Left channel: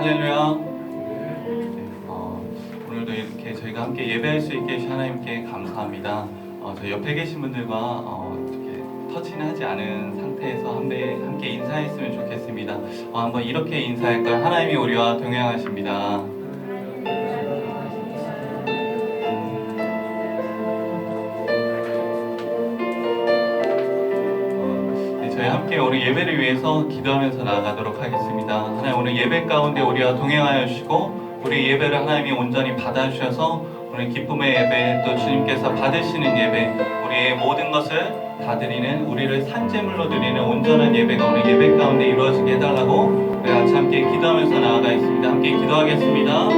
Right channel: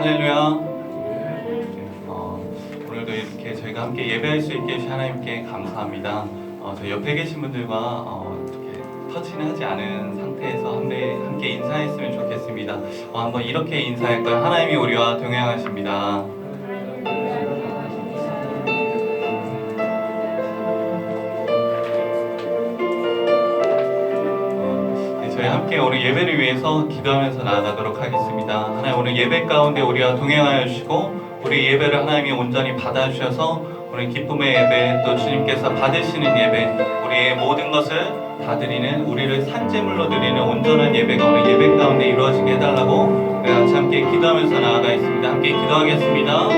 할렐루야. 오늘도 이렇게 저희가 함께 예배할 수 있게 해주신 하나님께 감사합니다. 저희 옆에 계신 분들과 이렇게 터치는 하지 않은 상태에서 함께 인사했으면 좋겠습니다. 한번 이렇게 인사할까요? 하나님이 우리와 동행하십니다. 저희 함께 오늘 예배를 위해서 기도하면서 나아가도록 하겠습니다. 하나님, 오늘 예배 가운데 우리와 동행하여 주시고 우리 예배를 하나님이 온전히 받아주셔서 오늘 기쁨의 예배, 또 주님께서 받으시는 예배, 우리의 모든 것을 다 드리는, 우리를 산제물로 드리는 온전한 예배가 오늘 예배 가운데 이루어지게 해달라고 우리 같이 함께 기도하면서 나아가 있습니다. 함께 기도하겠습니다.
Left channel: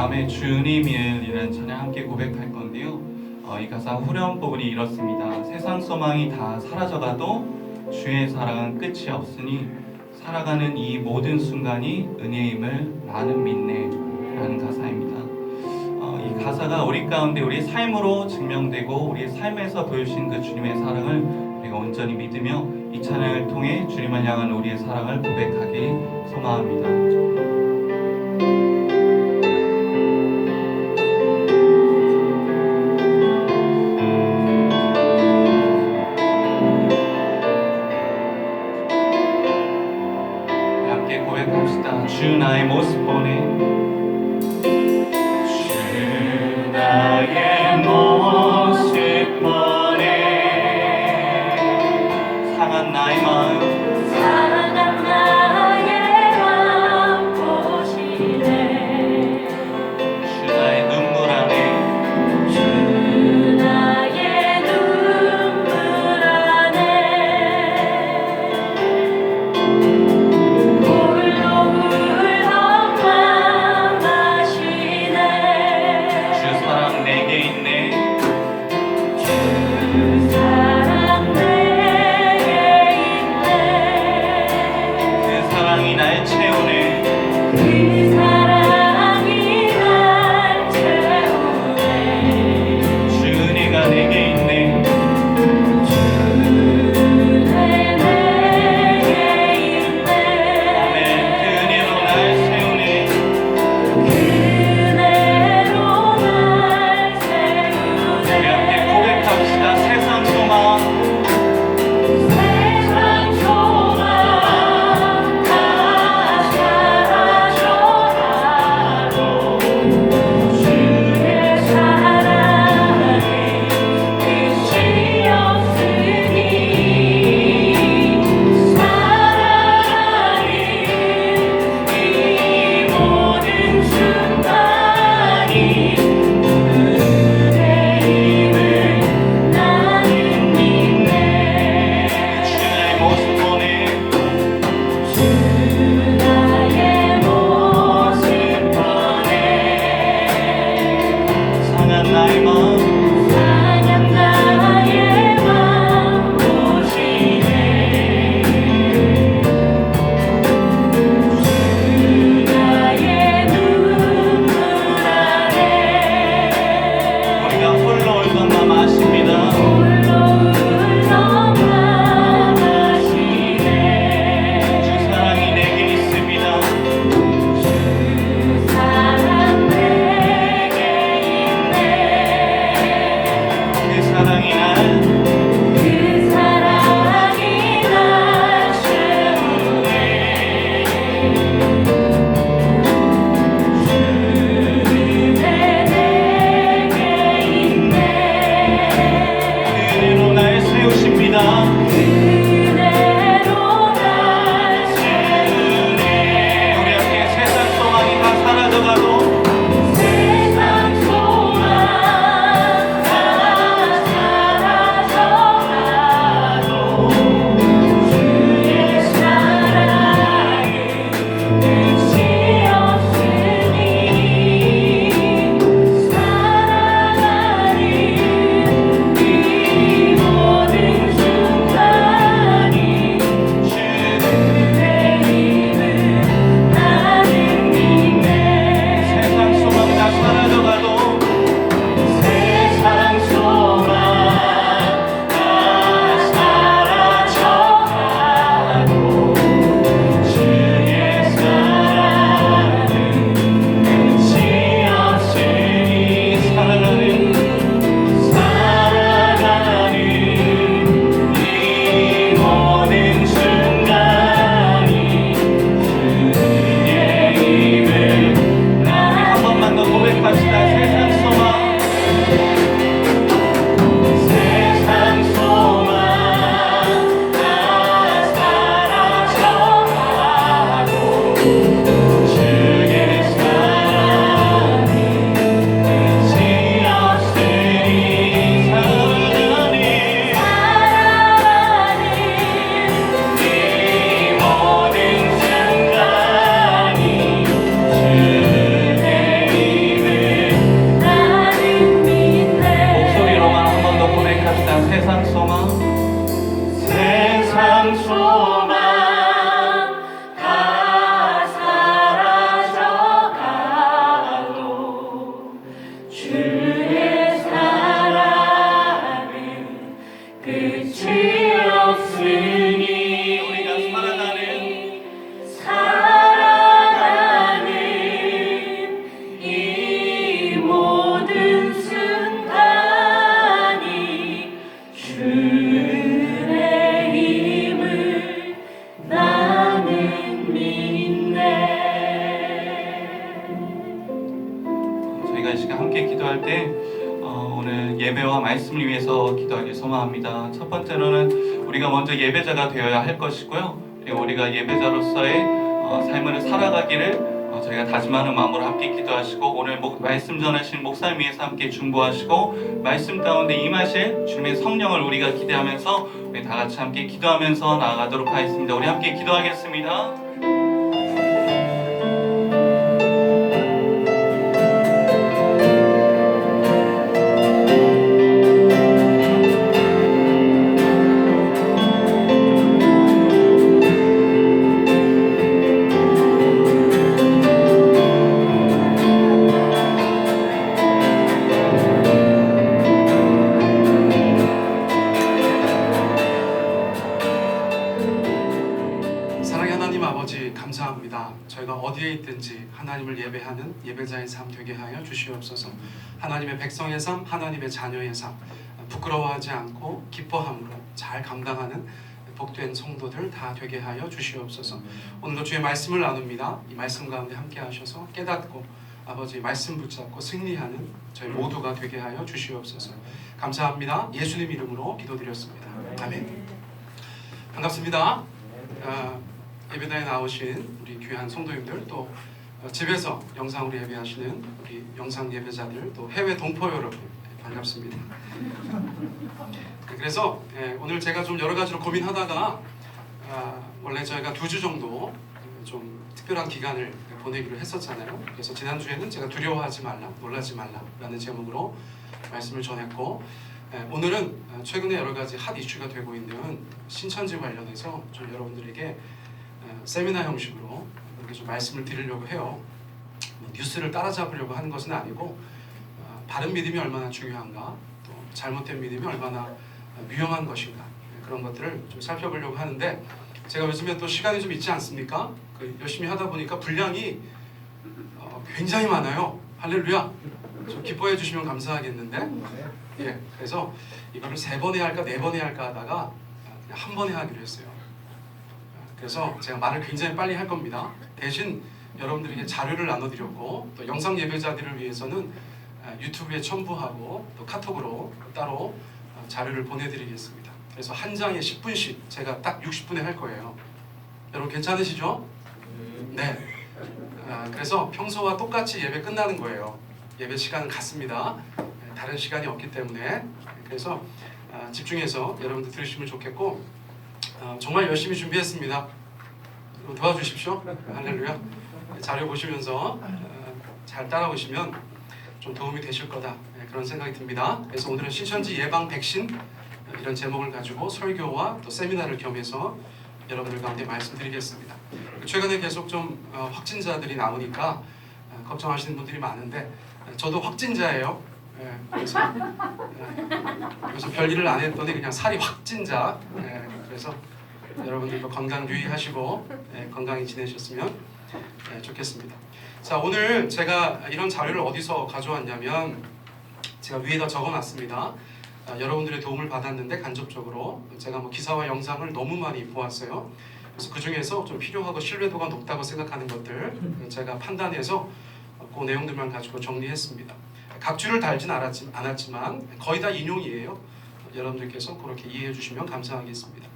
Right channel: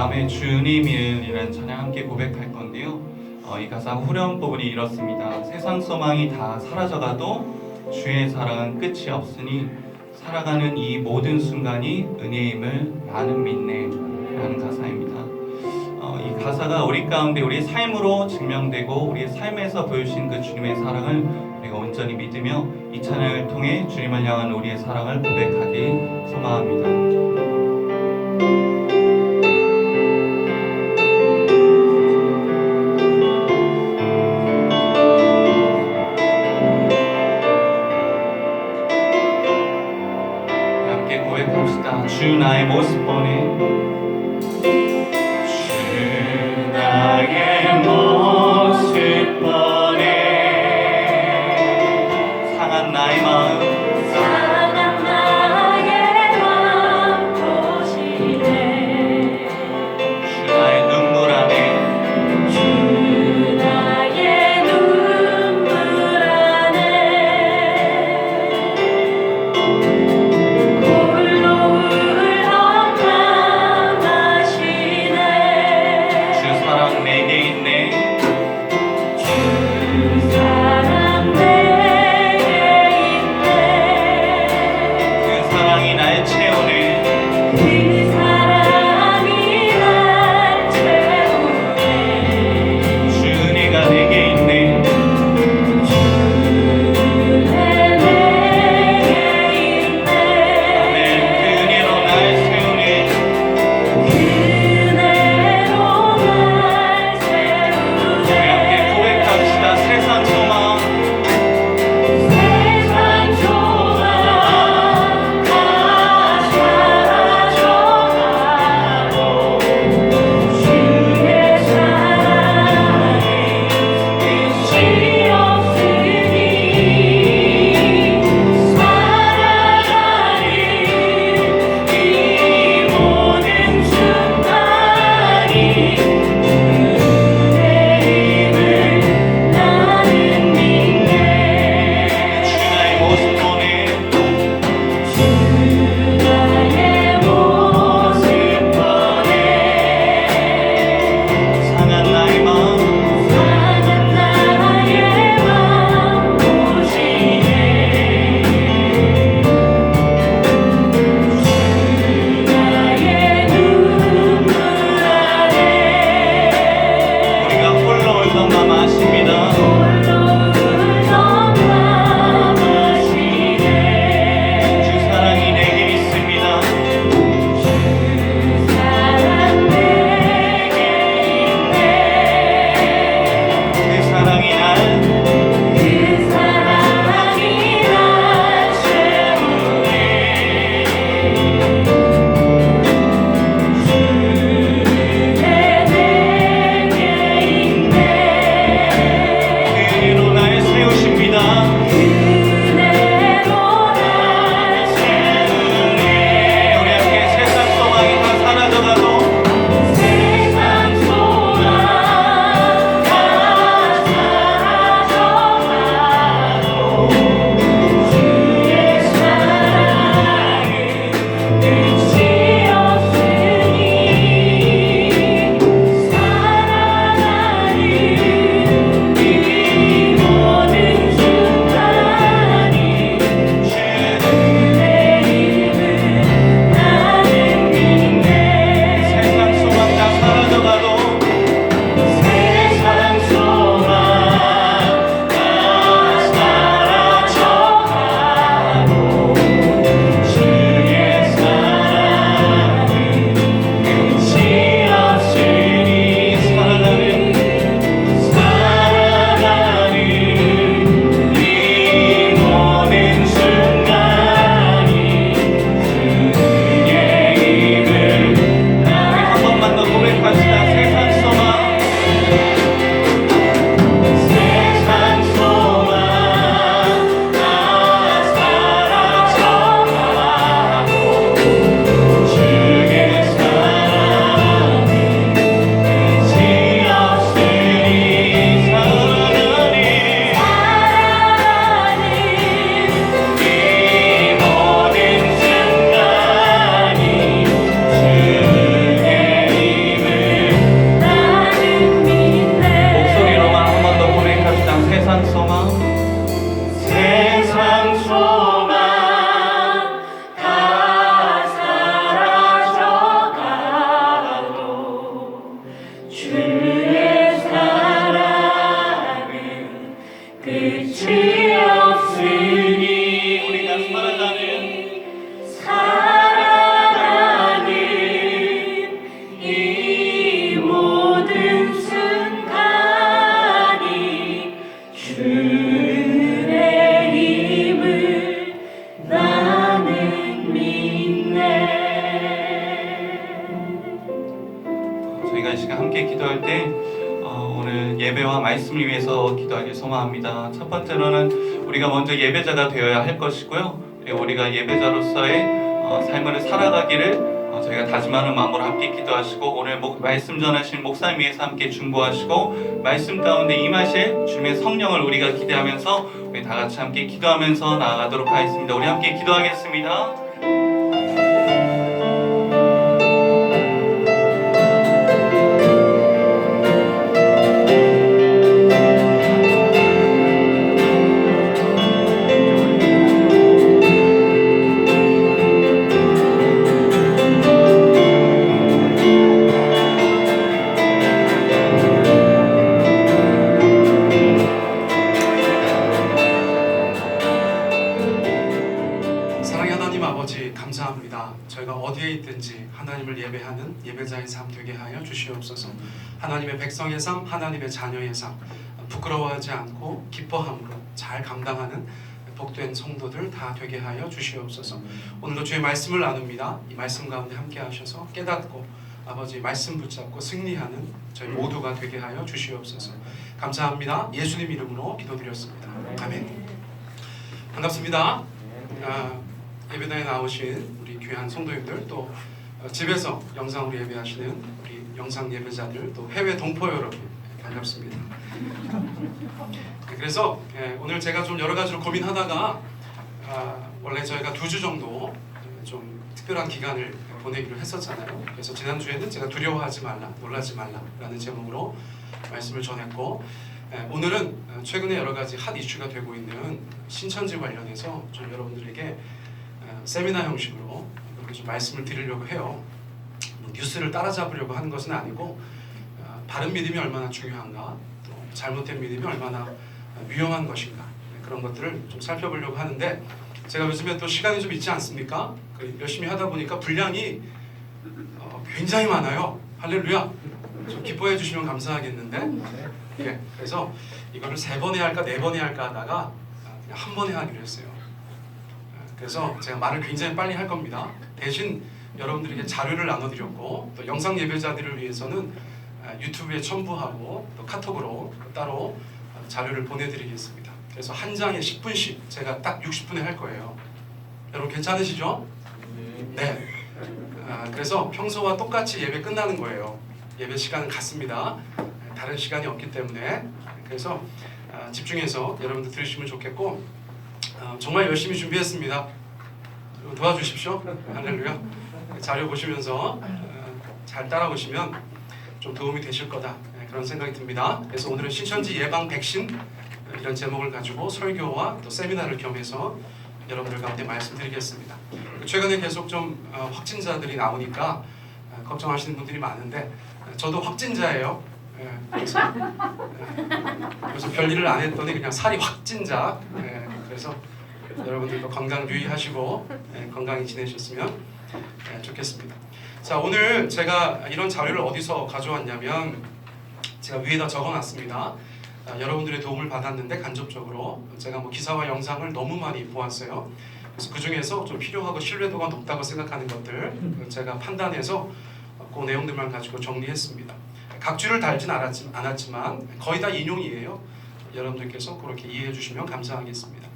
다음에 주님이라는 찬양 함께 고백할 건데요. 이 가사 후렴 부분이 이렇습니다. 세상 소망이 다 사라져가도 주의 사랑은 끝이 없으니 살아가는 이 모든 순간이 은혜임을 나는 믿네 라는 가사입니다. 이 가사가 우리 가운데 우리의 삶으로 증명되고 우리의 삶에서 보여주신 그 주님의 사랑을 우리가 온전히 믿으며 이 찬양을 통해 주님을 향한 우리의 사랑을 고백하기 소망합니다. 고백합시다. 주 나의 모습 보내. 주 나의 모습 보내. 상한 나의 마음. 상한 나의 마음 보시네. 우리가 이 시간 함께 기도할 때 오늘 예배와 말씀을 위해서 기도하길 소망합니다. 첫 번째로는 우리가 먼저 예배자가 되어야 할 것이고요. 그리고 우리가 예배자로서의 삶을 살아가기를 저희가 다짐하는 마음으로 함께 기도하시고, 오늘 말씀 전하신 목사님 위해서 함께 중보하시고, 말씀 가운데 임하실 주님의 성령을 우리가 기대하면서 우리 다 같이 함께 기도하면서 나아가도록 하겠습니다. 우리 함께 기도하겠습니다. 저희가 어디에 있든지 하나님을 예배하는 예배자의 삶 되게 하여 주시옵소서. 하나님의 백성의 삶, 하나님의 자녀의 삶, 부끄러워하지 않고 기뻐함으로 잘 감당하는 복된 성도들 다 되게 하여 주시옵소서. 오늘도 주의 말씀을 나눕니다. 이 말씀 가운데 함께 하셔서 깨닫고 아버지 말씀 붙잡고 승리하는 저희 모두가 되게 하여 주시옵소서. 감사합니다. 예수님 이름으로 기도드렸습니다. 아멘. 반갑습니다. 예배당에 나오신 우리 귀한 성도님들, 또 집에서 영상으로 예배하시는 우리 영상 예배자들, 또 해외 동포 여러분, 반갑습니다. 그래서 오늘 제가 좀 여러 가지로 고민하다가 원래 저희가 2주 정도 좀 특별한 기간을 보내기로 했었잖아요. 그래서 지난주에는 제가 두려워하지 말라, 놀라지 말라라는 제목으로 말씀을 전했고, 오늘은 최근에 여러 가지 핫 이슈가 되고 있는 신천지 관련해서 좀 여러분들에게 세미나 형식으로 이렇게 좀 말씀을 드리려고 해요. 뉴스를 따라잡으려고 하는 것은 아니고 바른 믿음이 얼마나 중요한가, 또 잘못된 믿음이 얼마나 위험한 것인가, 그런 것들을 좀 살펴보려고 하는데, 제가 요즘에 또 시간이 좀 있지 않습니까? 열심히 하다 보니까 분량이 굉장히 많아요. 할렐루야. 좀 기뻐해 주시면 감사하겠는데, 예, 그래서 이거를 3번 해야 할까 4번 해야 할까 하다가 그냥 한 번에 하기로 했어요. 그래서 제가 말을 굉장히 빨리 할 겁니다. 대신 여러분들에게 자료를 나눠드렸고, 또 영상 예배자들을 위해서는 유튜브에 첨부하고 또 카톡으로 따로 자료를 보내드리겠습니다. 그래서 한 장에 10분씩 제가 딱 60분에 할 거예요. 여러분 괜찮으시죠? 네. 그래서 평소와 똑같이 예배 끝나는 거예요. 예배 시간은 같습니다. 다른 시간이 없기 때문에. 그래서 집중해서 여러분들 들으시면 좋겠고, 정말 열심히 준비했습니다. 도와주십시오. 할렐루야. 자료 보시면서 잘 따라오시면 좀 도움이 되실 거다, 그런 생각이 듭니다. 그래서 오늘은 신천지 예방 백신 이런 제목을 가지고 설교와 또 세미나를 겸해서 여러분들 가운데 말씀드리겠습니다. 최근에 계속 좀 확진자들이 나오니까 걱정하시는 분들이 많은데, 저도 확진자예요. 그래서 별일을 안 했더니 그냥 살이 확진자. 그래서 여러분들도 건강 유의하시고 건강히 지내셨으면 좋겠습니다. 자, 오늘 제가 이런 자료를 어디서 가져왔냐면, 제가 위에다 적어놨습니다. 여러분들의 도움을 받았는데 간접적으로 제가 기사와 영상을 너무 많이 보았어요. 그래서 그 중에서 좀 필요하고 신뢰도가 높다고 생각하는 것들 제가 판단해서 그 내용들만 가지고 정리했습니다. 각주를 달진 않았지만 거의 다 인용이에요. 여러분들께서 그렇게 이해해 주시면 감사하겠습니다.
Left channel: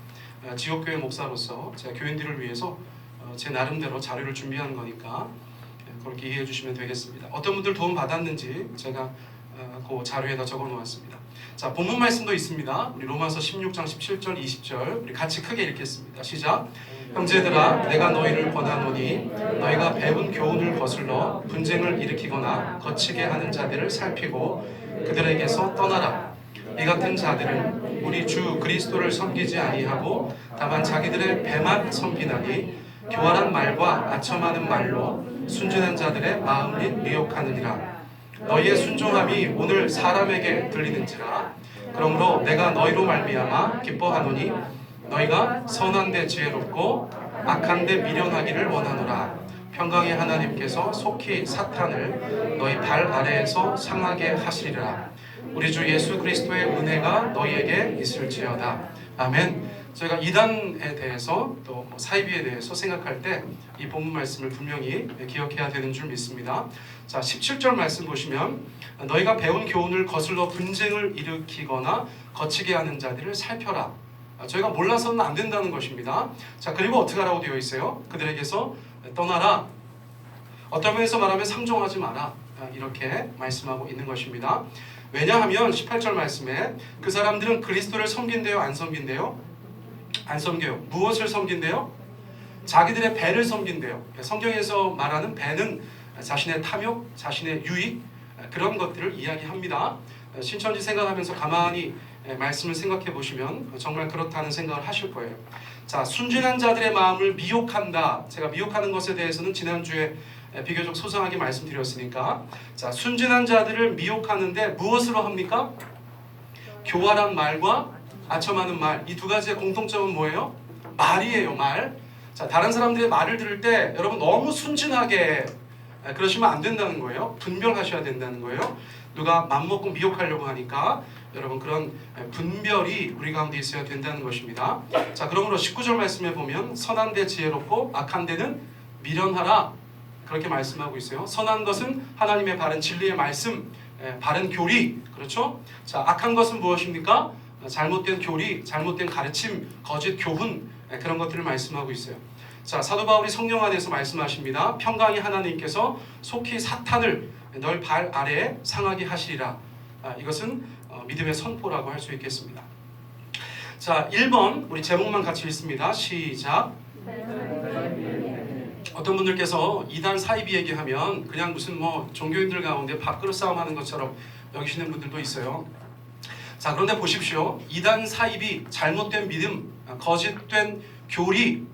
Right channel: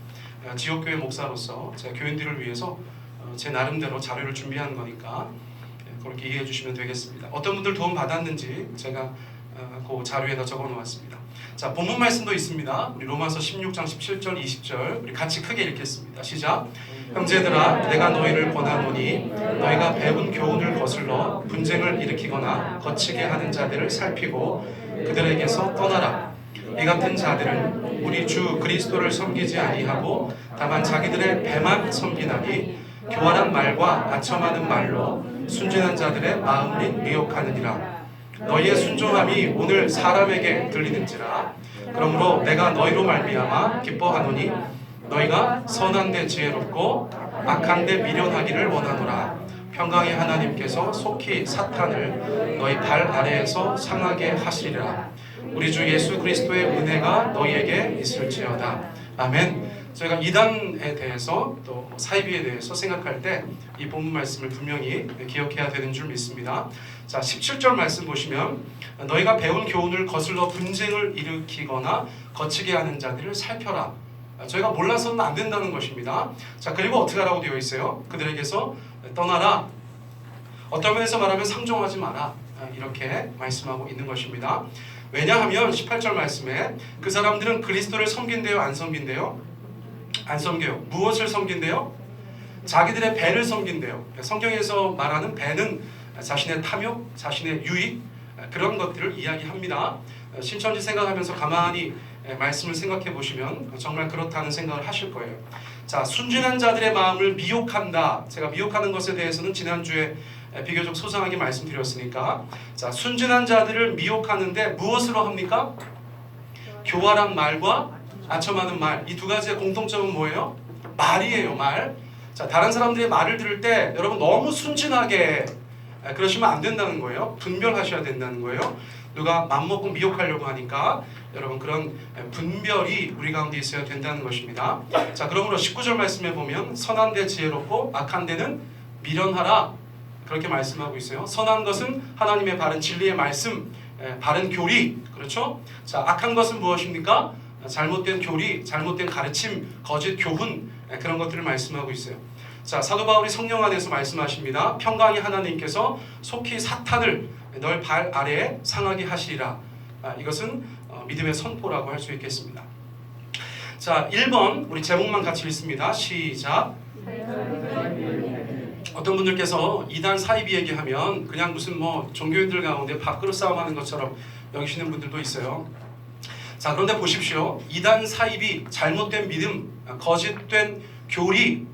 지역교회 목사로서 제가 교인들을 위해서 제 나름대로 자료를 준비하는 거니까 그렇게 이해해 주시면 되겠습니다. 어떤 분들 도움 받았는지 제가 그 자료에다 적어 놓았습니다. 자, 본문 말씀도 있습니다. 우리 로마서 16장 17절 20절 우리 같이 크게 읽겠습니다. 시작. 형제들아, 내가 너희를 권하노니 너희가 배운 교훈을 거슬러 분쟁을 일으키거나 거치게 하는 자들을 살피고 그들에게서 떠나라. 이 같은 자들은 우리 주 그리스도를 섬기지 아니하고 다만 자기들의 배만 섬기나니 교활한 말과 아첨하는 말로 순진한 자들의 마음을 미혹하느니라. 너희의 순종함이 오늘 사람에게 들리는지라. 그러므로 내가 너희로 말미암아 기뻐하노니 너희가 선한 데 지혜롭고 악한 데 미련하기를 원하노라. 평강의 하나님께서 속히 사탄을 너희 발 아래에서 상하게 하시리라. 우리 주 예수 그리스도의 은혜가 너희에게 있을지어다. 아멘. 저희가 이단에 대해서 또 사이비에 대해서 생각할 때 이 본문 말씀을 분명히 기억해야 되는 줄 믿습니다. 자, 17절 말씀 보시면 너희가 배운 교훈을 거슬러 분쟁을 일으키거나 거치게 하는 자들을 살펴라. 저희가 몰라서는 안 된다는 것입니다. 자, 그리고 어떻게 하라고 되어 있어요? 그들에게서 떠나라. 어떤 면에서 말하면 상종하지 마라. 이렇게 말씀하고 있는 것입니다. 왜냐하면 18절 말씀에 그 사람들은 그리스도를 섬긴대요, 안 섬긴대요? 안 섬겨요. 무엇을 섬긴대요? 자기들의 배를 섬긴대요. 성경에서 말하는 배는 자신의 탐욕, 자신의 유익, 그런 것들을 이야기합니다. 신천지 생각하면서 가만히 말씀을 생각해 보시면 정말 그렇다는 생각을 하실 거예요. 자, 순진한 자들의 마음을 미혹한다. 제가 미혹하는 것에 대해서는 지난주에 비교적 소상하게 말씀드렸으니까, 자, 순진한 자들을 미혹하는데 무엇으로 합니까? 교활한 말과 아첨하는 말. 이 두 가지의 공통점은 뭐예요? 말이에요, 말. 자, 다른 사람들의 말을 들을 때 여러분 너무 순진하게 그러시면 안 된다는 거예요. 분별하셔야 된다는 거예요. 누가 맘먹고 미혹하려고 하니까 여러분 그런 분별이 우리 가운데 있어야 된다는 것입니다. 자, 그러므로 19절 말씀에 보면 선한 데 지혜롭고 악한 데는 미련하라. 그렇게 말씀하고 있어요. 선한 것은 하나님의 바른 진리의 말씀, 바른 교리, 그렇죠? 자, 악한 것은 무엇입니까? 잘못된 교리, 잘못된 가르침, 거짓 교훈, 그런 것들을 말씀하고 있어요. 자, 사도 바울이 성령 안에서 말씀하십니다. 평강의 하나님께서 속히 사탄을 너희 발 아래에 상하게 하시리라. 이것은 믿음의 선포라고 할 수 있겠습니다. 자, 1번 우리 제목만 같이 읽습니다. 시작. 어떤 분들께서 이단 사이비 얘기하면 그냥 무슨 뭐 종교인들 가운데 밥그릇 싸움하는 것처럼 여기시는 분들도 있어요. 자, 그런데 보십시오. 이단 사이비, 잘못된 믿음, 거짓된 교리,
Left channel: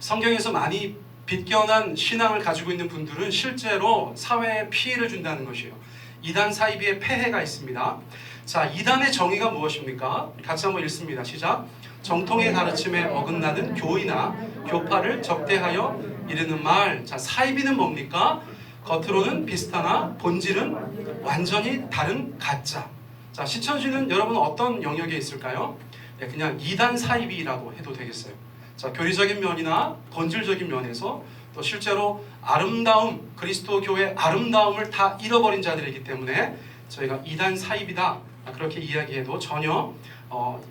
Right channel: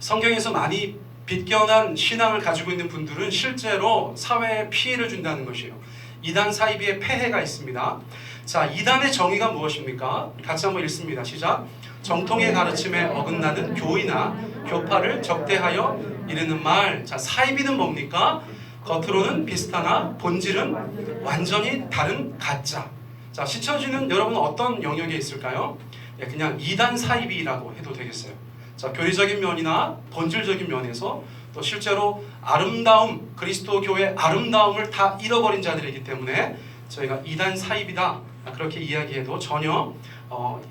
성경에서 많이 빗겨난 신앙을 가지고 있는 분들은 실제로 사회에 피해를 준다는 것이에요. 이단 사이비의 폐해가 있습니다. 자, 이단의 정의가 무엇입니까? 같이 한번 읽습니다. 시작. 정통의 가르침에 어긋나는 교의나 교파를 적대하여 이르는 말. 자, 사이비는 뭡니까? 겉으로는 비슷하나 본질은 완전히 다른 가짜. 자, 신천지는 여러분 어떤 영역에 있을까요? 그냥 이단 사이비라고 해도 되겠어요. 자, 교리적인 면이나 본질적인 면에서 또 실제로 아름다움, 그리스도 교회의 아름다움을 다 잃어버린 자들이기 때문에 저희가 이단 사이비다 그렇게 이야기해도 전혀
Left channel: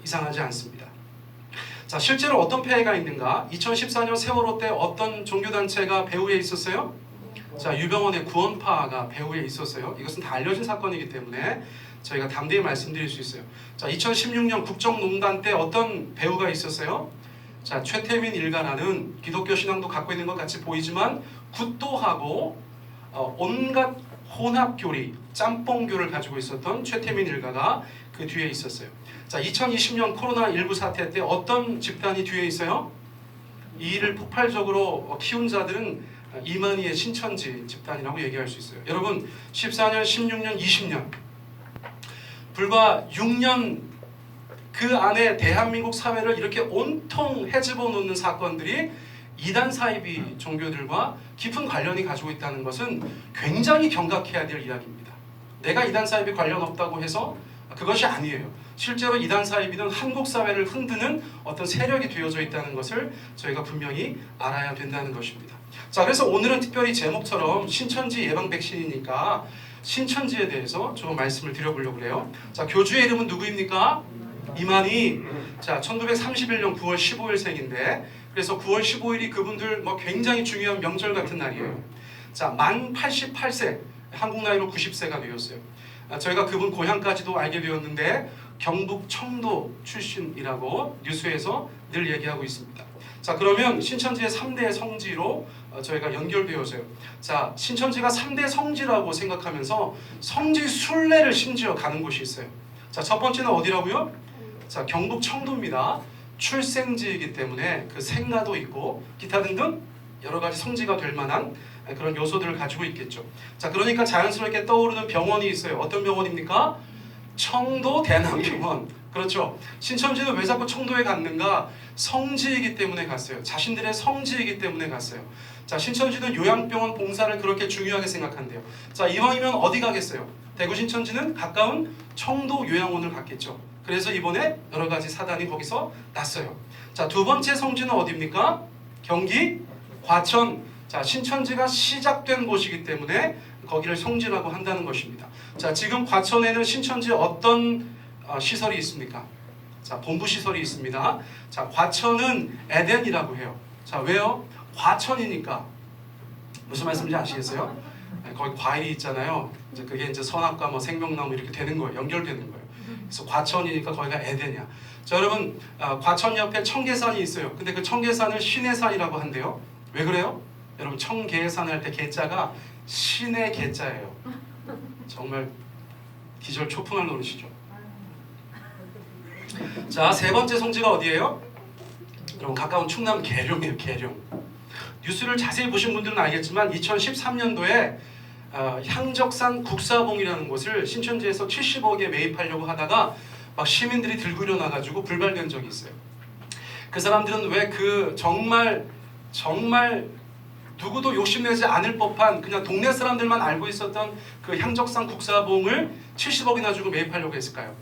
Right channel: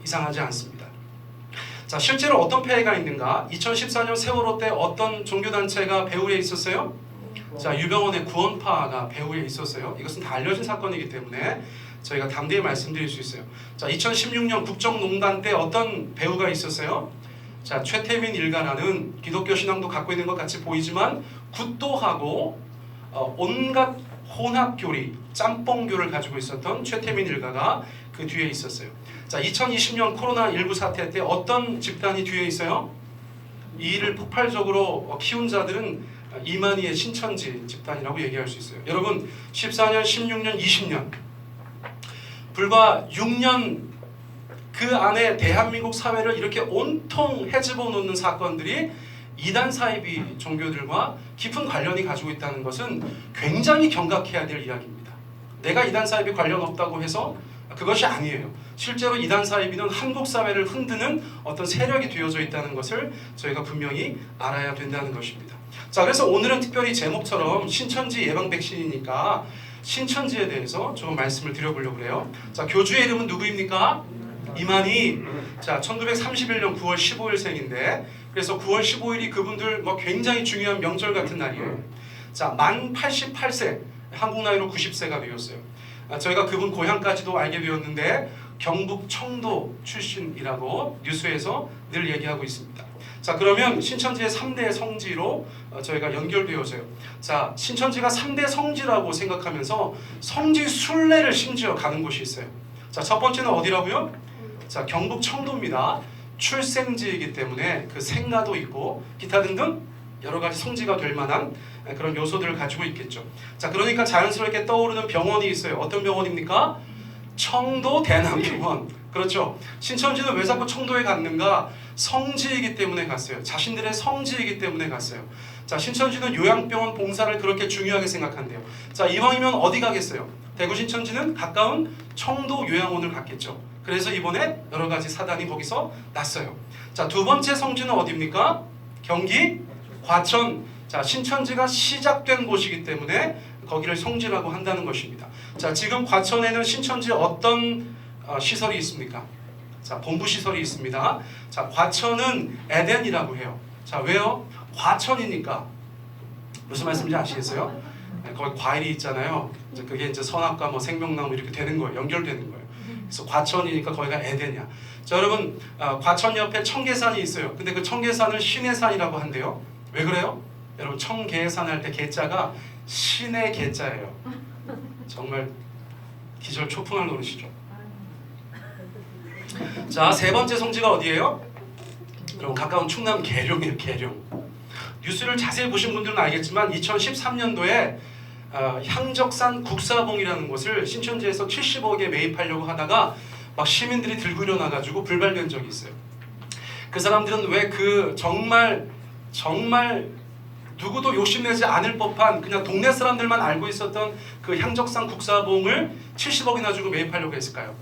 이상하지 않습니다. 자, 실제로 어떤 폐해가 있는가? 2014년 세월호 때 어떤 종교단체가 배후에 있었어요? 자, 유병원의 구원파가 배후에 있었어요. 이것은 다 알려진 사건이기 때문에 저희가 담대히 말씀드릴 수 있어요. 자, 2016년 국정농단 때 어떤 배후가 있었어요? 자, 최태민 일가라는 기독교 신앙도 갖고 있는 것 같이 보이지만 굿도하고 온갖 혼합교리, 짬뽕교를 가지고 있었던 최태민 일가가 그 뒤에 있었어요. 자, 2020년 코로나19 사태 때 어떤 집단이 뒤에 있어요? 이 일을 폭발적으로 키운 자들은 이만희의 신천지 집단이라고 얘기할 수 있어요. 여러분, 14년, 16년, 20년 불과 6년 그 안에 대한민국 사회를 이렇게 온통 헤집어 놓는 사건들이 이단 사이비 종교들과 깊은 관련이 가지고 있다는 것은 굉장히 경각해야 될 이야기입니다. 내가 이단 사이비 관련 없다고 해서 그것이 아니에요. 실제로 이단 사이비는 한국 사회를 흔드는 어떤 세력이 되어져 있다는 것을 저희가 분명히 알아야 된다는 것입니다. 자, 그래서 오늘은 특별히 제목처럼 신천지 예방 백신이니까 신천지에 대해서 좀 말씀을 드려보려고 그래요. 자, 교주의 이름은 누구입니까? 이만희. 자, 1931년 9월 15일생인데 그래서 9월 15일이 그분들 굉장히 중요한 명절 같은 날이에요. 자, 만 88세, 한국 나이로 90세가 되었어요. 저희가 그분 고향까지도 알게 되었는데 경북 청도 출신이라고 뉴스에서 늘 얘기하고 있습니다. 자, 그러면 신천지의 3대 성지로 저희가 연결되어져요. 자, 신천지가 3대 성지라고 생각하면서 성지 순례를 심지어 가는 곳이 있어요. 자, 첫 번째는 어디라고요? 자, 경북 청도입니다. 출생지이기 때문에 그 생가도 있고 기타 등등 여러 가지 성지가 될 만한 그런 요소들을 가지고 있겠죠. 자, 그러니까 자연스럽게 떠오르는 병원이 있어요. 어떤 병원입니까? 청도 대남병원. 그렇죠. 신천지는 왜 자꾸 청도에 갔는가? 성지이기 때문에 갔어요. 자신들의 성지이기 때문에 갔어요. 자, 신천지는 요양병원 봉사를 그렇게 중요하게 생각한대요. 자, 이왕이면 어디 가겠어요? 대구 신천지는 가까운 청도 요양원을 갔겠죠. 그래서 이번에 여러 가지 사단이 거기서 났어요. 자, 두 번째 성지는 어디입니까? 경기 과천. 자, 신천지가 시작된 곳이기 때문에 거기를 성지라고 한다는 것입니다. 자, 지금 과천에는 신천지 어떤 시설이 있습니까? 자, 본부 시설이 있습니다. 자, 과천은 에덴이라고 해요. 자, 왜요? 과천이니까. 무슨 말씀인지 아시겠어요? 네, 거기 과일이 있잖아요. 이제 그게 이제 선악과 뭐 생명나무 이렇게 되는 거예요. 연결되는 거예요. 그래서 과천이니까 거기가 에덴이야. 자, 여러분, 과천 옆에 청계산이 있어요. 근데 그 청계산을 신의 산이라고 한대요. 왜 그래요? 여러분, 청계산 할 때 개자가 신의 개자예요. 정말 기절 초풍할 노릇이죠. 자, 세 번째 성지가 어디예요? 여러분, 가까운 충남 계룡이에요. 계룡. 뉴스를 자세히 보신 분들은 알겠지만 2013년도에 향적산 국사봉이라는 곳을 신천지에서 70억에 매입하려고 하다가 막 시민들이 들고 일어나가지고 불발된 적이 있어요. 그 사람들은 왜 그 정말 누구도 욕심내지 않을 법한 그냥 동네 사람들만 알고 있었던 그 향적산 국사봉을 70억이나 주고 매입하려고 했을까요?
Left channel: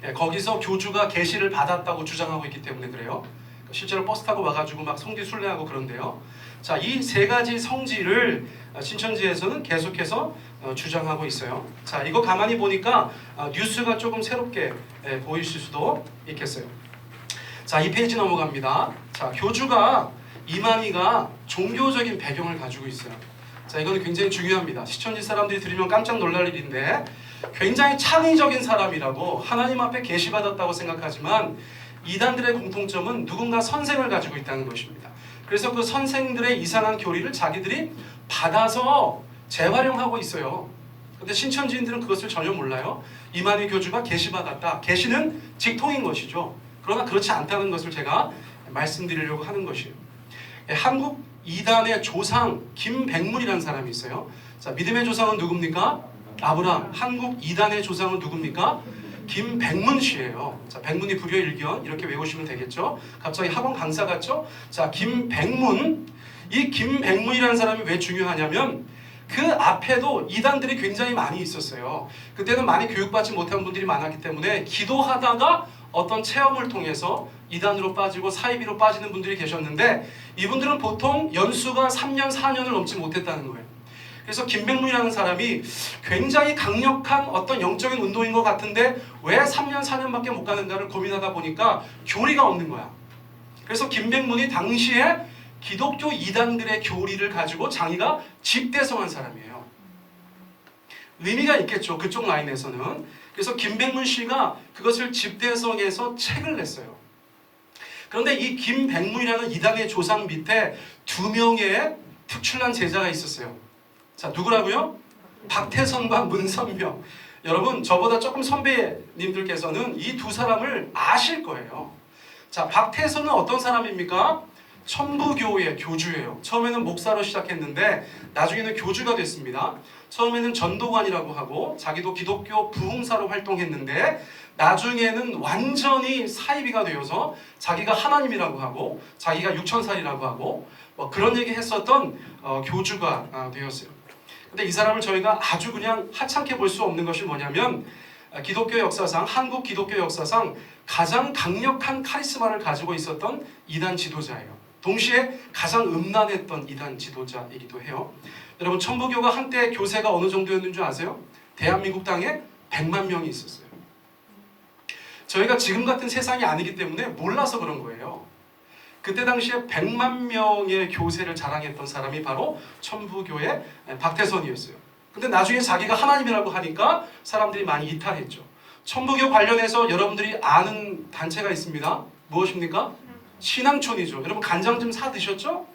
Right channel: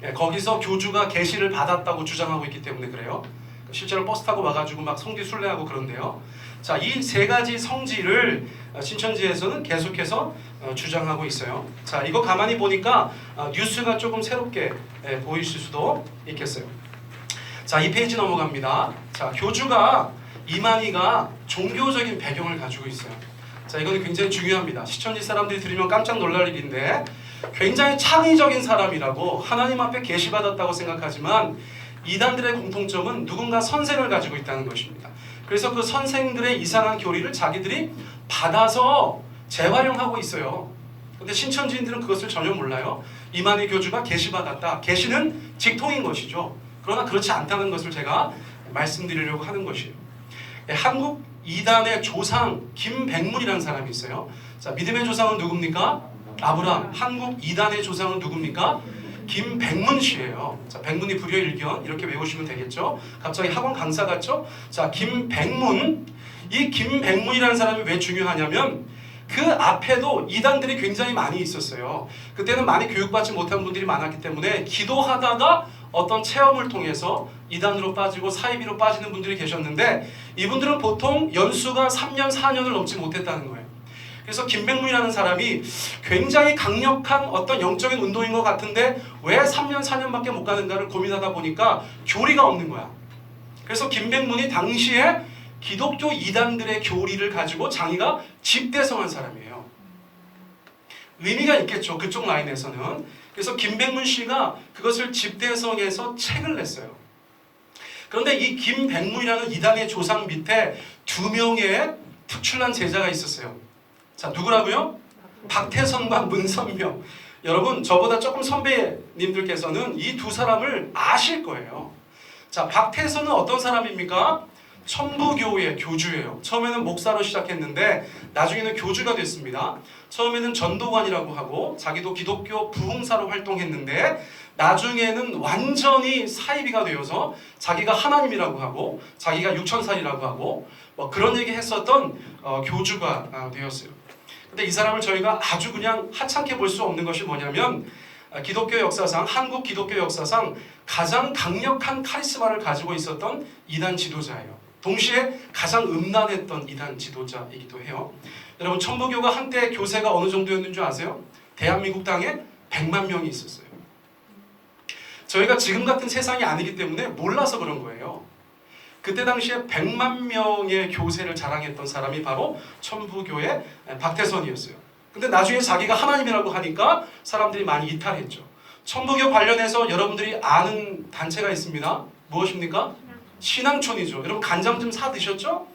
네, 거기서 교주가 계시를 받았다고 주장하고 있기 때문에 그래요. 실제로 버스 타고 와가지고 막 성지 순례하고 그런데요. 자, 이 세 가지 성지를 신천지에서는 계속해서 주장하고 있어요. 자, 이거 가만히 보니까 뉴스가 조금 새롭게 보이실 수도 있겠어요. 자, 이 페이지 넘어갑니다. 자, 교주가 이만희가 종교적인 배경을 가지고 있어요. 자, 이거는 굉장히 중요합니다. 신천지 사람들이 들으면 깜짝 놀랄 일인데 굉장히 창의적인 사람이라고 하나님 앞에 계시받았다고 생각하지만 이단들의 공통점은 누군가 선생을 가지고 있다는 것입니다. 그래서 그 선생들의 이상한 교리를 자기들이 받아서 재활용하고 있어요. 근데 신천지인들은 그것을 전혀 몰라요. 이만희 교주가 계시받았다. 계시는 직통인 것이죠. 그러나 그렇지 않다는 것을 제가 말씀드리려고 하는 것이에요. 한국 이단의 조상 김백문이라는 사람이 있어요. 자, 믿음의 조상은 누굽니까? 아브라함. 한국 이단의 조상은 누굽니까? 김백문 씨예요. 자, 백문이 불여일견 이렇게 외우시면 되겠죠. 갑자기 학원 강사 같죠? 자, 김백문. 이 김백문이라는 사람이 왜 중요하냐면 그 앞에도 이단들이 굉장히 많이 있었어요. 그때는 많이 교육받지 못한 분들이 많았기 때문에 기도하다가 어떤 체험을 통해서 이단으로 빠지고 사이비로 빠지는 분들이 계셨는데 이분들은 보통 연수가 3년, 4년을 넘지 못했다는 거예요. 그래서 김백문이라는 사람이 굉장히 강력한 어떤 영적인 운동인 것 같은데 왜 3년, 4년밖에 못 가는가를 고민하다 보니까 교리가 없는 거야. 그래서 김백문이 당시에 기독교 이단들의 교리를 가지고 자기가 집대성한 사람이에요. 의미가 있겠죠. 그쪽 라인에서는. 그래서 김백문 씨가 그것을 집대성해서 책을 냈어요. 그런데 이 김백문이라는 이단의 조상 밑에 2명의 특출난 제자가 있었어요. 자, 누구라고요? 박태선과 문선명. 여러분, 저보다 조금 선배님들께서는 이 두 사람을 아실 거예요. 자, 박태선은 어떤 사람입니까? 천부교의 교주예요. 처음에는 목사로 시작했는데 나중에는 교주가 됐습니다. 처음에는 전도관이라고 하고 자기도 기독교 부흥사로 활동했는데 나중에는 완전히 사이비가 되어서 자기가 하나님이라고 하고 자기가 육천살이라고 하고 뭐 그런 얘기 했었던 교주가 되었어요. 근데 이 사람을 저희가 아주 그냥 하찮게 볼 수 없는 것이 뭐냐면 기독교 역사상, 한국 기독교 역사상 가장 강력한 카리스마를 가지고 있었던 이단 지도자예요. 동시에 가장 음란했던 이단 지도자이기도 해요. 여러분, 천부교가 한때 교세가 어느 정도였는 줄 아세요? 대한민국 땅에 100만 명이 있었어요. 저희가 지금 같은 세상이 아니기 때문에 몰라서 그런 거예요. 그때 당시에 100만 명의 교세를 자랑했던 사람이 바로 천부교의 박태선이었어요. 근데 나중에 자기가 하나님이라고 하니까 사람들이 많이 이탈했죠. 천부교 관련해서 여러분들이 아는 단체가 있습니다. 무엇입니까? 신앙촌이죠. 여러분 간장 좀 사 드셨죠?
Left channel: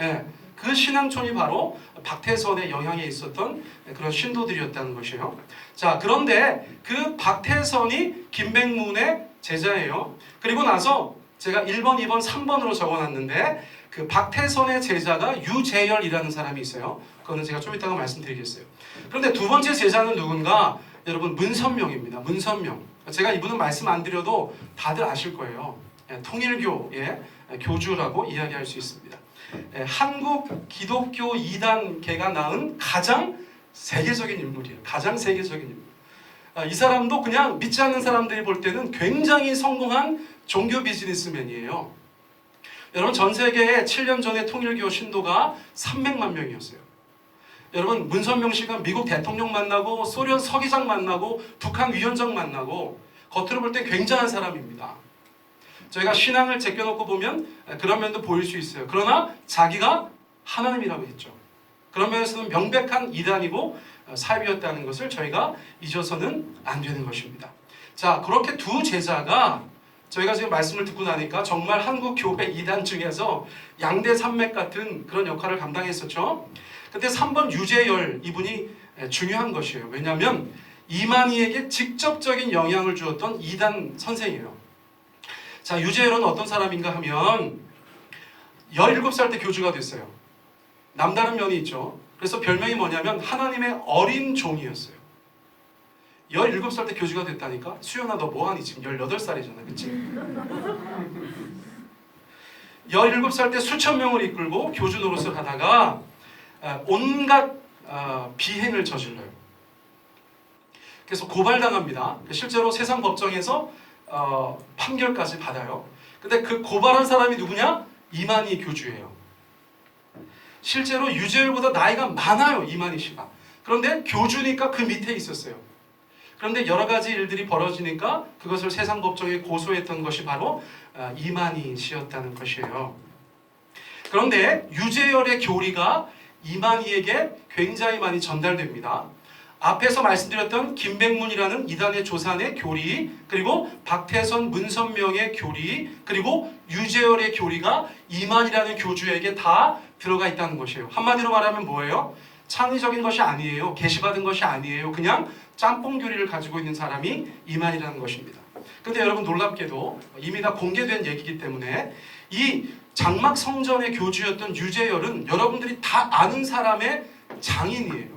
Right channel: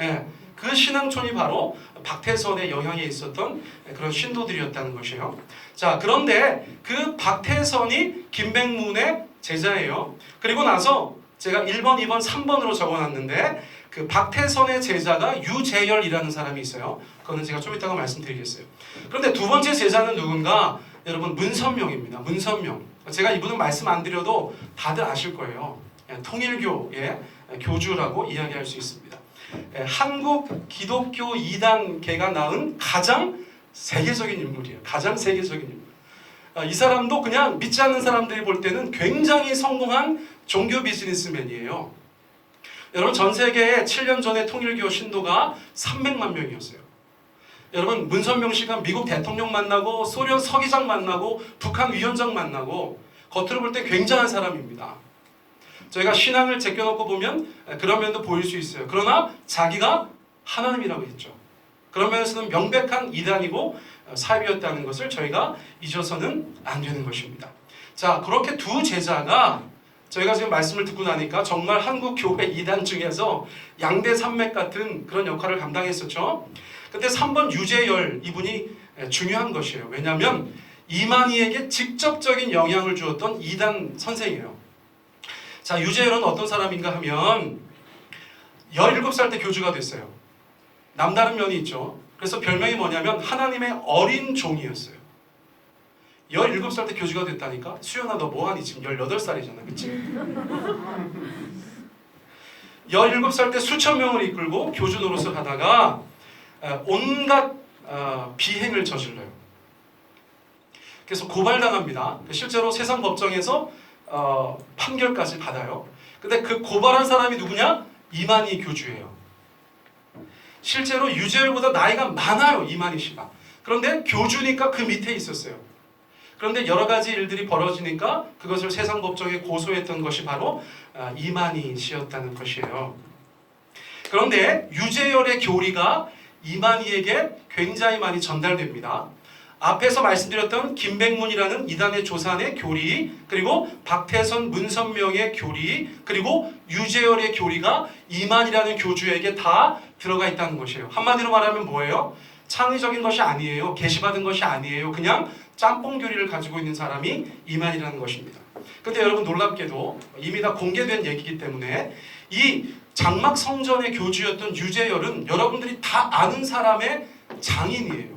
예, 그 신앙촌이 바로 박태선의 영향에 있었던 그런 신도들이었다는 것이에요. 자, 그런데 그 박태선이 김백문의 제자예요. 그리고 나서 제가 1번, 2번, 3번으로 적어놨는데 그 박태선의 제자가 유재열이라는 사람이 있어요. 그거는 제가 좀 이따가 말씀드리겠어요. 그런데 두 번째 제자는 누군가? 여러분, 문선명입니다. 문선명. 제가 이분은 말씀 안 드려도 다들 아실 거예요. 통일교의 교주라고 이야기할 수 있습니다. 한국 기독교 이단계가 낳은 가장 세계적인 인물이에요. 가장 세계적인 인물. 이 사람도 그냥 믿지 않는 사람들이 볼 때는 굉장히 성공한 종교 비즈니스맨이에요. 여러분 전 세계에 7년 전에 통일교 신도가 300만 명이었어요. 여러분 문선명 씨가 미국 대통령 만나고 소련 서기장 만나고 북한 위원장 만나고 겉으로 볼 때 굉장한 사람입니다. 저희가 신앙을 제껴놓고 보면 그런 면도 보일 수 있어요. 그러나 자기가 하나님이라고 했죠. 그런 면에서는 명백한 이단이고 사입이었다는 것을 저희가 잊어서는 안 되는 것입니다. 자, 그렇게 두 제자가 저희가 지금 말씀을 듣고 나니까 정말 한국 교회 이단 중에서 양대 산맥 같은 그런 역할을 감당했었죠. 근데 3번 유재열 이분이 중요한 것이에요. 왜냐하면 이만희에게 직접적인 영향을 주었던 이단 선생이에요. 자, 유재열은 어떤 사람인가 하면 17살 때 교주가 됐어요. 남다른 면이 있죠. 그래서 별명이 뭐냐면 하나님의 어린 종이었어요. 17살 때 교주가 됐다니까? 수연아 너 뭐하니? 지금 18살이잖아. 그치? 17살 때 수천 명을 이끌고 교주 노릇을 하다가 온갖 비행을 저질러요. 그래서 고발당합니다. 실제로 세상 법정에서 판결까지 받아요. 근데 그 고발한 사람이 누구냐? 이만희 교주예요. 실제로 유재열보다 나이가 많아요. 이만희 씨가. 그런데 교주니까 그 밑에 있었어요. 그런데 여러 가지 일들이 벌어지니까 그것을 세상 법정에 고소했던 것이 바로 이만희 씨였다는 것이에요. 그런데 유재열의 교리가 이만희에게 굉장히 많이 전달됩니다. 앞에서 말씀드렸던 김백문이라는 이단의 조산의 교리, 그리고 박태선, 문선명의 교리, 그리고 유재열의 교리가 이만희라는 교주에게 다 들어가 있다는 것이에요. 한마디로 말하면 뭐예요? 창의적인 것이 아니에요. 계시받은 것이 아니에요. 그냥 짬뽕 교리를 가지고 있는 사람이 이만희라는 것입니다. 그런데 여러분 놀랍게도 이미 다 공개된 얘기이기 때문에 이 장막 성전의 교주였던 유재열은 여러분들이 다 아는 사람의 장인이에요.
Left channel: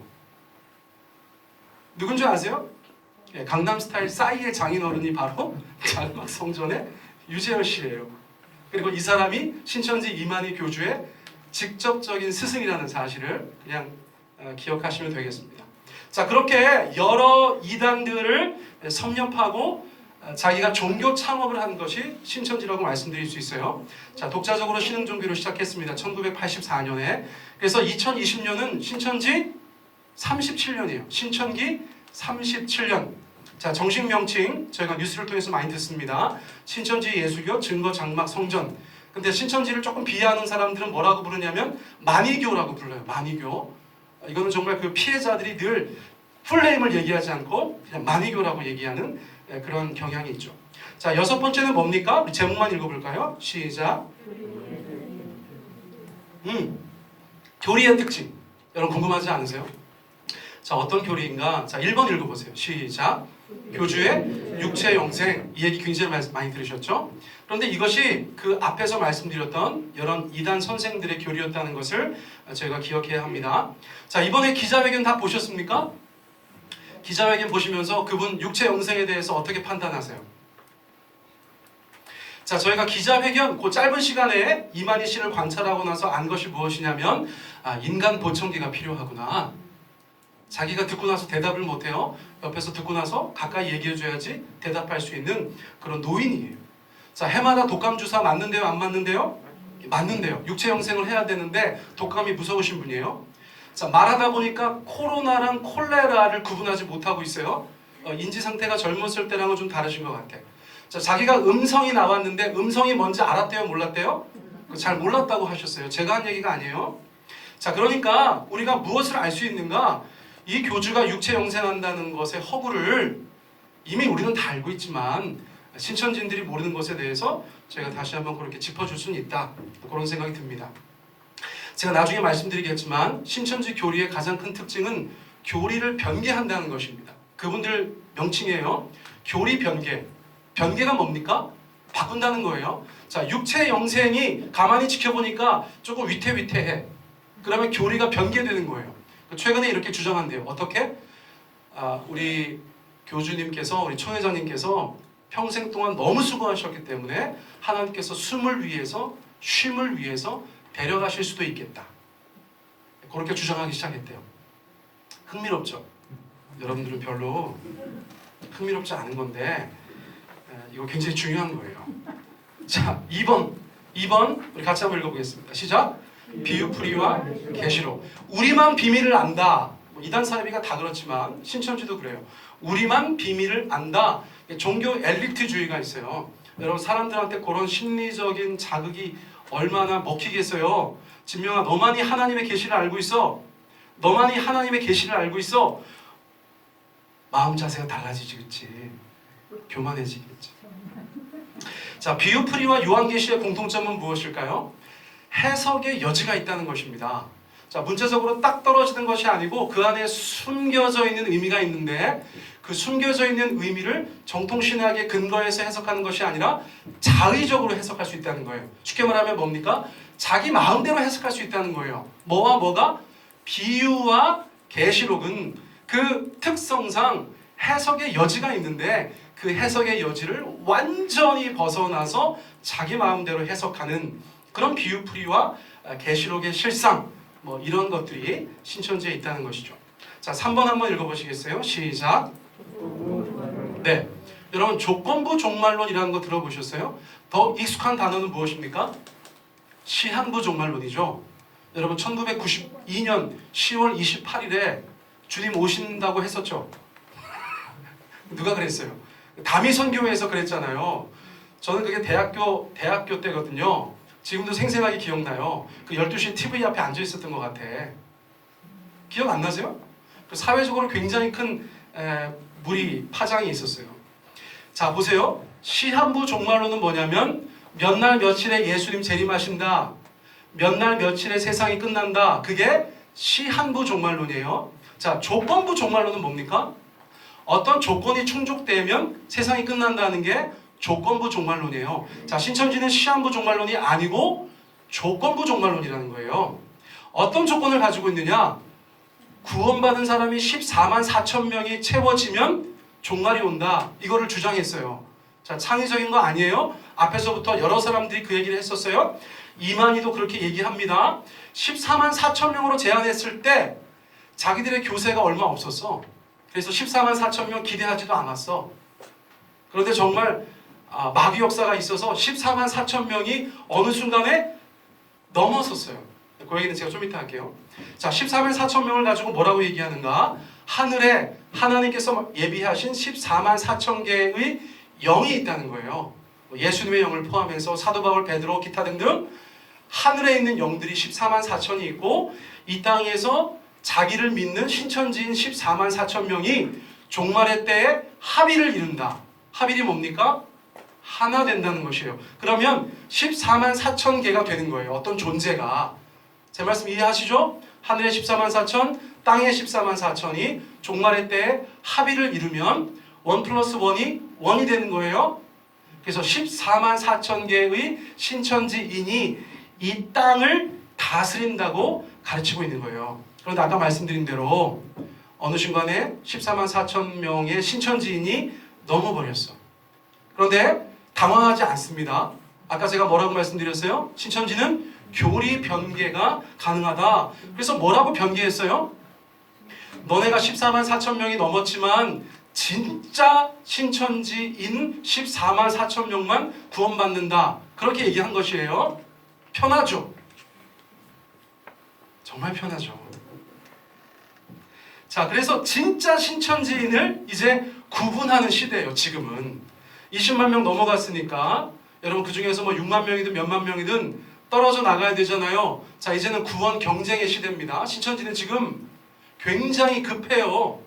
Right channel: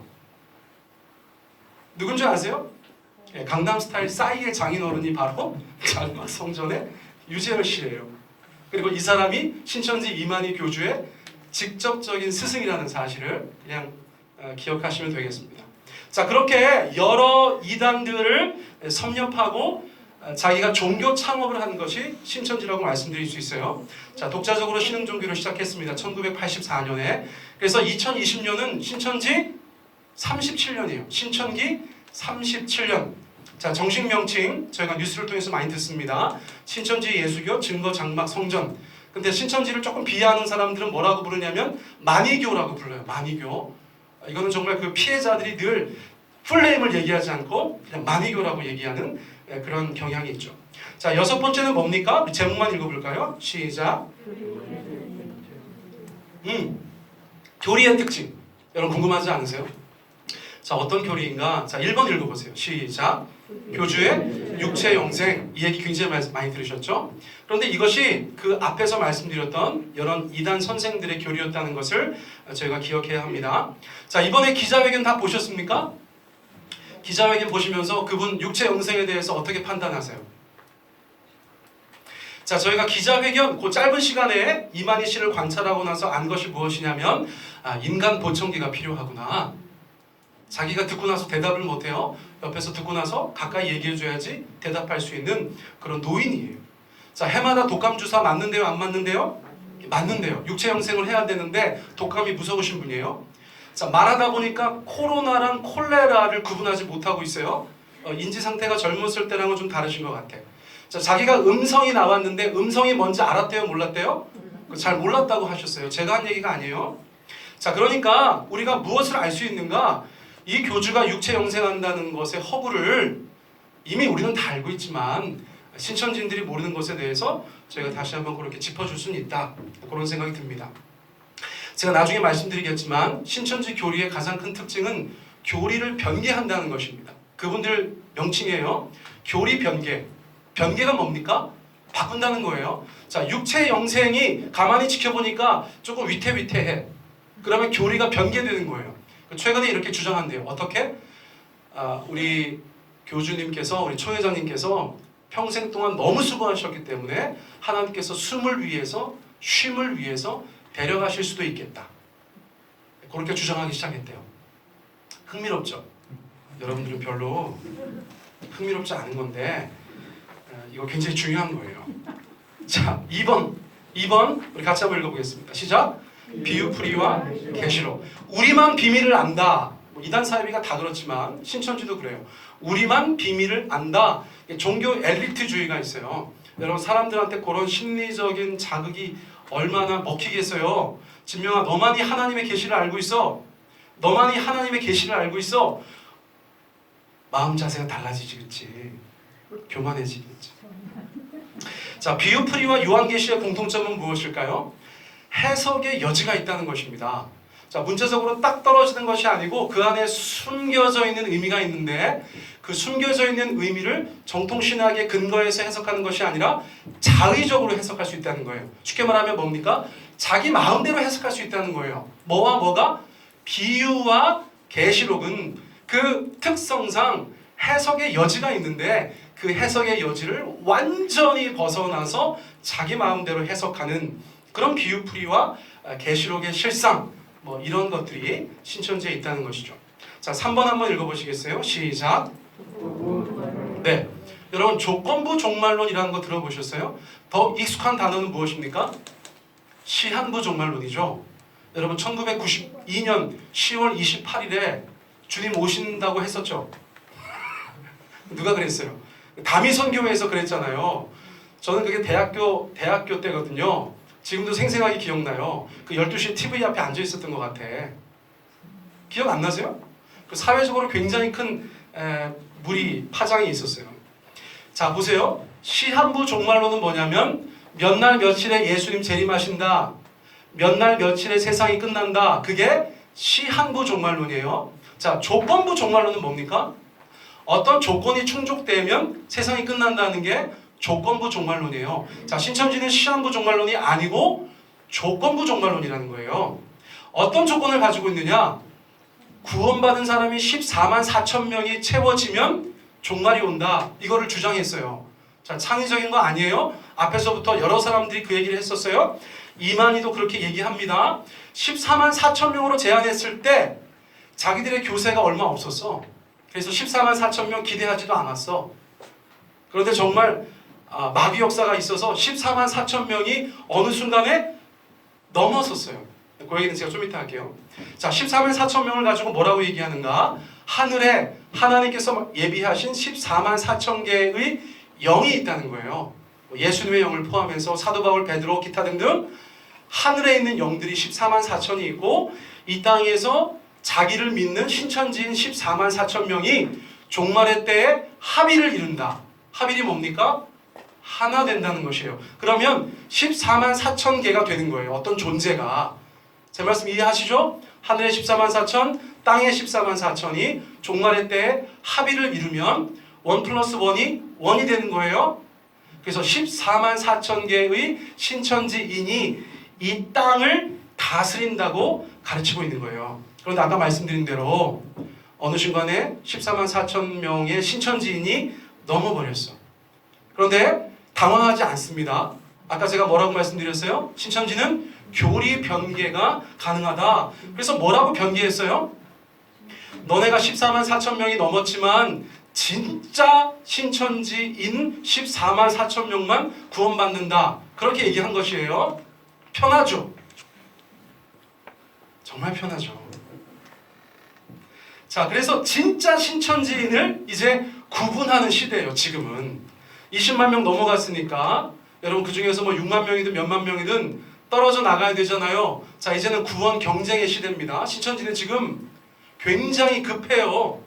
누군지 아세요? 강남스타일 싸이의 장인어른이 바로 장막 성전의 유재열 씨예요. 그리고 이 사람이 신천지 이만희 교주의 직접적인 스승이라는 사실을 그냥 기억하시면 되겠습니다. 자, 그렇게 여러 이단들을 섭렵하고 자기가 종교 창업을 한 것이 신천지라고 말씀드릴 수 있어요. 자, 독자적으로 신흥종교를 시작했습니다. 1984년에. 그래서 2020년은 신천지 37년이에요. 신천기 37년. 자, 정식 명칭 저희가 뉴스를 통해서 많이 듣습니다. 신천지 예수교 증거 장막 성전. 근데 신천지를 조금 비하하는 사람들은 뭐라고 부르냐면 만이교라고 불러요. 만이교. 이거는 정말 그 피해자들이 늘 풀네임을 얘기하지 않고 그냥 만이교라고 얘기하는 그런 경향이 있죠. 자, 6번째는 뭡니까? 우리 제목만 읽어볼까요? 시작. 교리의 특징. 여러분 궁금하지 않으세요? 자, 어떤 교리인가? 자, 1번 읽어보세요. 시작. 교주의 육체 영생. 이 얘기 굉장히 많이 들으셨죠? 그런데 이것이 그 앞에서 말씀드렸던 여러 이단 선생들의 교리였다는 것을 저희가 기억해야 합니다. 자, 이번에 기자회견 다 보셨습니까? 기자회견 보시면서 그분 육체 영생에 대해서 어떻게 판단하세요? 자, 저희가 기자회견 그 짧은 시간에 이만희 씨를 관찰하고 나서 안 것이 무엇이냐면 인간 보청기가 필요하구나. 자기가 듣고 나서 대답을 못해요. 옆에서 듣고 나서 가까이 얘기해줘야지 대답할 수 있는 그런 노인이에요. 자, 해마다 독감 주사 맞는데요? 안 맞는데요? 맞는데요. 육체 영생을 해야 되는데 독감이 무서우신 분이에요. 자, 말하다 보니까 코로나랑 콜레라를 구분하지 못하고 있어요. 인지 상태가 젊었을 때랑은 좀 다르신 것 같아요. 자, 자기가 음성이 나왔는데 음성이 뭔지 알았대요? 몰랐대요? 잘 몰랐다고 하셨어요. 제가 한 얘기가 아니에요. 자, 그러니까 우리가 무엇을 알 수 있는가? 이 교주가 육체 영생한다는 것의 허구를 이미 우리는 다 알고 있지만 신천지인들이 모르는 것에 대해서 제가 다시 한번 그렇게 짚어줄 수는 있다. 그런 생각이 듭니다. 제가 나중에 말씀드리겠지만 신천지 교리의 가장 큰 특징은 교리를 변개한다는 것입니다. 그분들 명칭이에요. 교리 변개. 변개가 뭡니까? 바꾼다는 거예요. 자, 육체 영생이 가만히 지켜보니까 조금 위태위태해. 그러면 교리가 변개되는 거예요. 최근에 이렇게 주장한대요. 어떻게? 우리 교주님께서, 우리 총회장님께서 평생 동안 너무 수고하셨기 때문에 하나님께서 숨을 위해서, 쉼을 위해서 데려가실 수도 있겠다. 그렇게 주장하기 시작했대요. 흥미롭죠? 여러분들은 별로 흥미롭지 않은 건데 이거 굉장히 중요한 거예요. 자, 2번 2번 우리 같이 한번 읽어보겠습니다. 시작. 비유풀이와 계시록. 우리만 비밀을 안다. 이단 사이비가 다 그렇지만 신천지도 그래요. 우리만 비밀을 안다. 종교 엘리트주의가 있어요. 여러분 사람들한테 그런 심리적인 자극이 얼마나 먹히겠어요. 진명아 너만이 하나님의 계시를 알고 있어. 너만이 하나님의 계시를 알고 있어. 마음 자세가 달라지겠지. 교만해지겠지. 자, 비유풀이와 요한계시의 공통점은 무엇일까요? 해석의 여지가 있다는 것입니다. 자, 문제적으로 딱 떨어지는 것이 아니고 그 안에 숨겨져 있는 의미가 있는데 그 숨겨져 있는 의미를 정통신학의 근거에서 해석하는 것이 아니라 자의적으로 해석할 수 있다는 거예요. 쉽게 말하면 뭡니까? 자기 마음대로 해석할 수 있다는 거예요. 뭐와 뭐가? 비유와 계시록은 그 특성상 해석의 여지가 있는데 그 해석의 여지를 완전히 벗어나서 자기 마음대로 해석하는 그런 비유풀이와 계시록의 실상 뭐 이런 것들이 신천지에 있다는 것이죠. 자, 3번 한번 읽어보시겠어요? 시작. 네, 여러분 조건부 종말론이라는 거 들어보셨어요? 더 익숙한 단어는 무엇입니까? 시한부 종말론이죠. 여러분 1992년 10월 28일에 주님 오신다고 했었죠. 누가 그랬어요? 다미선교회에서 그랬잖아요. 저는 그게 대학교 때거든요. 지금도 생생하게 기억나요. 그 12시 TV 앞에 앉아 있었던 것 같아. 기억 안 나세요? 그 사회적으로 굉장히 큰 파장이 있었어요. 자, 보세요. 시한부 종말론은 뭐냐면 몇 날 며칠에 예수님 재림하신다. 몇 날 며칠에 세상이 끝난다. 그게 시한부 종말론이에요. 자, 조건부 종말론은 뭡니까? 어떤 조건이 충족되면 세상이 끝난다는 게 조건부 종말론이에요. 자, 신천지는 시한부 종말론이 아니고 조건부 종말론이라는 거예요. 어떤 조건을 가지고 있느냐? 구원받은 사람이 14만 4천 명이 채워지면 종말이 온다. 이거를 주장했어요. 자, 창의적인 거 아니에요. 앞에서부터 여러 사람들이 그 얘기를 했었어요. 이만희도 그렇게 얘기합니다. 14만 4천 명으로 제한했을 때 자기들의 교세가 얼마 없었어. 그래서 14만 4천 명 기대하지도 않았어. 그런데 정말 마귀 역사가 있어서 14만 4천 명이 어느 순간에 넘어섰어요. 그 얘기는 제가 좀 이따 할게요. 자, 14만 4천 명을 가지고 뭐라고 얘기하는가? 하늘에 하나님께서 예비하신 14만 4천 개의 영이 있다는 거예요. 예수님의 영을 포함해서 사도 바울, 베드로, 기타 등등 하늘에 있는 영들이 14만 4천이 있고 이 땅에서 자기를 믿는 신천지인 14만 4천 명이 종말의 때에 합의를 이룬다. 합의이 뭡니까? 하나 된다는 것이에요. 그러면 14만 4천 개가 되는 거예요. 어떤 존재가. 제 말씀 이해하시죠? 하늘의 14만 4천, 땅의 14만 4천이 종말의 때에 합의를 이루면 1 플러스 1이 1이 되는 거예요. 그래서 14만 4천 개의 신천지인이 이 땅을 다스린다고 가르치고 있는 거예요. 그런데 아까 말씀드린 대로 어느 순간에 14만 4천 명의 신천지인이 넘어버렸어. 그런데 당황하지 않습니다. 아까 제가 뭐라고 말씀드렸어요? 신천지는 교리 변개가 가능하다. 그래서 뭐라고 변개했어요? 너네가 14만 4천 명이 넘었지만 진짜 신천지인 14만 4천 명만 구원받는다. 그렇게 얘기한 것이에요. 편하죠? 정말 편하죠. 자, 그래서 진짜 신천지인을 이제 구분하는 시대예요. 지금은 20만 명 넘어갔으니까 여러분 그 중에서 뭐 6만 명이든 몇만 명이든 떨어져 나가야 되잖아요. 자, 이제는 구원 경쟁의 시대입니다. 신천지는 지금 굉장히 급해요.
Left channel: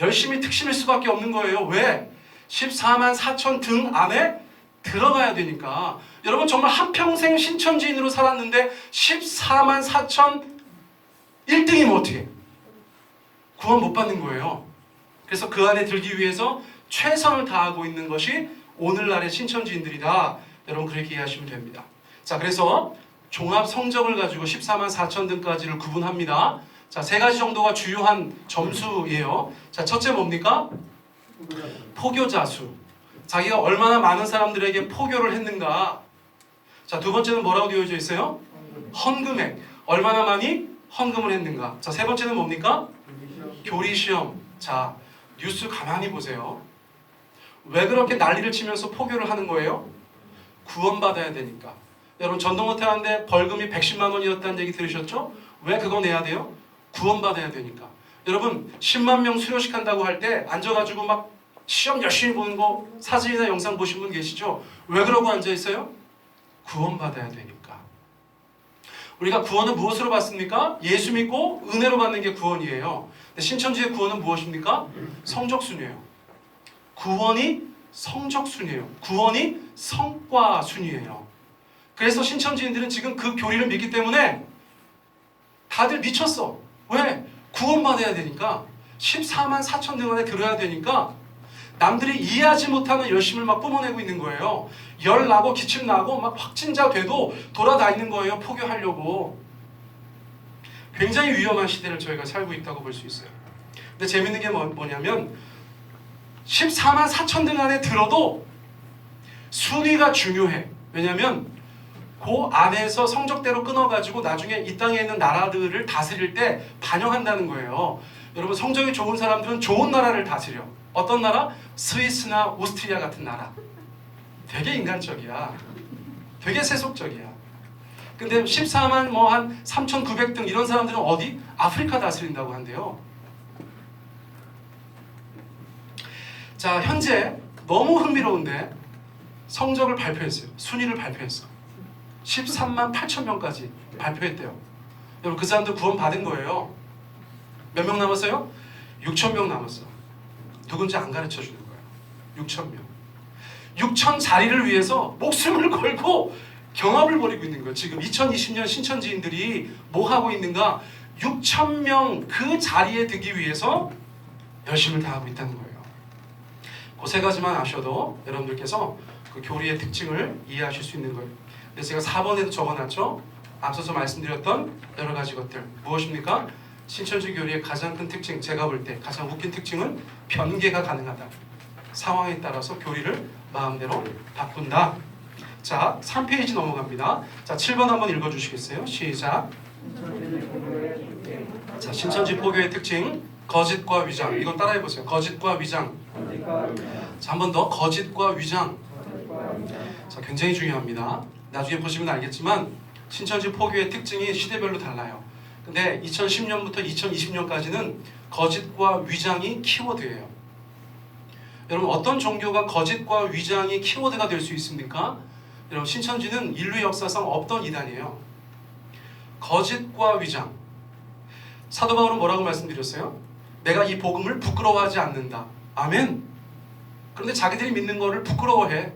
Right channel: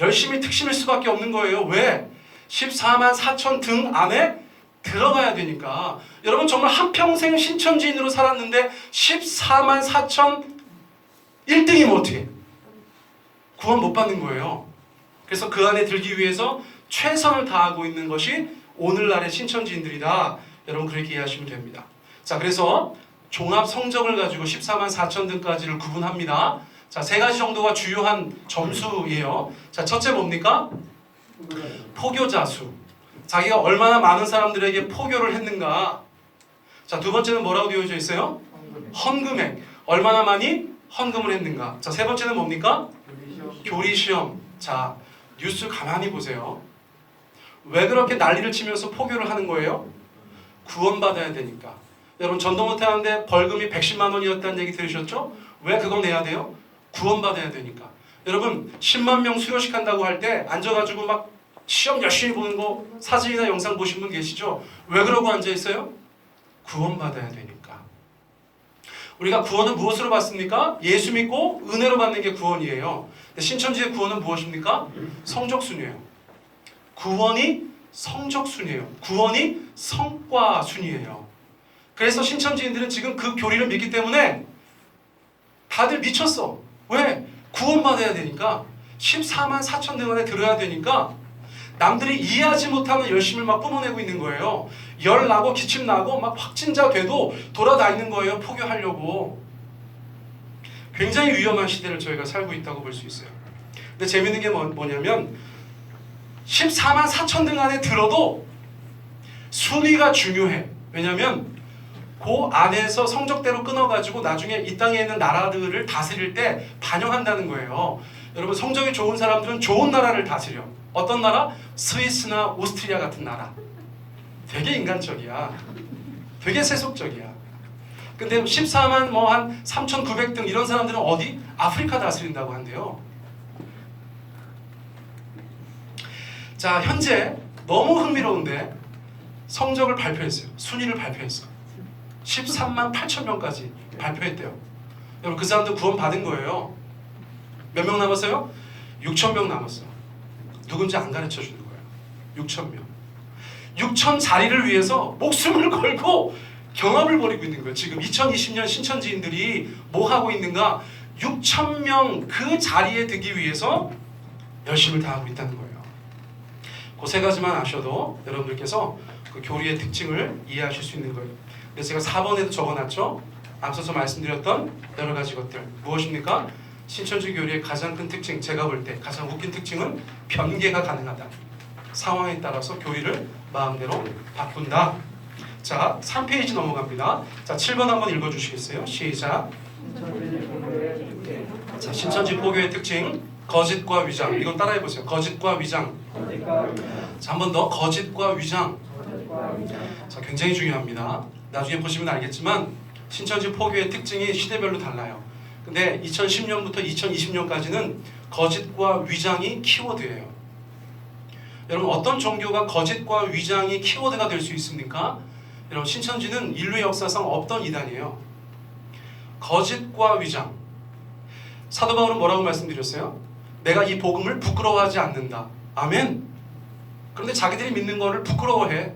열심히 특심일 수밖에 없는 거예요. 왜? 14만 4천 등 안에 들어가야 되니까. 여러분 정말 한평생 신천지인으로 살았는데 14만 4천 1등이면 어떻게? 구원 못 받는 거예요. 그래서 그 안에 들기 위해서 최선을 다하고 있는 것이 오늘날의 신천지인들이다. 여러분 그렇게 이해하시면 됩니다. 자, 그래서 종합 성적을 가지고 14만 4천 등까지를 구분합니다. 자, 세 가지 정도가 주요한 점수예요. 자, 첫째 뭡니까? 포교자 수. 자기가 얼마나 많은 사람들에게 포교를 했는가. 자, 두 번째는 뭐라고 되어져 있어요? 헌금액. 얼마나 많이 헌금을 했는가. 자, 세 번째는 뭡니까? 교리시험. 자, 뉴스 가만히 보세요. 왜 그렇게 난리를 치면서 포교를 하는 거예요? 구원받아야 되니까. 여러분 전도 못하는데 벌금이 110만 원이었다는 얘기 들으셨죠? 왜 그거 내야 돼요? 구원받아야 되니까. 여러분 10만 명 수료식 한다고 할 때 앉아가지고 막 시험 열심히 보는 거 사진이나 영상 보신 분 계시죠? 왜 그러고 앉아있어요? 구원받아야 되니까. 우리가 구원은 무엇으로 받습니까? 예수 믿고 은혜로 받는 게 구원이에요. 근데 신천지의 구원은 무엇입니까? 성적순이에요. 구원이 성적순이에요. 구원이 성과순이에요. 그래서 신천지인들은 지금 그 교리를 믿기 때문에 다들 미쳤어. 왜? 구원받아야 되니까. 14만 4천 등원에 들어야 되니까 남들이 이해하지 못하는 열심을 막 뿜어내고 있는 거예요. 열 나고 기침 나고 막 확진자 돼도 돌아다니는 거예요. 포교하려고. 굉장히 위험한 시대를 저희가 살고 있다고 볼 수 있어요. 근데 재밌는 게 뭐냐면 14만 4천 등 안에 들어도 순위가 중요해. 왜냐면 그 안에서 성적대로 끊어가지고 나중에 이 땅에 있는 나라들을 다스릴 때 반영한다는 거예요. 여러분 성적이 좋은 사람들은 좋은 나라를 다스려. 어떤 나라? 스위스나 오스트리아 같은 나라. 되게 인간적이야. 되게 세속적이야. 근데 14만 뭐 한 3,900등 이런 사람들은 어디? 아프리카 다스린다고 한대요. 자, 현재 너무 흥미로운데 성적을 발표했어요. 순위를 발표했어. 13만 8천 명까지 발표했대요. 여러분 그 사람들 구원 받은 거예요. 몇 명 남았어요? 6천 명 남았어. 누군지 안 가르쳐 주는 거야. 6천 명. 6천 자리를 위해서 목숨을 걸고 경합을 벌이고 있는 거예요. 지금 2020년 신천지인들이 뭐 하고 있는가? 6천 명 그 자리에 들기 위해서 열심을 다하고 있다는 거예요. 그 세 가지만 아셔도 여러분들께서 그 교리의 특징을 이해하실 수 있는 거예요. 그래서 제가 4번에도 적어놨죠. 앞서서 말씀드렸던 여러 가지 것들. 무엇입니까? 신천지 교리의 가장 큰 특징, 제가 볼 때 가장 웃긴 특징은 변개가 가능하다. 상황에 따라서 교리를 마음대로 바꾼다. 자, 3페이지 넘어갑니다. 자, 7번 한번 읽어주시겠어요? 시작. 자, 신천지 포교의 특징, 거짓과 위장. 이거 따라해보세요. 거짓과 위장. 자, 한 번 더. 거짓과 위장. 자, 굉장히 중요합니다. 나중에 보시면 알겠지만 신천지 포교의 특징이 시대별로 달라요. 근데 2010년부터 2020년까지는 거짓과 위장이 키워드예요. 여러분 어떤 종교가 거짓과 위장이 키워드가 될 수 있습니까? 여러분 신천지는 인류 역사상 없던 이단이에요. 거짓과 위장. 사도 바울은 뭐라고 말씀드렸어요? 내가 이 복음을 부끄러워하지 않는다. 아멘. 그런데 자기들이 믿는 거를 부끄러워해.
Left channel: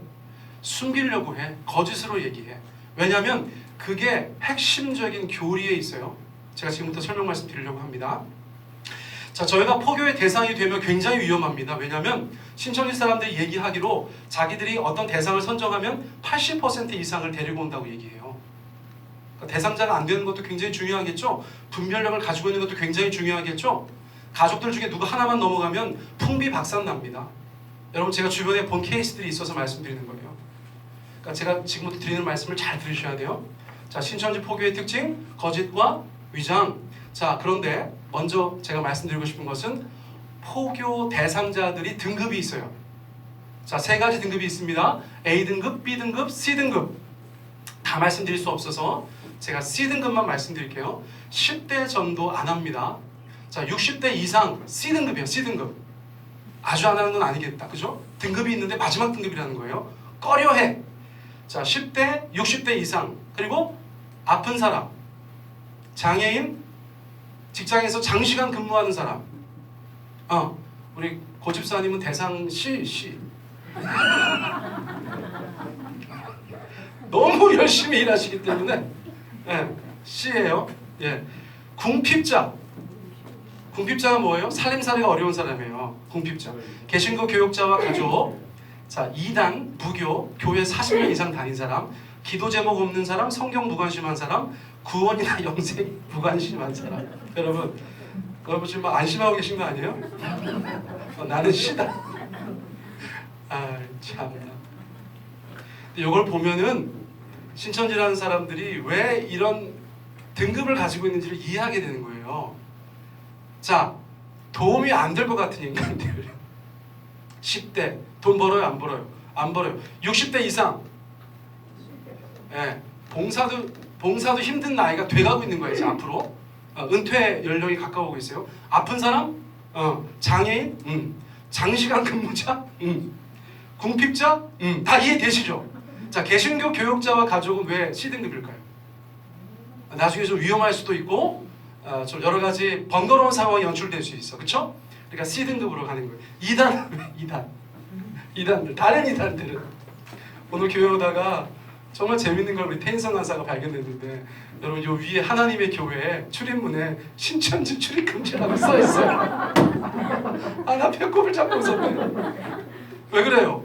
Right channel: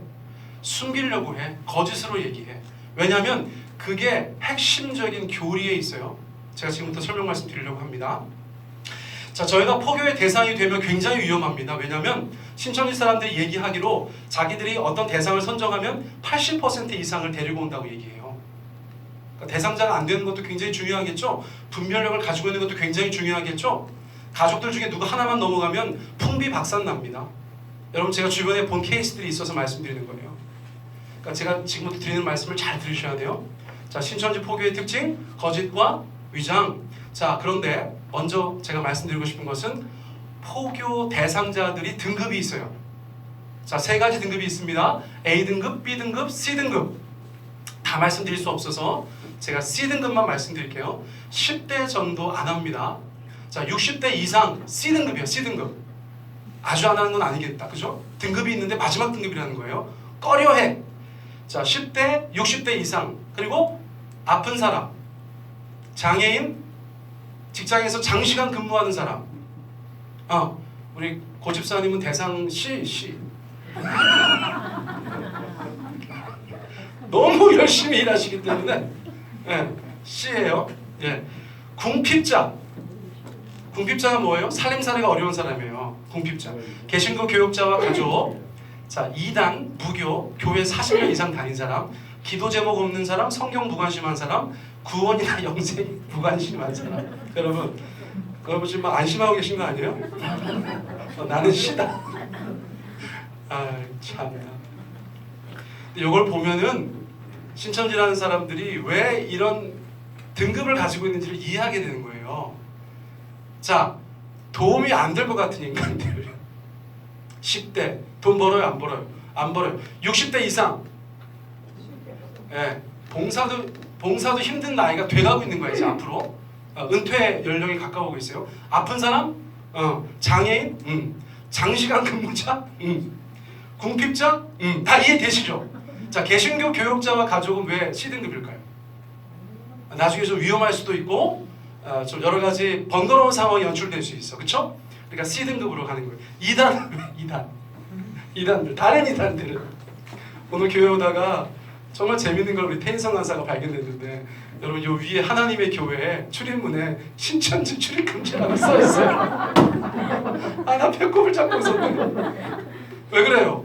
숨기려고 해. 거짓으로 얘기해. 왜냐하면 그게 핵심적인 교리에 있어요. 제가 지금부터 설명 말씀 드리려고 합니다. 자, 저희가 포교의 대상이 되면 굉장히 위험합니다. 왜냐하면 신천지 사람들이 얘기하기로 자기들이 어떤 대상을 선정하면 80% 이상을 데리고 온다고 얘기해요. 그러니까 대상자가 안 되는 것도 굉장히 중요하겠죠. 분별력을 가지고 있는 것도 굉장히 중요하겠죠. 가족들 중에 누구 하나만 넘어가면 풍비박산납니다. 여러분 제가 주변에 본 케이스들이 있어서 말씀드리는 거예요. 그러니까 제가 지금부터 드리는 말씀을 잘 들으셔야 돼요. 자, 신천지 포교의 특징, 거짓과 위장. 자, 그런데 먼저 제가 말씀드리고 싶은 것은 포교 대상자들이 등급이 있어요. 자, 세 가지 등급이 있습니다. A등급, B등급, C등급. 다 말씀드릴 수 없어서 제가 C등급만 말씀드릴게요. 10대 전도 안 합니다. 자, 60대 이상 C등급이에요. C등급. 아주 안 하는 건 아니겠다. 그죠? 등급이 있는데 마지막 등급이라는 거예요. 꺼려해. 자, 10대, 60대 이상. 그리고 아픈 사람. 장애인, 직장에서 장시간 근무하는 사람. 우리 고집사님은 대상 C. 너무 열심히 일하시기 때문에 C예요. 예. 궁핍자. 궁핍자가 뭐예요? 살림살이가 어려운 사람이에요. 궁핍자. 개신교 교육자와 가족. 자, 2단 부교, 교회 40년 이상 다닌 사람, 기도 제목 없는 사람, 성경 무관심한 사람, 구원이나 영생 무관심한 사람. 여러분, 그거 지금 막 안심하고 계신 거 아니에요? 나는 C다. 아, 참나. 이걸 보면은 신천지라는 사람들이 왜 이런 등급을 가지고 있는지를 이해하게 되는 거예요. 자, 도움이 안 될 것 같은 인간들. 10대 돈 벌어요, 안 벌어요? 안 벌어요. 60대 이상. 예, 봉사도 힘든 나이가 돼가고 있는 거야 이제 앞으로. 은퇴 연령이 가까워오고 있어요. 아픈 사람, 장애인, 장시간 근무자, 궁핍자, 다 이해되시죠? 자, 개신교 교육자와 가족은 왜 C등급일까요? 나중에 좀 위험할 수도 있고 좀 여러 가지 번거로운 상황이 연출될 수 있어, 그렇죠? 그러니까 C등급으로 가는 거예요. 2단들, 다른 2단들은 오늘 교회 오다가 정말 재밌는 걸 우리 태인성 간사가 발견했는데, 여러분 요 위에 하나님의 교회 출입문에 신천지 출입 금지라고 써 있어요. 나 배꼽을 잡고 있었네. 왜 그래요?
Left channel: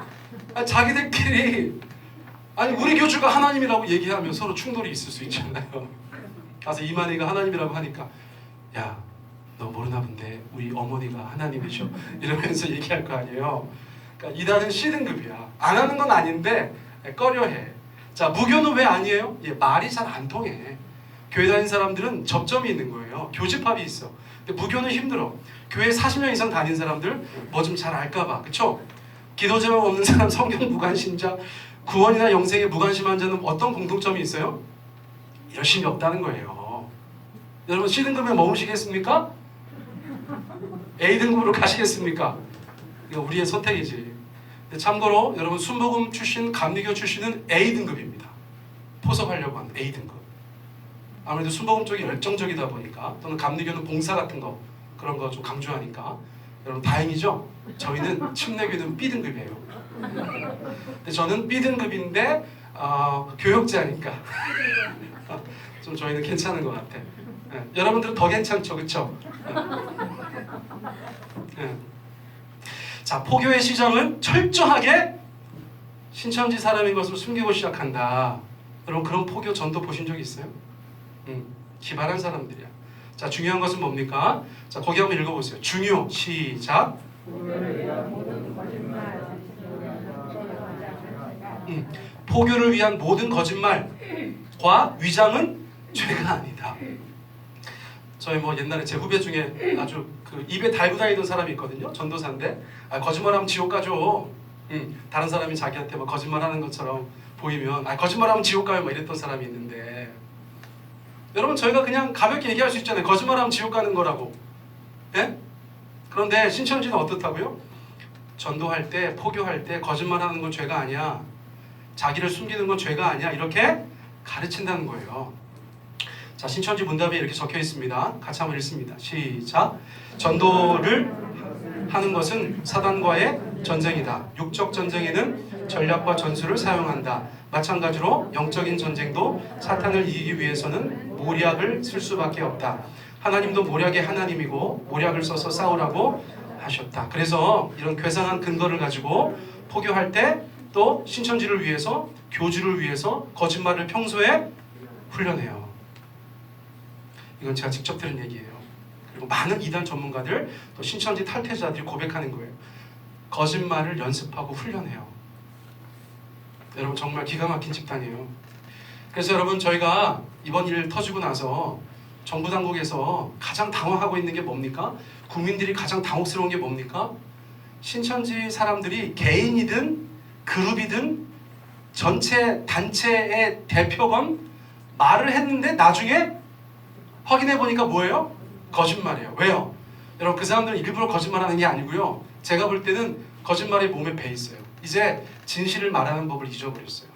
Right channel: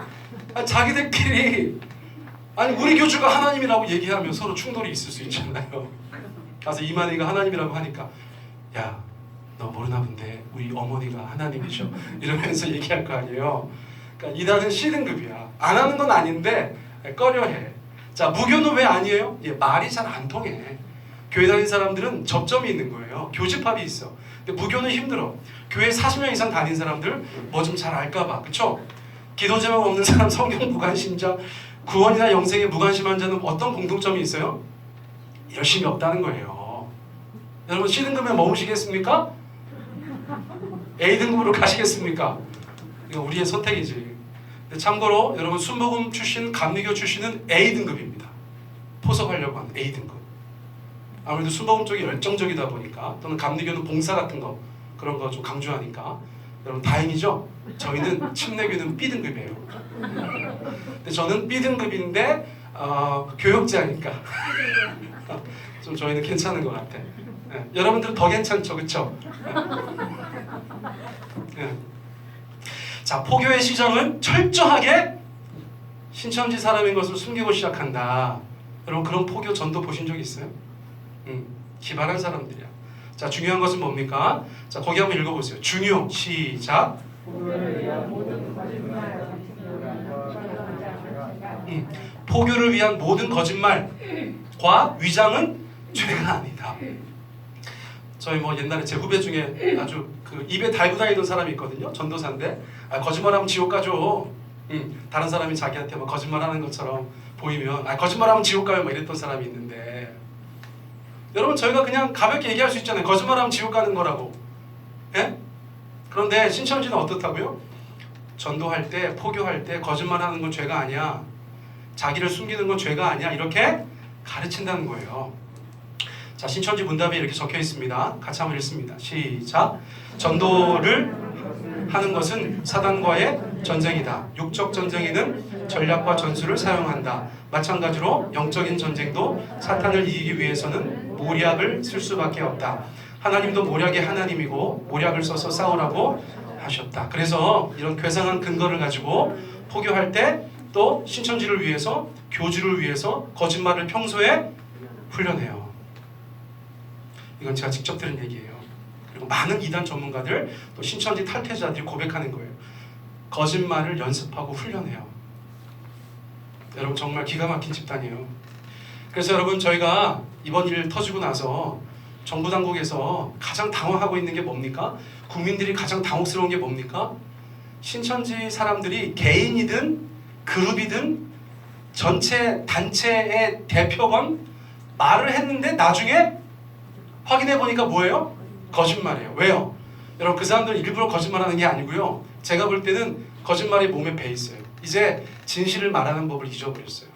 자기들끼리 우리 교주가 하나님이라고 얘기하면 서로 충돌이 있을 수 있잖아요. 가서 이만희가 하나님이라고 하니까 야, 너 모르나 본데 우리 어머니가 하나님이셔 이러면서 얘기할 거 아니에요. 그러니까 이단은 C등급이야. 안 하는 건 아닌데 꺼려해. 자, 무교는 왜 아니에요? 말이 잘 안 통해. 교회 다니는 사람들은 접점이 있는 거예요. 교집합이 있어. 근데 무교는 힘들어. 교회 40년 이상 다닌 사람들 뭐 좀 잘 알까 봐. 그쵸? 기도 제목 없는 사람, 성경 무관심자, 구원이나 영생에 무관심한 자는 어떤 공통점이 있어요? 열심히 없다는 거예요. 여러분 C등급에 머무시겠습니까? A등급으로 가시겠습니까? 이건 우리의 선택이지. 근데 참고로 여러분 순복음 출신, 감리교 출신은 A등급입니다. 포섭하려고 하는 A등급. 아무래도 순복음 쪽이 열정적이다 보니까, 또는 감리교는 봉사 같은 거 그런 거 좀 강조하니까 여러분 다행이죠? 저희는 침례교는 B등급이에요. 근데 저는 B등급인데 교육자니까 좀 저희는 괜찮은 것 같아. 여러분들은 더 괜찮죠, 그렇죠? 자, 포교의 시작은 철저하게 신천지 사람인 것을 숨기고 시작한다. 여러분 그런 포교 전도 보신 적 있어요? 기발한 사람들이야. 자, 중요한 것은 뭡니까? 자, 거기 한번 읽어보세요. 중요, 시작. 포교를 위한 모든 거짓말과 위장은 죄가 아니다. 저희 뭐 옛날에 제 후배 중에 아주 그 입에 달고 다니던 사람이 있거든요. 전도사인데 거짓말하면 지옥 가죠. 다른 사람이 자기한테 뭐 거짓말하는 것처럼 보이면 거짓말하면 지옥 가요 뭐 이랬던 사람이 있는데, 여러분 저희가 그냥 가볍게 얘기할 수 있잖아요. 거짓말하면 지옥 가는 거라고. 예? 그런데 신천지는 어떻다고요? 전도할 때, 포교할 때 거짓말하는 건 죄가 아니야. 자기를 숨기는 건 죄가 아니야. 이렇게 가르친다는 거예요. 자, 신천지 문답에 이렇게 적혀 있습니다. 같이 한번 읽습니다. 시작. 전도를 하는 것은 사단과의 전쟁이다. 육적 전쟁에는 전략과 전술을 사용한다. 마찬가지로 영적인 전쟁도 사탄을 이기기 위해서는 모략을 쓸 수밖에 없다. 하나님도 모략의 하나님이고 모략을 써서 싸우라고 하셨다. 그래서 이런 괴상한 근거를 가지고 포교할 때, 또 신천지를 위해서, 교주를 위해서 거짓말을 평소에 훈련해요. 이건 제가 직접 들은 얘기예요. 그리고 많은 이단 전문가들, 또 신천지 탈퇴자들이 고백하는 거예요. 거짓말을 연습하고 훈련해요. 여러분 정말 기가 막힌 집단이에요. 그래서 여러분 저희가 이번 일 터지고 나서 정부 당국에서 가장 당황하고 있는 게 뭡니까? 국민들이 가장 당혹스러운 게 뭡니까? 신천지 사람들이 개인이든 그룹이든 전체 단체의 대표건 말을 했는데 나중에 확인해 보니까 뭐예요? 거짓말이에요. 왜요? 여러분 그 사람들은 일부러 거짓말하는 게 아니고요. 제가 볼 때는 거짓말이 몸에 배 있어요. 이제 진실을 말하는 법을 잊어버렸어요.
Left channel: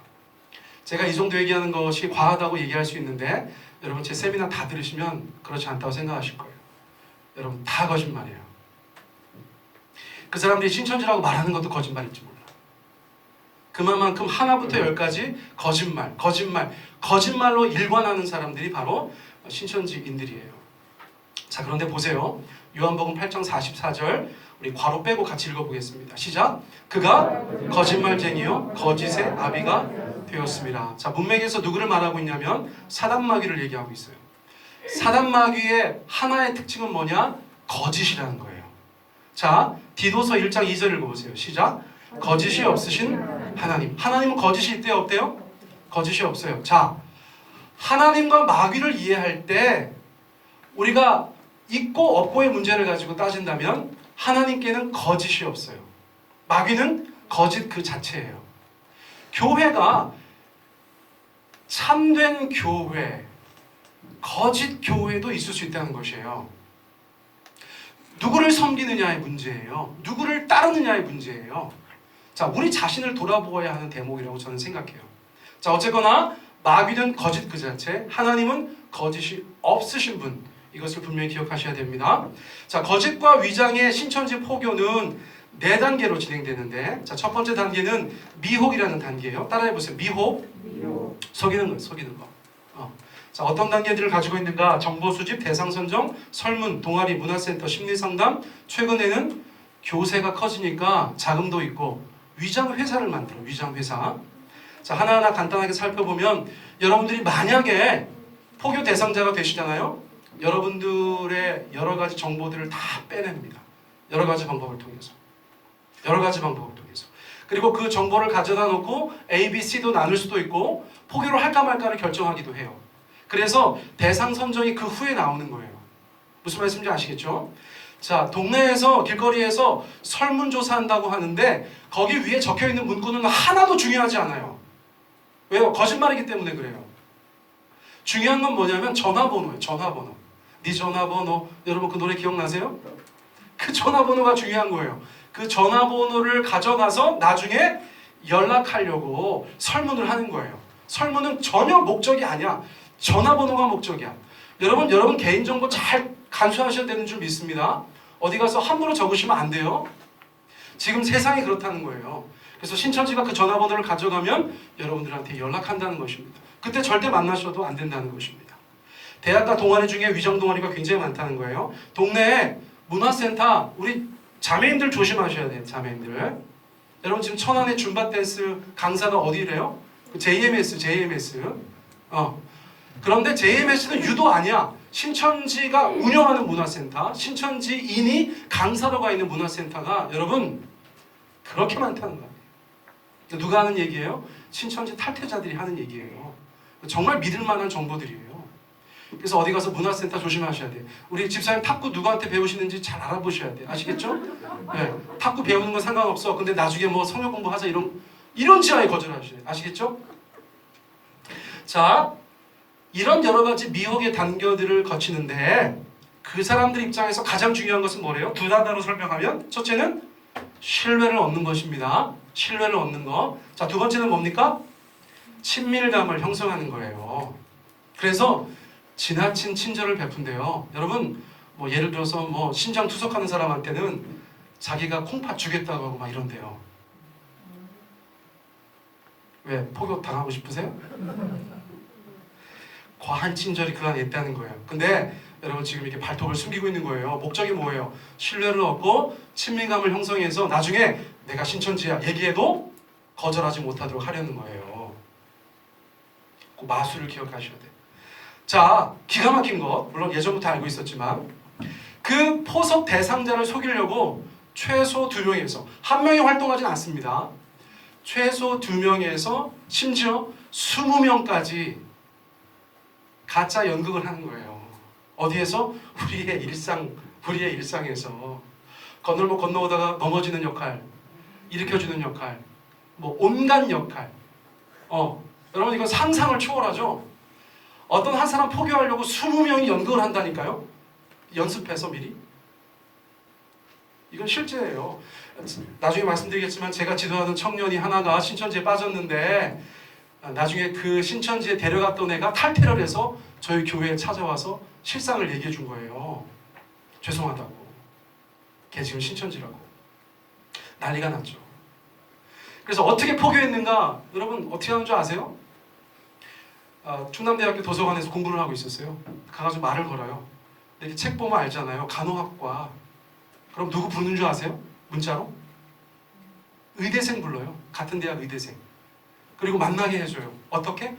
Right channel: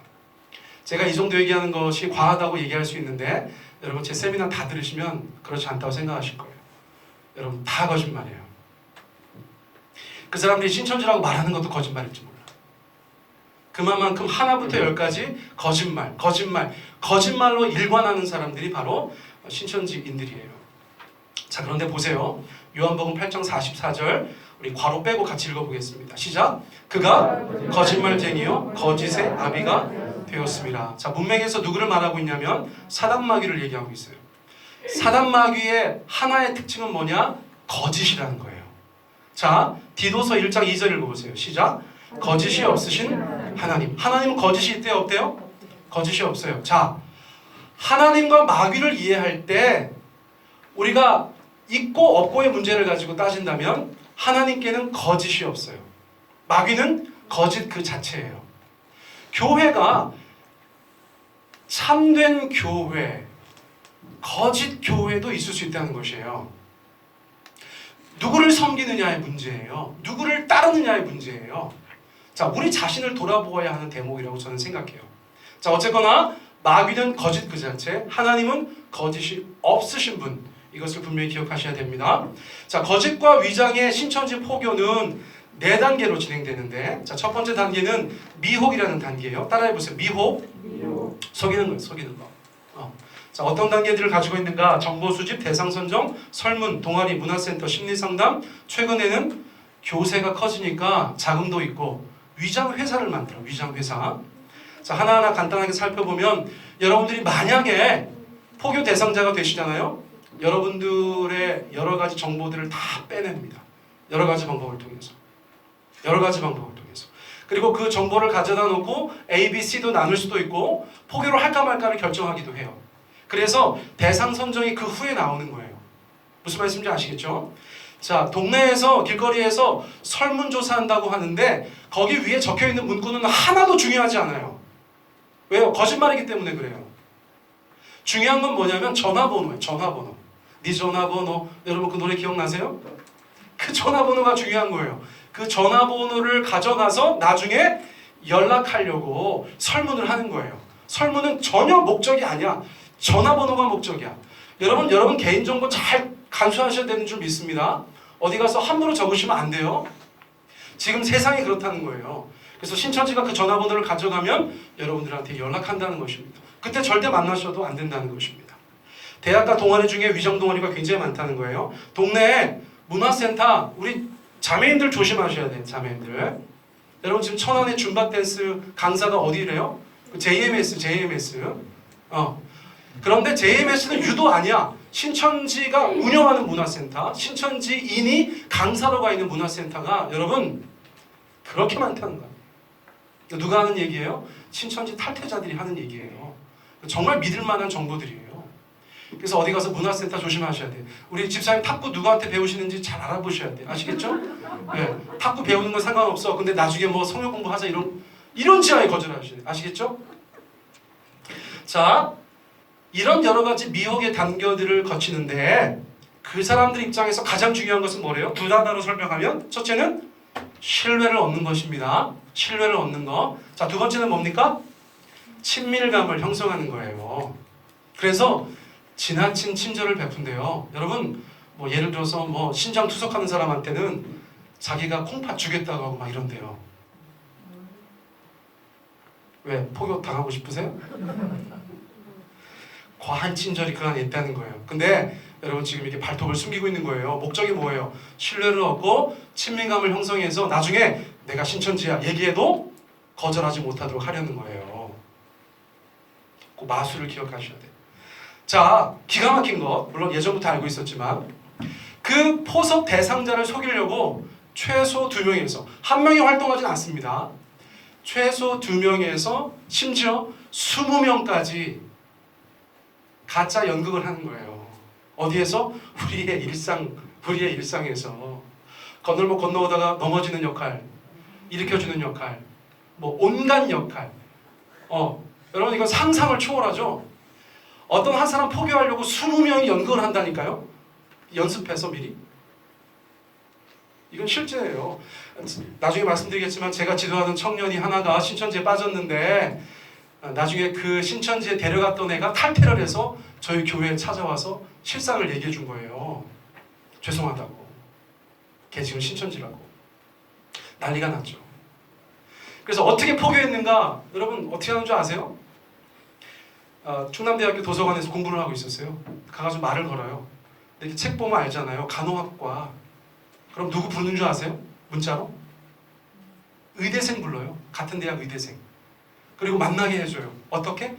제가 이 정도 얘기하는 것이 과하다고 얘기할 수 있는데, 여러분 제 세미나 다 들으시면 그렇지 않다고 생각하실 거예요. 여러분 다 거짓말이에요. 그 사람들이 신천지라고 말하는 것도 거짓말일지 몰라. 그만큼 하나부터 열까지 거짓말로 일관하는 사람들이 바로 신천지인들이에요. 자, 그런데 보세요. 요한복음 8장 44절 우리 괄호 빼고 같이 읽어보겠습니다. 시작. 그가 거짓말쟁이요 거짓의 아비가 되었습니다. 자, 문맥에서 누구를 말하고 있냐면 사단마귀를 얘기하고 있어요. 사단마귀의 하나의 특징은 뭐냐? 거짓이라는 거예요. 자, 디도서 1장 2절 읽어보세요. 시작. 거짓이 없으신 하나님. 하나님은 거짓이 있대요, 없대요? 거짓이 없어요. 자, 하나님과 마귀를 이해할 때 우리가 있고 없고의 문제를 가지고 따진다면 하나님께는 거짓이 없어요. 마귀는 거짓 그 자체예요. 교회가 참된 교회, 거짓 교회도 있을 수 있다는 것이에요. 누구를 섬기느냐의 문제예요. 누구를 따르느냐의 문제예요. 자, 우리 자신을 돌아보아야 하는 대목이라고 저는 생각해요. 자, 어쨌거나 마귀는 거짓 그 자체, 하나님은 거짓이 없으신 분, 이것을 분명히 기억하셔야 됩니다. 자, 거짓과 위장의 신천지 포교는 4단계로 진행되는데, 자, 첫 번째 단계는 미혹이라는 단계예요. 따라해보세요. 미혹. 속이는 거예요. 속이는 거. 자, 어떤 단계들을 가지고 있는가? 정보 수집, 대상 선정, 설문, 동아리, 문화센터, 심리상담. 최근에는 교세가 커지니까 자금도 있고 위장 회사를 만들어. 위장 회사. 자, 하나하나 간단하게 살펴보면 여러분들이 만약에 포교 대상자가 되시잖아요. 여러분들의 여러 가지 정보들을 다 빼냅니다. 여러 가지 방법을 통해서. 여러 가지 방법을 통해서. 그리고 그 정보를 가져다 놓고 A, B, C도 나눌 수도 있고 포교를 할까 말까를 결정하기도 해요. 그래서 대상 선정이 그 후에 나오는 거예요. 무슨 말씀인지 아시겠죠? 자, 동네에서 길거리에서 설문조사한다고 하는데 거기 위에 적혀있는 문구는 하나도 중요하지 않아요. 왜요? 거짓말이기 때문에 그래요. 중요한 건 뭐냐면 전화번호예요. 전화번호. 네 전화번호. 여러분 그 노래 기억나세요? 그 전화번호가 중요한 거예요. 그 전화번호를 가져가서 나중에 연락하려고 설문을 하는 거예요. 설문은 전혀 목적이 아니야. 전화번호가 목적이야. 여러분 개인정보 잘 간수하셔야 되는 줄 믿습니다. 어디 가서 함부로 적으시면 안 돼요. 지금 세상이 그렇다는 거예요. 그래서 신천지가 그 전화번호를 가져가면 여러분들한테 연락한다는 것입니다. 그때 절대 만나셔도 안 된다는 것입니다. 대학가 동아리 중에 위정 동아리가 굉장히 많다는 거예요. 동네에 문화센터, 우리 자매님들 조심하셔야 돼요. 자매님들. 여러분 지금 천안의 줌바 댄스 강사가 어디래요? JMS. 그런데 JMS는 유도 아니야. 신천지가 운영하는 문화센터, 신천지인이 강사로 가 있는 문화센터가 여러분 그렇게 많다는 거예요. 누가 하는 얘기예요? 신천지 탈퇴자들이 하는 얘기예요. 정말 믿을 만한 정보들이에요. 그래서 어디 가서 문화센터 조심하셔야 돼요. 우리 집사님 탁구 누구한테 배우시는지 잘 알아보셔야 돼요. 아시겠죠? 네, 탁구 배우는 건 상관없어. 근데 나중에 뭐 성역 공부하자 이런 지하에 거절하셔야 돼요. 아시겠죠? 자, 이런 여러 가지 미혹의 단계들을 거치는데 그 사람들 입장에서 가장 중요한 것은 뭐래요? 두 단어로 설명하면 첫째는 신뢰를 얻는 것입니다. 신뢰를 얻는 거. 자, 두 번째는 뭡니까? 친밀감을 형성하는 거예요. 그래서 지나친 친절을 베푼대요. 여러분, 뭐 예를 들어서 뭐 신장 투석하는 사람한테는 자기가 콩팥 주겠다고 하고 막 이런대요. 왜? 포교 당하고 싶으세요? 과한 친절이 그 안에 있다는 거예요. 근데 여러분 지금 이렇게 발톱을 숨기고 있는 거예요. 목적이 뭐예요? 신뢰를 얻고 친밀감을 형성해서 나중에 내가 신천지야 얘기해도 거절하지 못하도록 하려는 거예요. 그 마술을 기억하셔야 돼요. 자, 기가 막힌 것, 물론 예전부터 알고 있었지만 그 포섭 대상자를 속이려고 최소 2명에서, 한 명이 활동하진 않습니다. 최소 2명에서 심지어 20명까지 가짜 연극을 하는 거예요. 어디에서? 우리의 일상에서 건널목 건너오다가 넘어지는 역할, 일으켜주는 역할, 뭐 온갖 역할. 여러분 이건 상상을 초월하죠. 어떤 한 사람 포교하려고 20명이 연극을 한다니까요. 연습해서 미리. 이건 실제예요. 나중에 말씀드리겠지만 제가 지도하는 청년이 하나가 신천지에 빠졌는데 나중에 그 신천지에 데려갔던 애가 탈퇴를 해서 저희 교회에 찾아와서 실상을 얘기해 준 거예요. 죄송하다고. 걔 지금 신천지라고. 난리가 났죠. 그래서 어떻게 포교했는가? 여러분 어떻게 하는 줄 아세요? 충남대학교 도서관에서 공부를 하고 있었어요. 가가지고 말을 걸어요. 이렇게 책 보면 알잖아요. 간호학과. 그럼 누구 부르는 줄 아세요? 문자로? 의대생 불러요. 같은 대학 의대생. 그리고 만나게 해줘요. 어떻게?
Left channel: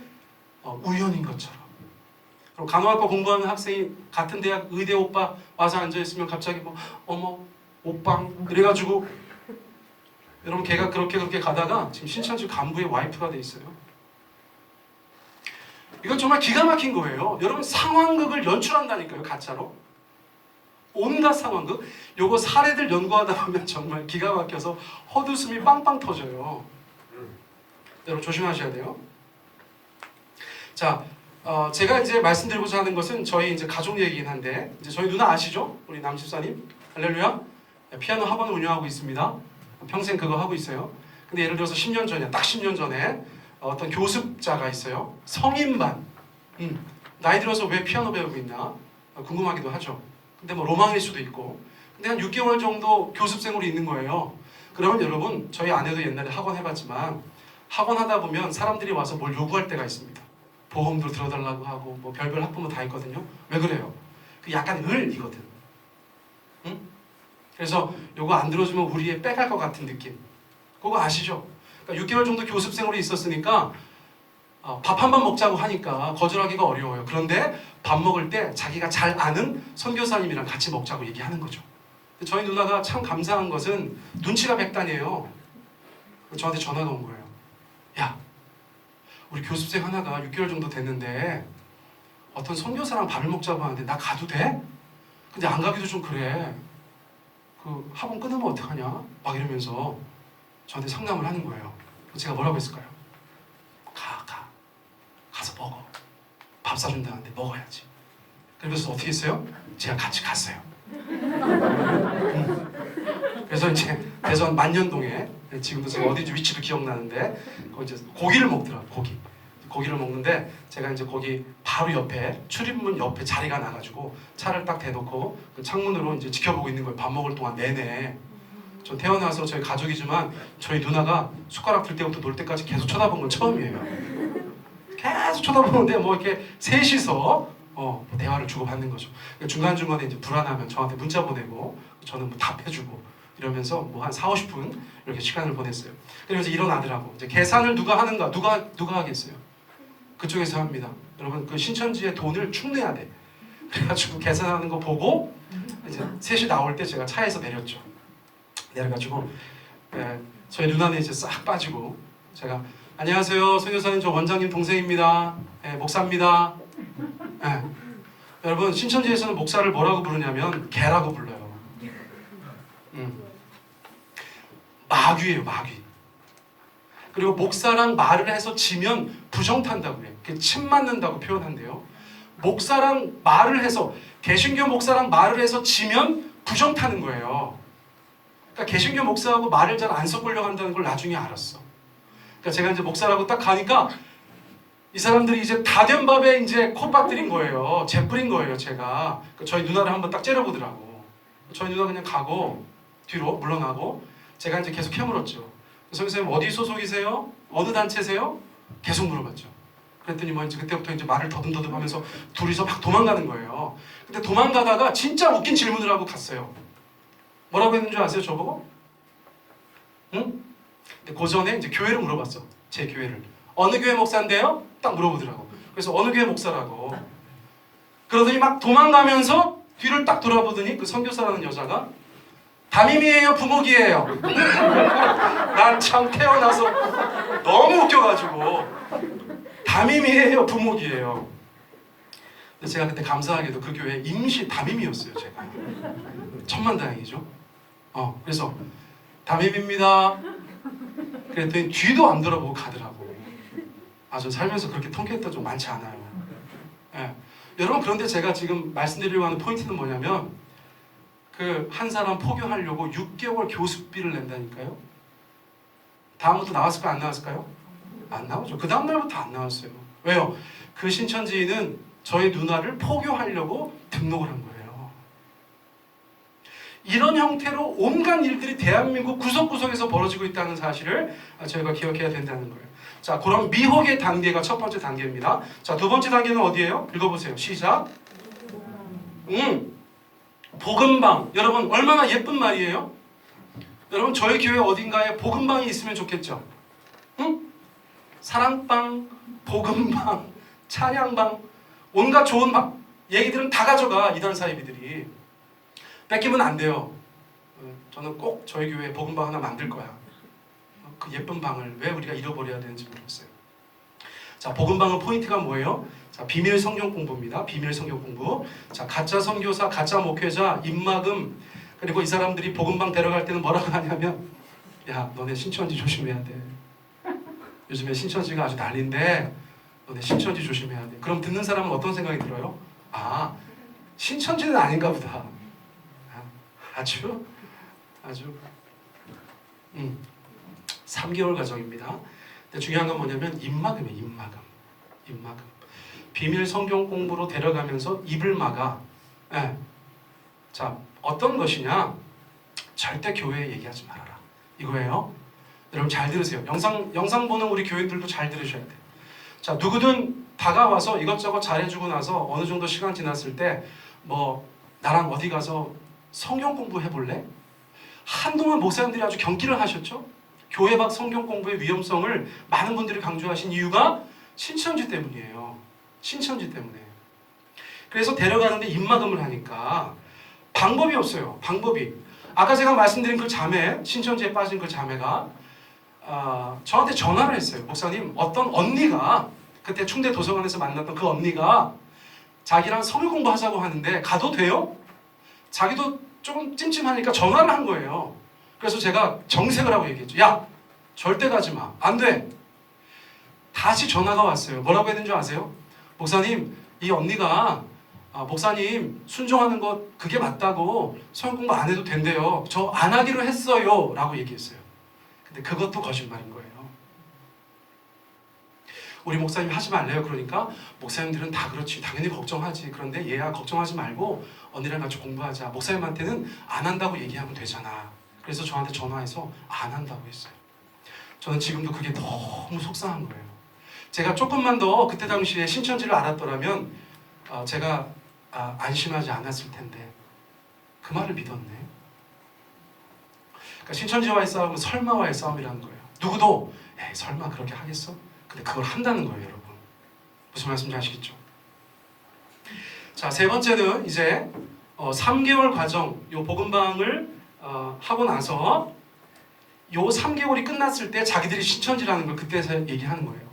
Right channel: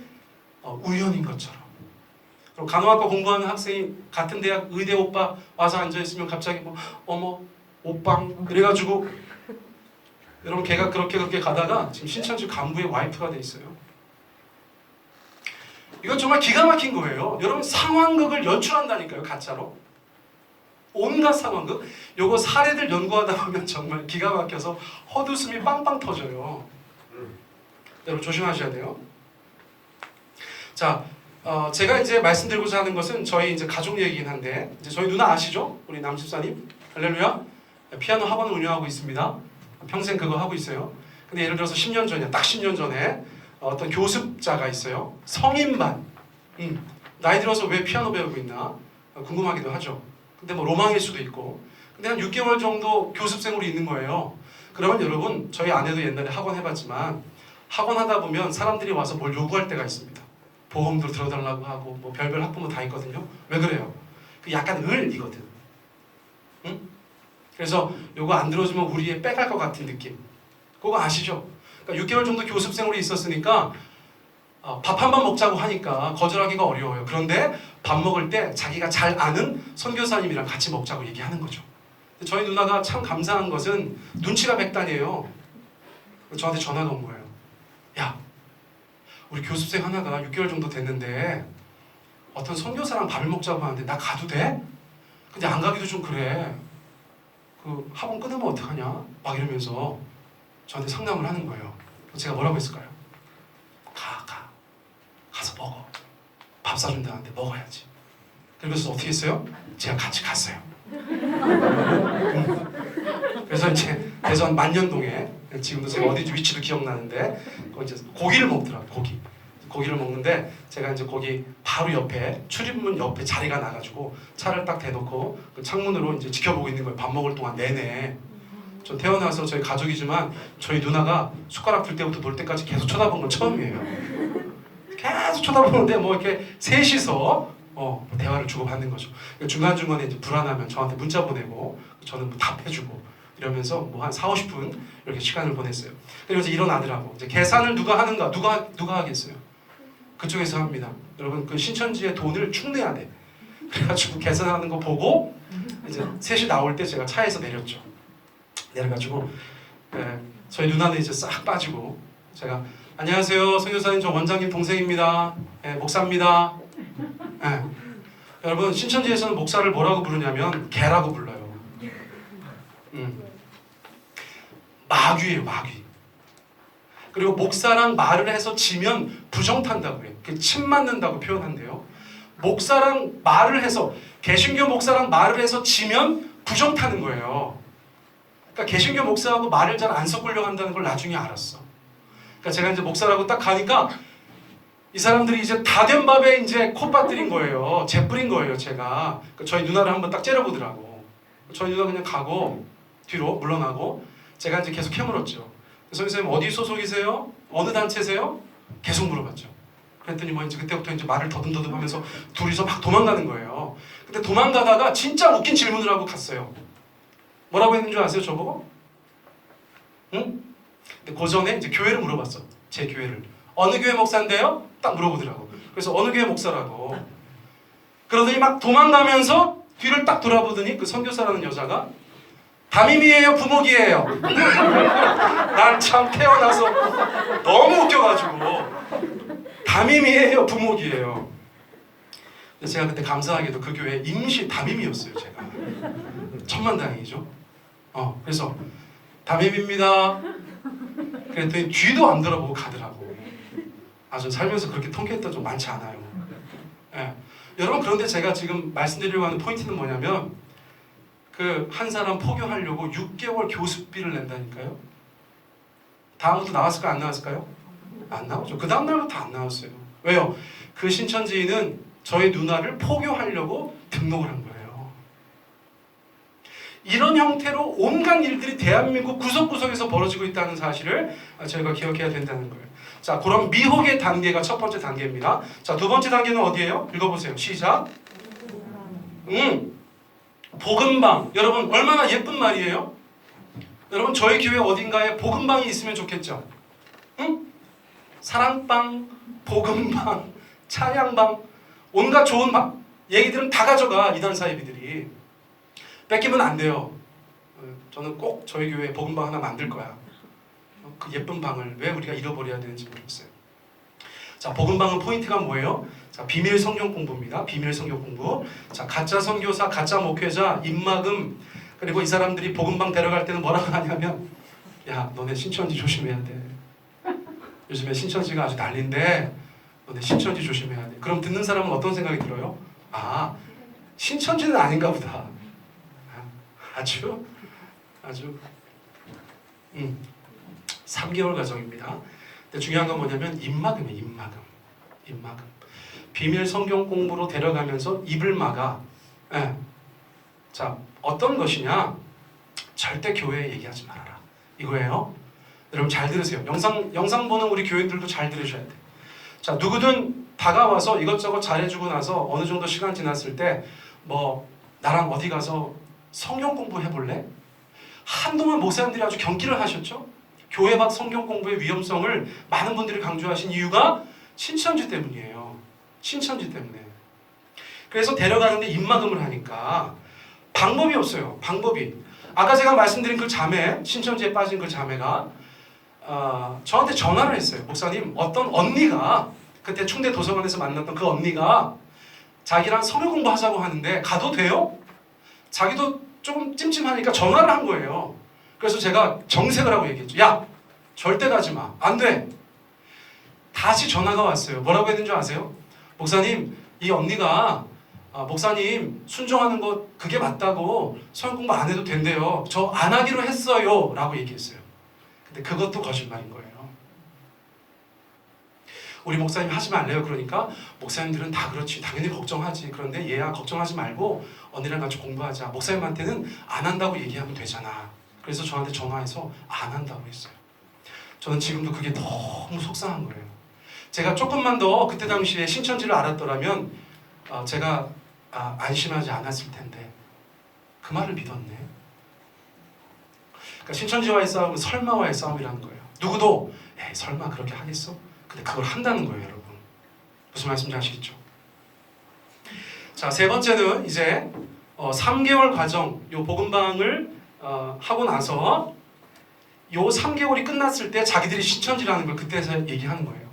우연인 것처럼. 그럼 간호학과 공부하는 학생이 같은 대학 의대 오빠 와서 앉아있으면 갑자기 뭐 어머 오빵 그래가지고 여러분 걔가 그렇게 가다가 지금 신천지 간부의 와이프가 돼 있어요. 이건 정말 기가 막힌 거예요. 여러분 상황극을 연출한다니까요. 가짜로. 온갖 상황극. 요거 사례들 연구하다 보면 정말 기가 막혀서 헛웃음이 빵빵 터져요. 여러분 조심하셔야 돼요. 자, 제가 이제 말씀드리고자 하는 것은 저희 이제 가족 얘기긴 한데 이제 저희 누나 아시죠? 우리 남 집사님 할렐루야. 피아노 학원을 운영하고 있습니다. 평생 그거 하고 있어요. 근데 예를 들어서 10년 전이야, 딱 10년 전에 어떤 교습자가 있어요. 성인반. 나이 들어서 왜 피아노 배우고 있나 궁금하기도 하죠. 근데 뭐 로망일 수도 있고. 근데 한 6개월 정도 교습생으로 있는 거예요. 그러면 여러분, 저희 아내도 옛날에 학원 해봤지만 학원 하다 보면 사람들이 와서 뭘 요구할 때가 있습니다. 보험도 들어달라고 하고 뭐 별별 학부모 다 있거든요. 왜 그래요? 그 약간 을이거든. 응? 그래서 요거 안 들어주면 우리 애 빼갈 것 같은 느낌. 그거 아시죠? 그러니까 6개월 정도 교습생으로 있었으니까 밥 한 번 먹자고 하니까 거절하기가 어려워요. 그런데 밥 먹을 때 자기가 잘 아는 선교사님이랑 같이 먹자고 얘기하는 거죠. 저희 누나가 참 감사한 것은 눈치가 백단이에요. 저한테 전화가 온 거예요. 야, 우리 교습생 하나가 6개월 정도 됐는데 어떤 선교사랑 밥을 먹자고 하는데 나 가도 돼? 근데 안 가기도 좀 그래. 그 학원 끊으면 어떡하냐? 막 이러면서 저한테 상담을 하는 거예요. 제가 뭐라고 했을까요? 가서 먹어. 밥 사준다는데 먹어야지. 그러면서 어떻게 했어요? 제가 같이 갔어요. 그래서 이제 대전 만년동에 지금도 제가 어딘지 위치도 기억나는데 거기 이제 고기를 먹더라고요. 고기를 먹는데 제가 이제 거기 바로 옆에 출입문 옆에 자리가 나가지고 차를 딱 대놓고 그 창문으로 이제 지켜보고 있는 거예요. 밥 먹을 동안 내내. 저 태어나서 저희 가족이지만 저희 누나가 숟가락 들 때부터 놀 때까지 계속 쳐다본 건 처음이에요. 계속 쳐다보는데 뭐 이렇게 셋이서 대화를 주고받는 거죠. 중간중간에 이제 불안하면 저한테 문자 보내고 저는 뭐 답해주고 이러면서 뭐 한 4, 50분 이렇게 시간을 보냈어요. 그러면서 일어나더라고. 이제 계산을 누가 하는가? 누가 하겠어요? 그쪽에서 합니다. 여러분 그 신천지에 돈을 축내야 돼. 그래가지고 계산하는 거 보고 이제 셋이 나올 때 제가 차에서 내렸죠. 내려가지고 저희 누나는 이제 싹 빠지고 제가 안녕하세요 선교사님 저 원장님 동생입니다. 목사입니다. 여러분 신천지에서는 목사를 뭐라고 부르냐면 개라고 불러요. 마귀예요 마귀. 그리고 목사랑 말을 해서 지면 부정 탄다고 해요. 침 맞는다고 표현한대요. 목사랑 말을 해서 개신교 목사랑 말을 해서 지면 부정 타는 거예요. 그러니까 개신교 목사하고 말을 잘 안 섞으려고 한다는 걸 나중에 알았어. 그러니까 제가 이제 목사라고 딱 가니까 이 사람들이 이제 다 된 밥에 이제 콧바뜨린 거예요. 재뿌린 거예요, 제가. 그러니까 저희 누나를 한번 딱 째려보더라고. 저희 누나 그냥 가고 뒤로 물러나고 제가 이제 계속 캐물었죠. 선생님 어디 소속이세요? 어느 단체세요? 계속 물어봤죠. 그랬더니 뭐 이제 그때부터 이제 말을 더듬더듬하면서 둘이서 막 도망가는 거예요. 근데 도망가다가 진짜 웃긴 질문을 하고 갔어요. 뭐라고 했는 줄 아세요, 저보고? 응? 근데 그 전에 이제 교회를 물어봤어. 제 교회를. 어느 교회 목사인데요? 딱 물어보더라고. 그래서 어느 교회 목사라고. 그러더니 막 도망가면서 뒤를 딱 돌아보더니 그 선교사라는 여자가 담임이에요, 부목이에요. 난 참 태어나서 너무 웃겨가지고 담임이에요, 부목이에요. 근데 제가 그때 감사하게도 그 교회 임시 담임이었어요, 제가. 천만다행이죠. 그래서 담임입니다. 그랬더니 뒤도 안 돌아보고 가더라고. 전 살면서 그렇게 통쾌했던 적 많지 않아요. 여러분 그런데 제가 지금 말씀드리려고 하는 포인트는 뭐냐면 그 한 사람 포교하려고 6개월 교습비를 낸다니까요. 다음부터 나왔을까요? 안 나왔을까요? 안 나오죠. 그 다음 날부터 안 나왔어요. 왜요? 그 신천지인은 저희 누나를 포교하려고 등록을 한 거예요. 이런 형태로 온갖 일들이 대한민국 구석구석에서 벌어지고 있다는 사실을 저희가 기억해야 된다는 거예요. 자, 그럼 미혹의 단계가 첫 번째 단계입니다. 자, 두 번째 단계는 어디예요? 읽어보세요. 시작. 복음방. 여러분 얼마나 예쁜 말이에요? 여러분 저희 교회 어딘가에 복음방이 있으면 좋겠죠? 응? 사랑방, 복음방, 찬양방, 온갖 좋은 방 얘기들은 다 가져가. 이단 사이비들이 뺏기면 안 돼요. 저는 꼭 저희 교회에 복음방 하나 만들 거야. 그 예쁜 방을 왜 우리가 잃어버려야 되는지 모르겠어요. 자, 복음방은 포인트가 뭐예요? 자, 비밀 성경 공부입니다. 비밀 성경 공부. 자, 가짜 선교사, 가짜 목회자, 입막음. 그리고 이 사람들이 복음방 데려갈 때는 뭐라고 하냐면, 야, 너네 신천지 조심해야 돼. 요즘에 신천지가 아주 난리인데 너네 신천지 조심해야 돼. 그럼 듣는 사람은 어떤 생각이 들어요? 아, 신천지는 아닌가 보다. 아주 3개월 과정입니다. 근데 중요한 건 뭐냐면 입막음이에요. 입막음. 비밀 성경 공부로 데려가면서 입을 막아. 예. 자, 어떤 것이냐? 절대 교회에 얘기하지 말아라. 이거예요. 여러분 잘 들으세요. 영상 보는 우리 교인들도 잘 들으셔야 돼요. 자, 누구든 다가와서 이것저것 잘해주고 나서 어느 정도 시간 지났을 때 뭐 나랑 어디 가서 성경 공부해볼래? 한동안 목사님들이 아주 경기를 하셨죠? 교회 밖 성경 공부의 위험성을 많은 분들이 강조하신 이유가 신천지 때문이에요. 신천지 때문에. 그래서 데려가는데 입막음을 하니까 방법이 없어요. 방법이. 아까 제가 말씀드린 그 자매, 신천지에 빠진 그 자매가 저한테 전화를 했어요. 목사님, 어떤 언니가 그때 충대 도서관에서 만났던 그 언니가 자기랑 성경 공부하자고 하는데 가도 돼요? 자기도 조금 찜찜하니까 전화를 한 거예요. 그래서 제가 정색을 하고 얘기했죠. 야, 절대 가지 마. 안 돼. 다시 전화가 왔어요. 뭐라고 했는 줄 아세요? 목사님, 이 언니가 목사님 순종하는 것 그게 맞다고 성경 공부 안 해도 된대요. 저 안 하기로 했어요. 라고 얘기했어요. 근데 그것도 거짓말인 거예요. 우리 목사님 하지 말래요. 그러니까 목사님들은 다 그렇지. 당연히 걱정하지. 그런데 얘야 걱정하지 말고 언니랑 같이 공부하자. 목사님한테는 안 한다고 얘기하면 되잖아. 그래서 저한테 전화해서 안 한다고 했어요. 저는 지금도 그게 너무 속상한 거예요. 제가 조금만 더 그때 당시에 신천지를 알았더라면 제가 안심하지 않았을 텐데 그 말을 믿었네. 그러니까 신천지와의 싸움은 설마와의 싸움이라는 거예요. 누구도 에이 설마 그렇게 하겠어? 근데 그걸 한다는 거예요, 여러분. 무슨 말씀인지 아시겠죠? 자, 세 번째는 이제 3개월 과정, 요 복음방을 하고 나서 요 3개월이 끝났을 때 자기들이 신천지라는 걸 그때서 얘기하는 거예요.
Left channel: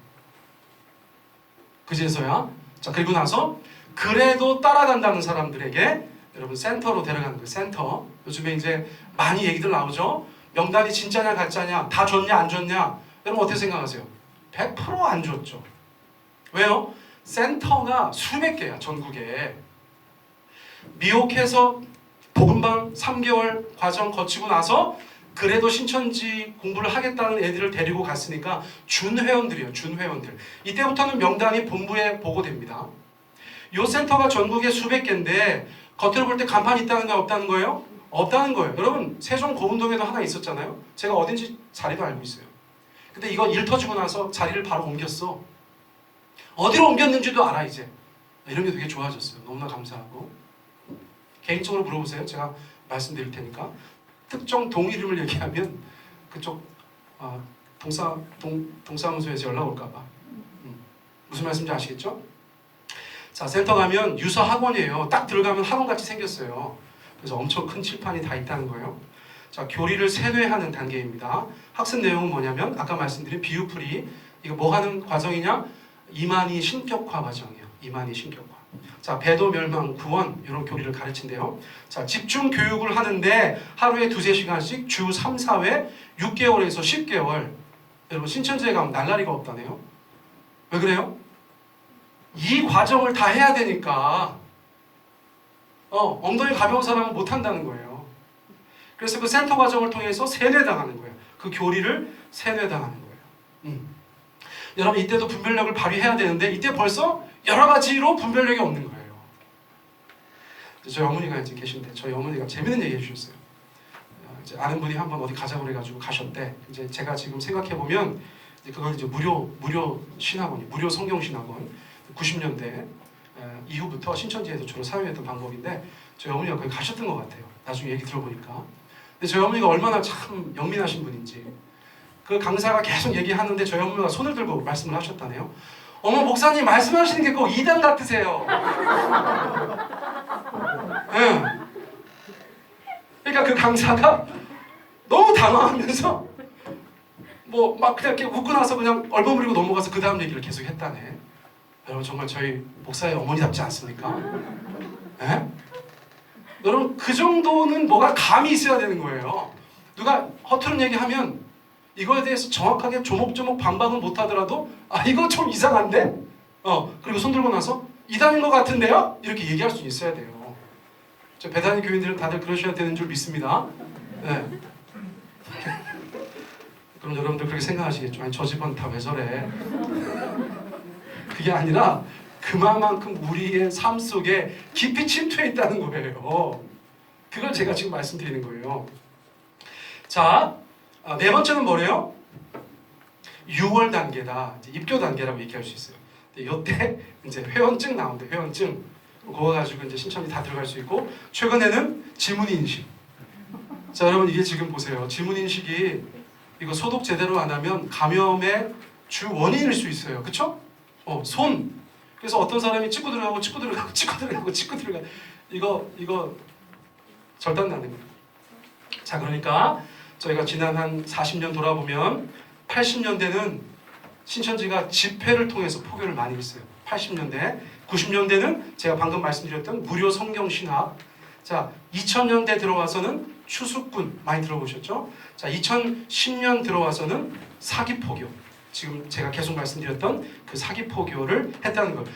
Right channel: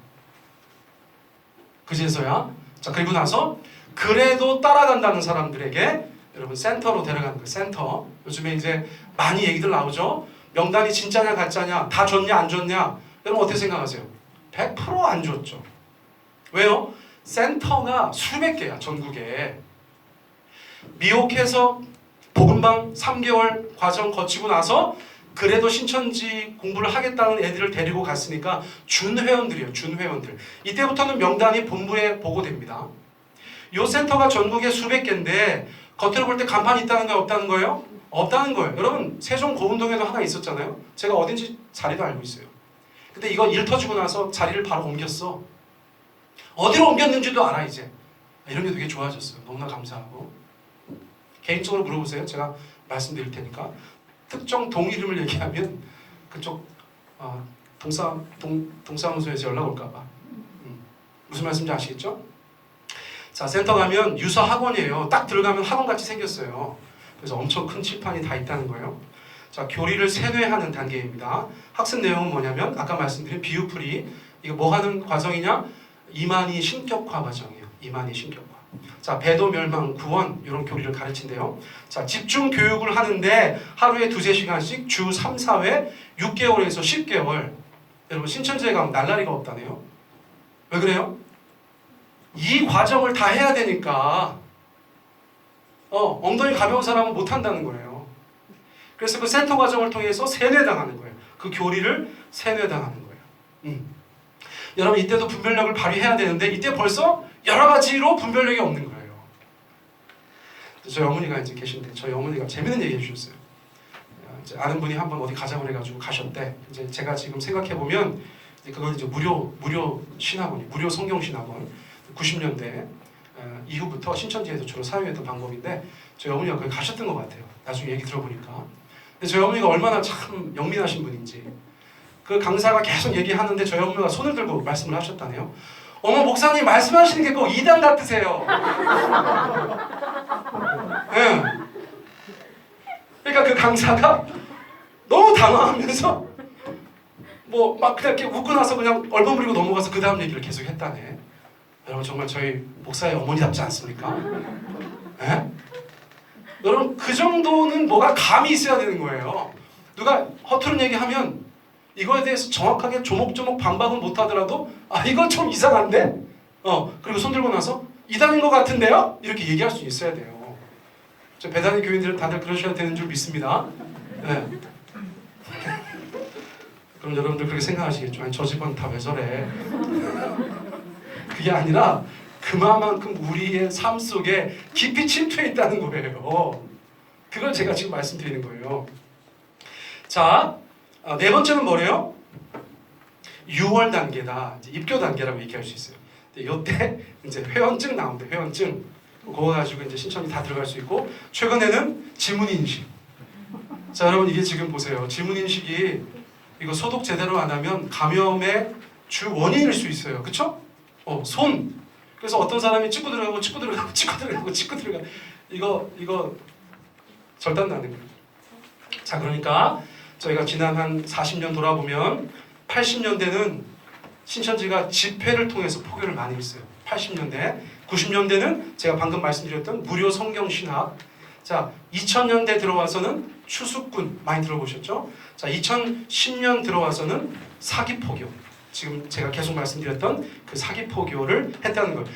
그제서야. 자, 그리고 나서 그래도 따라간다는 사람들에게 여러분 센터로 데려가는 거예요. 센터. 요즘에 이제 많이 얘기들 나오죠. 명단이 진짜냐 가짜냐, 다 줬냐 안 줬냐. 여러분 어떻게 생각하세요? 100% 안 줬죠. 왜요? 센터가 수백 개야, 전국에. 미혹해서 복음방 3개월 과정 거치고 나서 그래도 신천지 공부를 하겠다는 애들을 데리고 갔으니까 준회원들이에요. 준회원들. 이때부터는 명단이 본부에 보고됩니다. 이 센터가 전국에 수백 개인데 겉으로 볼 때 간판이 있다는 거예요? 없다는 거예요? 없다는 거예요. 여러분 세종 고운동에도 하나 있었잖아요. 제가 어딘지 자리도 알고 있어요. 근데 이거 일 터지고 나서 자리를 바로 옮겼어. 어디로 옮겼는지도 알아 이제. 이런 게 되게 좋아졌어요. 너무나 감사하고. 개인적으로 물어보세요. 제가 말씀드릴 테니까. 특정 동 이름을 얘기하면 그쪽 동사무소에서 연락 올까 봐. 무슨 말씀인지 아시겠죠? 자, 센터 가면 유사 학원이에요. 딱 들어가면 학원같이 생겼어요. 그래서 엄청 큰 칠판이 다 있다는 거예요. 자, 교리를 세뇌하는 단계입니다. 학습 내용은 뭐냐면 아까 말씀드린 비유풀이. 이거 뭐 하는 과정이냐? 이만희 신격화 과정이에요. 이만희 신격화. 자, 배도 멸망 구원 이런 교리를 가르친대요. 자, 집중 교육을 하는데 하루에 2-3시간씩 주 3, 4회 6개월에서 10개월. 여러분 신천지에 가면 날라리가 없다네요. 왜 그래요? 이 과정을 다 해야 되니까 엉덩이 가벼운 사람은 못 한다는 거예요. 그래서 그 센터 과정을 통해서 세뇌당하는 거예요. 그 교리를 세뇌당하는 거예요. 여러분 이때도 분별력을 발휘해야 되는데 이때 벌써 여러 가지로 분별력이 없는 거예요. 저희 어머니가 이제 계신데 저희 어머니가 재밌는 얘기 해주셨어요. 이제 아는 분이 한번 어디 가자고 그래가지고 가셨대. 이제 제가 지금 생각해 보면 그걸 이제 무료 신학원, 무료 성경 신학원 90년대 이후부터 신천지에서 주로 사용했던 방법인데 저희 어머니가 거기 가셨던 것 같아요. 나중에 얘기 들어보니까. 근데 저희 어머니가 얼마나 참 영민하신 분인지 그 강사가 계속 얘기하는데 저희 어머니가 손을 들고 말씀을 하셨다네요. 어머 목사님 말씀하시는 게 꼭 이단 같으세요. 네. 그러니까 그 강사가 너무 당황하면서 뭐 막 그냥 이렇게 웃고 나서 그냥 얼버무리고 넘어가서 그 다음 얘기를 계속 했다네. 여러분 정말 저희 목사의 어머니답지 않습니까? 네? 여러분 그 정도는 뭐가 감이 있어야 되는 거예요. 누가 허투루 얘기하면 이거에 대해서 정확하게 조목조목 반박은 못하더라도 이건 좀 이상한데? 그리고 손 들고 나서 이단인 것 같은데요? 이렇게 얘기할 수 있어야 돼요. 저 배단위 교인들은 다들 그러셔야 되는 줄 믿습니다. 네. 그럼 여러분들 그렇게 생각하시겠죠. 아니 저 집은 다 왜 저래? 그게 아니라 그만큼 우리의 삶 속에 깊이 침투해 있다는 거예요. 그걸 제가 지금 말씀드리는 거예요. 자, 네 번째는 뭐래요? 6월 단계다. 이제 입교 단계라고 얘기할 수 있어요. 이때 이제 회원증 나오는데 회원증 그거 가지고 이제 신청이 다 들어갈 수 있고 최근에는 질문 인식. 자, 여러분 이게 지금 보세요. 질문 인식이 이거 소독 제대로 안 하면 감염의 주 원인일 수 있어요. 그렇죠? 손. 그래서 어떤 사람이 찍고 들어가고 찍고 들어가고 찍고 들어가고 찍고 들어가. 이거 절단 나는 거예요. 자, 그러니까 저희가 지난 한 40년 돌아보면 80년대는 신천지가 집회를 통해서 포교를 많이 했어요. 80년대, 90년대는 제가 방금 말씀드렸던 무료 성경 신학. 자, 2000년대 들어와서는 추수꾼 많이 들어보셨죠? 자, 2010년 들어와서는 사기 포교. 지금 제가 계속 말씀드렸던 그 사기 포교를 했다는 거예요.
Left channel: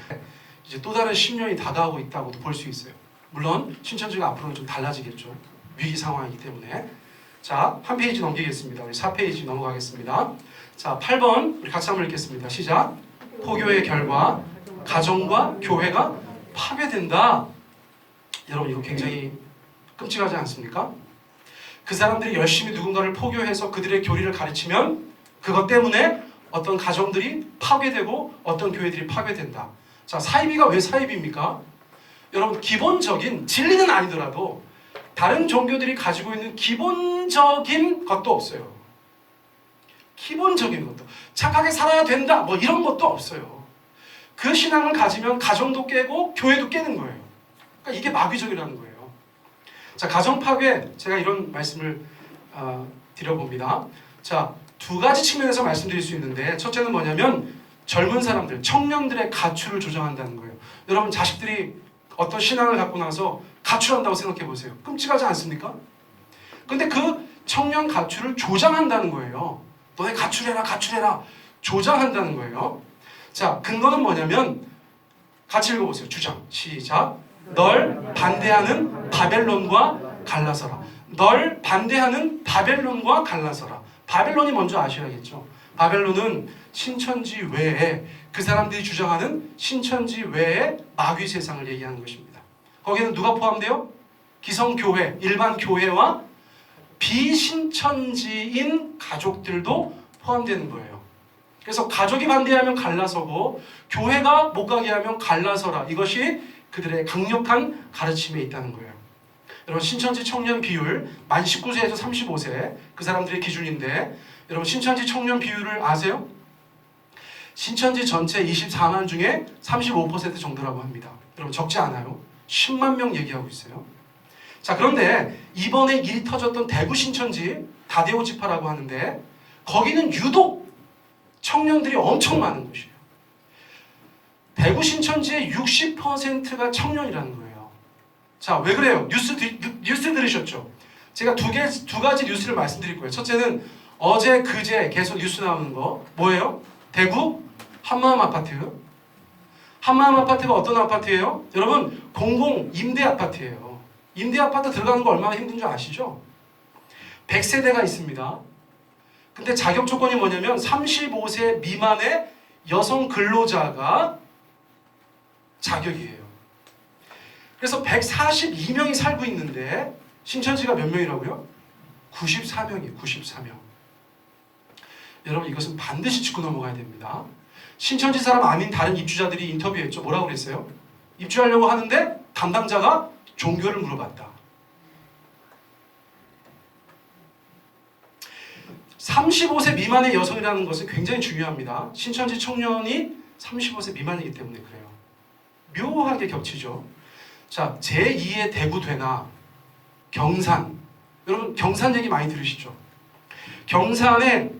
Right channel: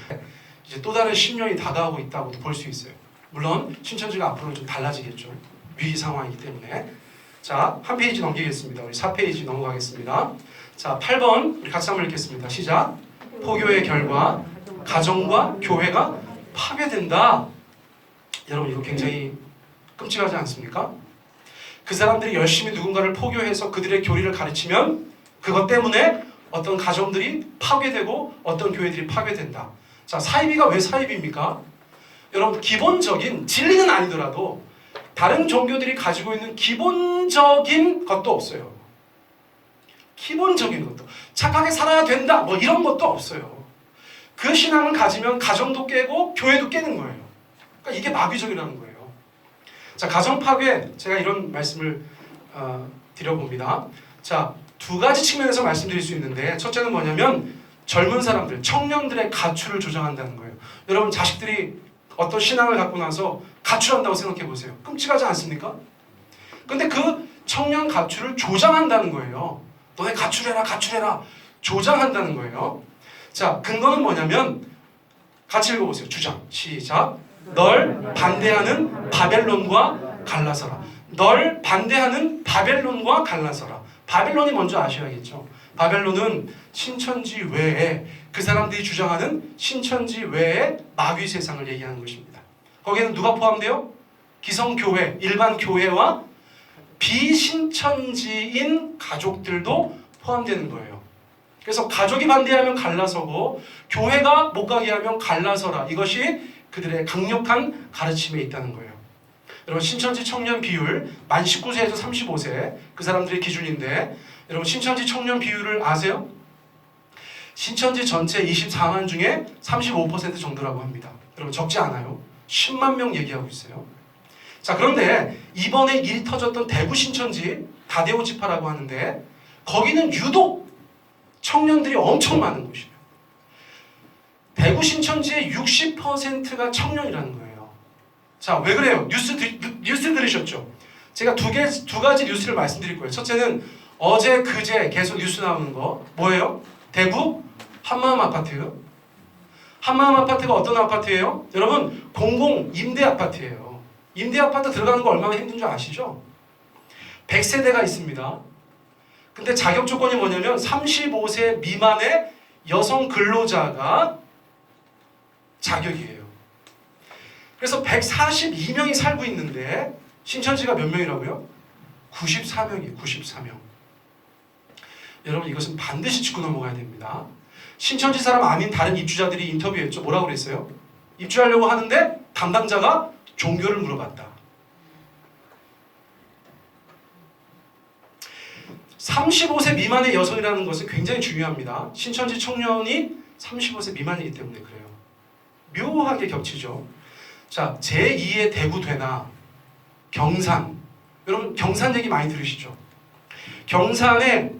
이제 또 다른 10년이 다가오고 있다고도 볼 수 있어요. 물론 신천지가 앞으로는 좀 달라지겠죠. 위기 상황이기 때문에. 자, 한 페이지 넘기겠습니다. 우리 4페이지 넘어가겠습니다. 자, 8번 우리 같이 한번 읽겠습니다. 시작. 포교의 결과 가정과 교회가 파괴된다. 여러분 이거 굉장히 끔찍하지 않습니까? 그 사람들이 열심히 누군가를 포교해서 그들의 교리를 가르치면 그것 때문에 어떤 가정들이 파괴되고 어떤 교회들이 파괴된다. 자, 사이비가 왜 사이비입니까? 여러분 기본적인 진리는 아니더라도 다른 종교들이 가지고 있는 기본적인 것도 없어요. 기본적인 것도. 착하게 살아야 된다. 뭐 이런 것도 없어요. 그 신앙을 가지면 가정도 깨고 교회도 깨는 거예요. 그러니까 이게 마귀적이라는 거예요. 자, 가정 파괴. 제가 이런 말씀을 드려봅니다. 자, 두 가지 측면에서 말씀드릴 수 있는데 첫째는 뭐냐면 젊은 사람들, 청년들의 가출을 조장한다는 거예요. 여러분 자식들이 어떤 신앙을 갖고 나서 가출한다고 생각해 보세요. 끔찍하지 않습니까? 근데 그 청년 가출을 조장한다는 거예요. 너네 가출해라, 가출해라. 조장한다는 거예요. 자, 근거는 뭐냐면 같이 읽어보세요. 주장. 시작. 널 반대하는 바벨론과 갈라서라. 널 반대하는 바벨론과 갈라서라. 바벨론이 먼저 아셔야겠죠. 바벨론은 신천지 외에 그 사람들이 주장하는 신천지 외의 마귀 세상을 얘기하는 것입니다. 거기에는 누가 포함돼요? 기성교회, 일반 교회와 비신천지인 가족들도 포함되는 거예요. 그래서 가족이 반대하면 갈라서고 교회가 못 가게 하면 갈라서라. 이것이 그들의 강력한 가르침에 있다는 거예요. 여러분 신천지 청년 비율 만 19세에서 35세 그 사람들의 기준인데 여러분 신천지 청년 비율을 아세요? 신천지 전체 24만 중에 35% 정도라고 합니다. 여러분 적지 않아요. 10만 명 얘기하고 있어요. 자, 그런데 이번에 일이 터졌던 대구 신천지 다대오 지파라고 하는데 거기는 유독 청년들이 엄청 많은 곳이에요. 대구 신천지의 60%가 청년이라는 거예요. 자, 왜 그래요? 뉴스 들으셨죠? 제가 두 가지 뉴스를 말씀드릴 거예요. 첫째는 어제 그제 계속 뉴스 나오는 거 뭐예요? 대구 한마음 아파트. 한마음 아파트가 어떤 아파트예요? 여러분 공공 임대 아파트예요. 임대 아파트 들어가는 거 얼마나 힘든 줄 아시죠? 100세대가 있습니다. 근데 자격 조건이 뭐냐면 35세 미만의 여성 근로자가 자격이에요. 그래서 142명이 살고 있는데 신천지가 몇 명이라고요? 94명이에요. 94명. 여러분 이것은 반드시 짚고 넘어가야 됩니다. 신천지 사람 아닌 다른 입주자들이 인터뷰했죠. 뭐라고 그랬어요? 입주하려고 하는데 담당자가 종교를 물어봤다. 35세 미만의 여성이라는 것은 굉장히 중요합니다. 신천지 청년이 35세 미만이기 때문에 그래요. 묘하게 겹치죠. 자, 제2의 대구되나 경산. 여러분 경산 얘기 많이 들으시죠? 경산에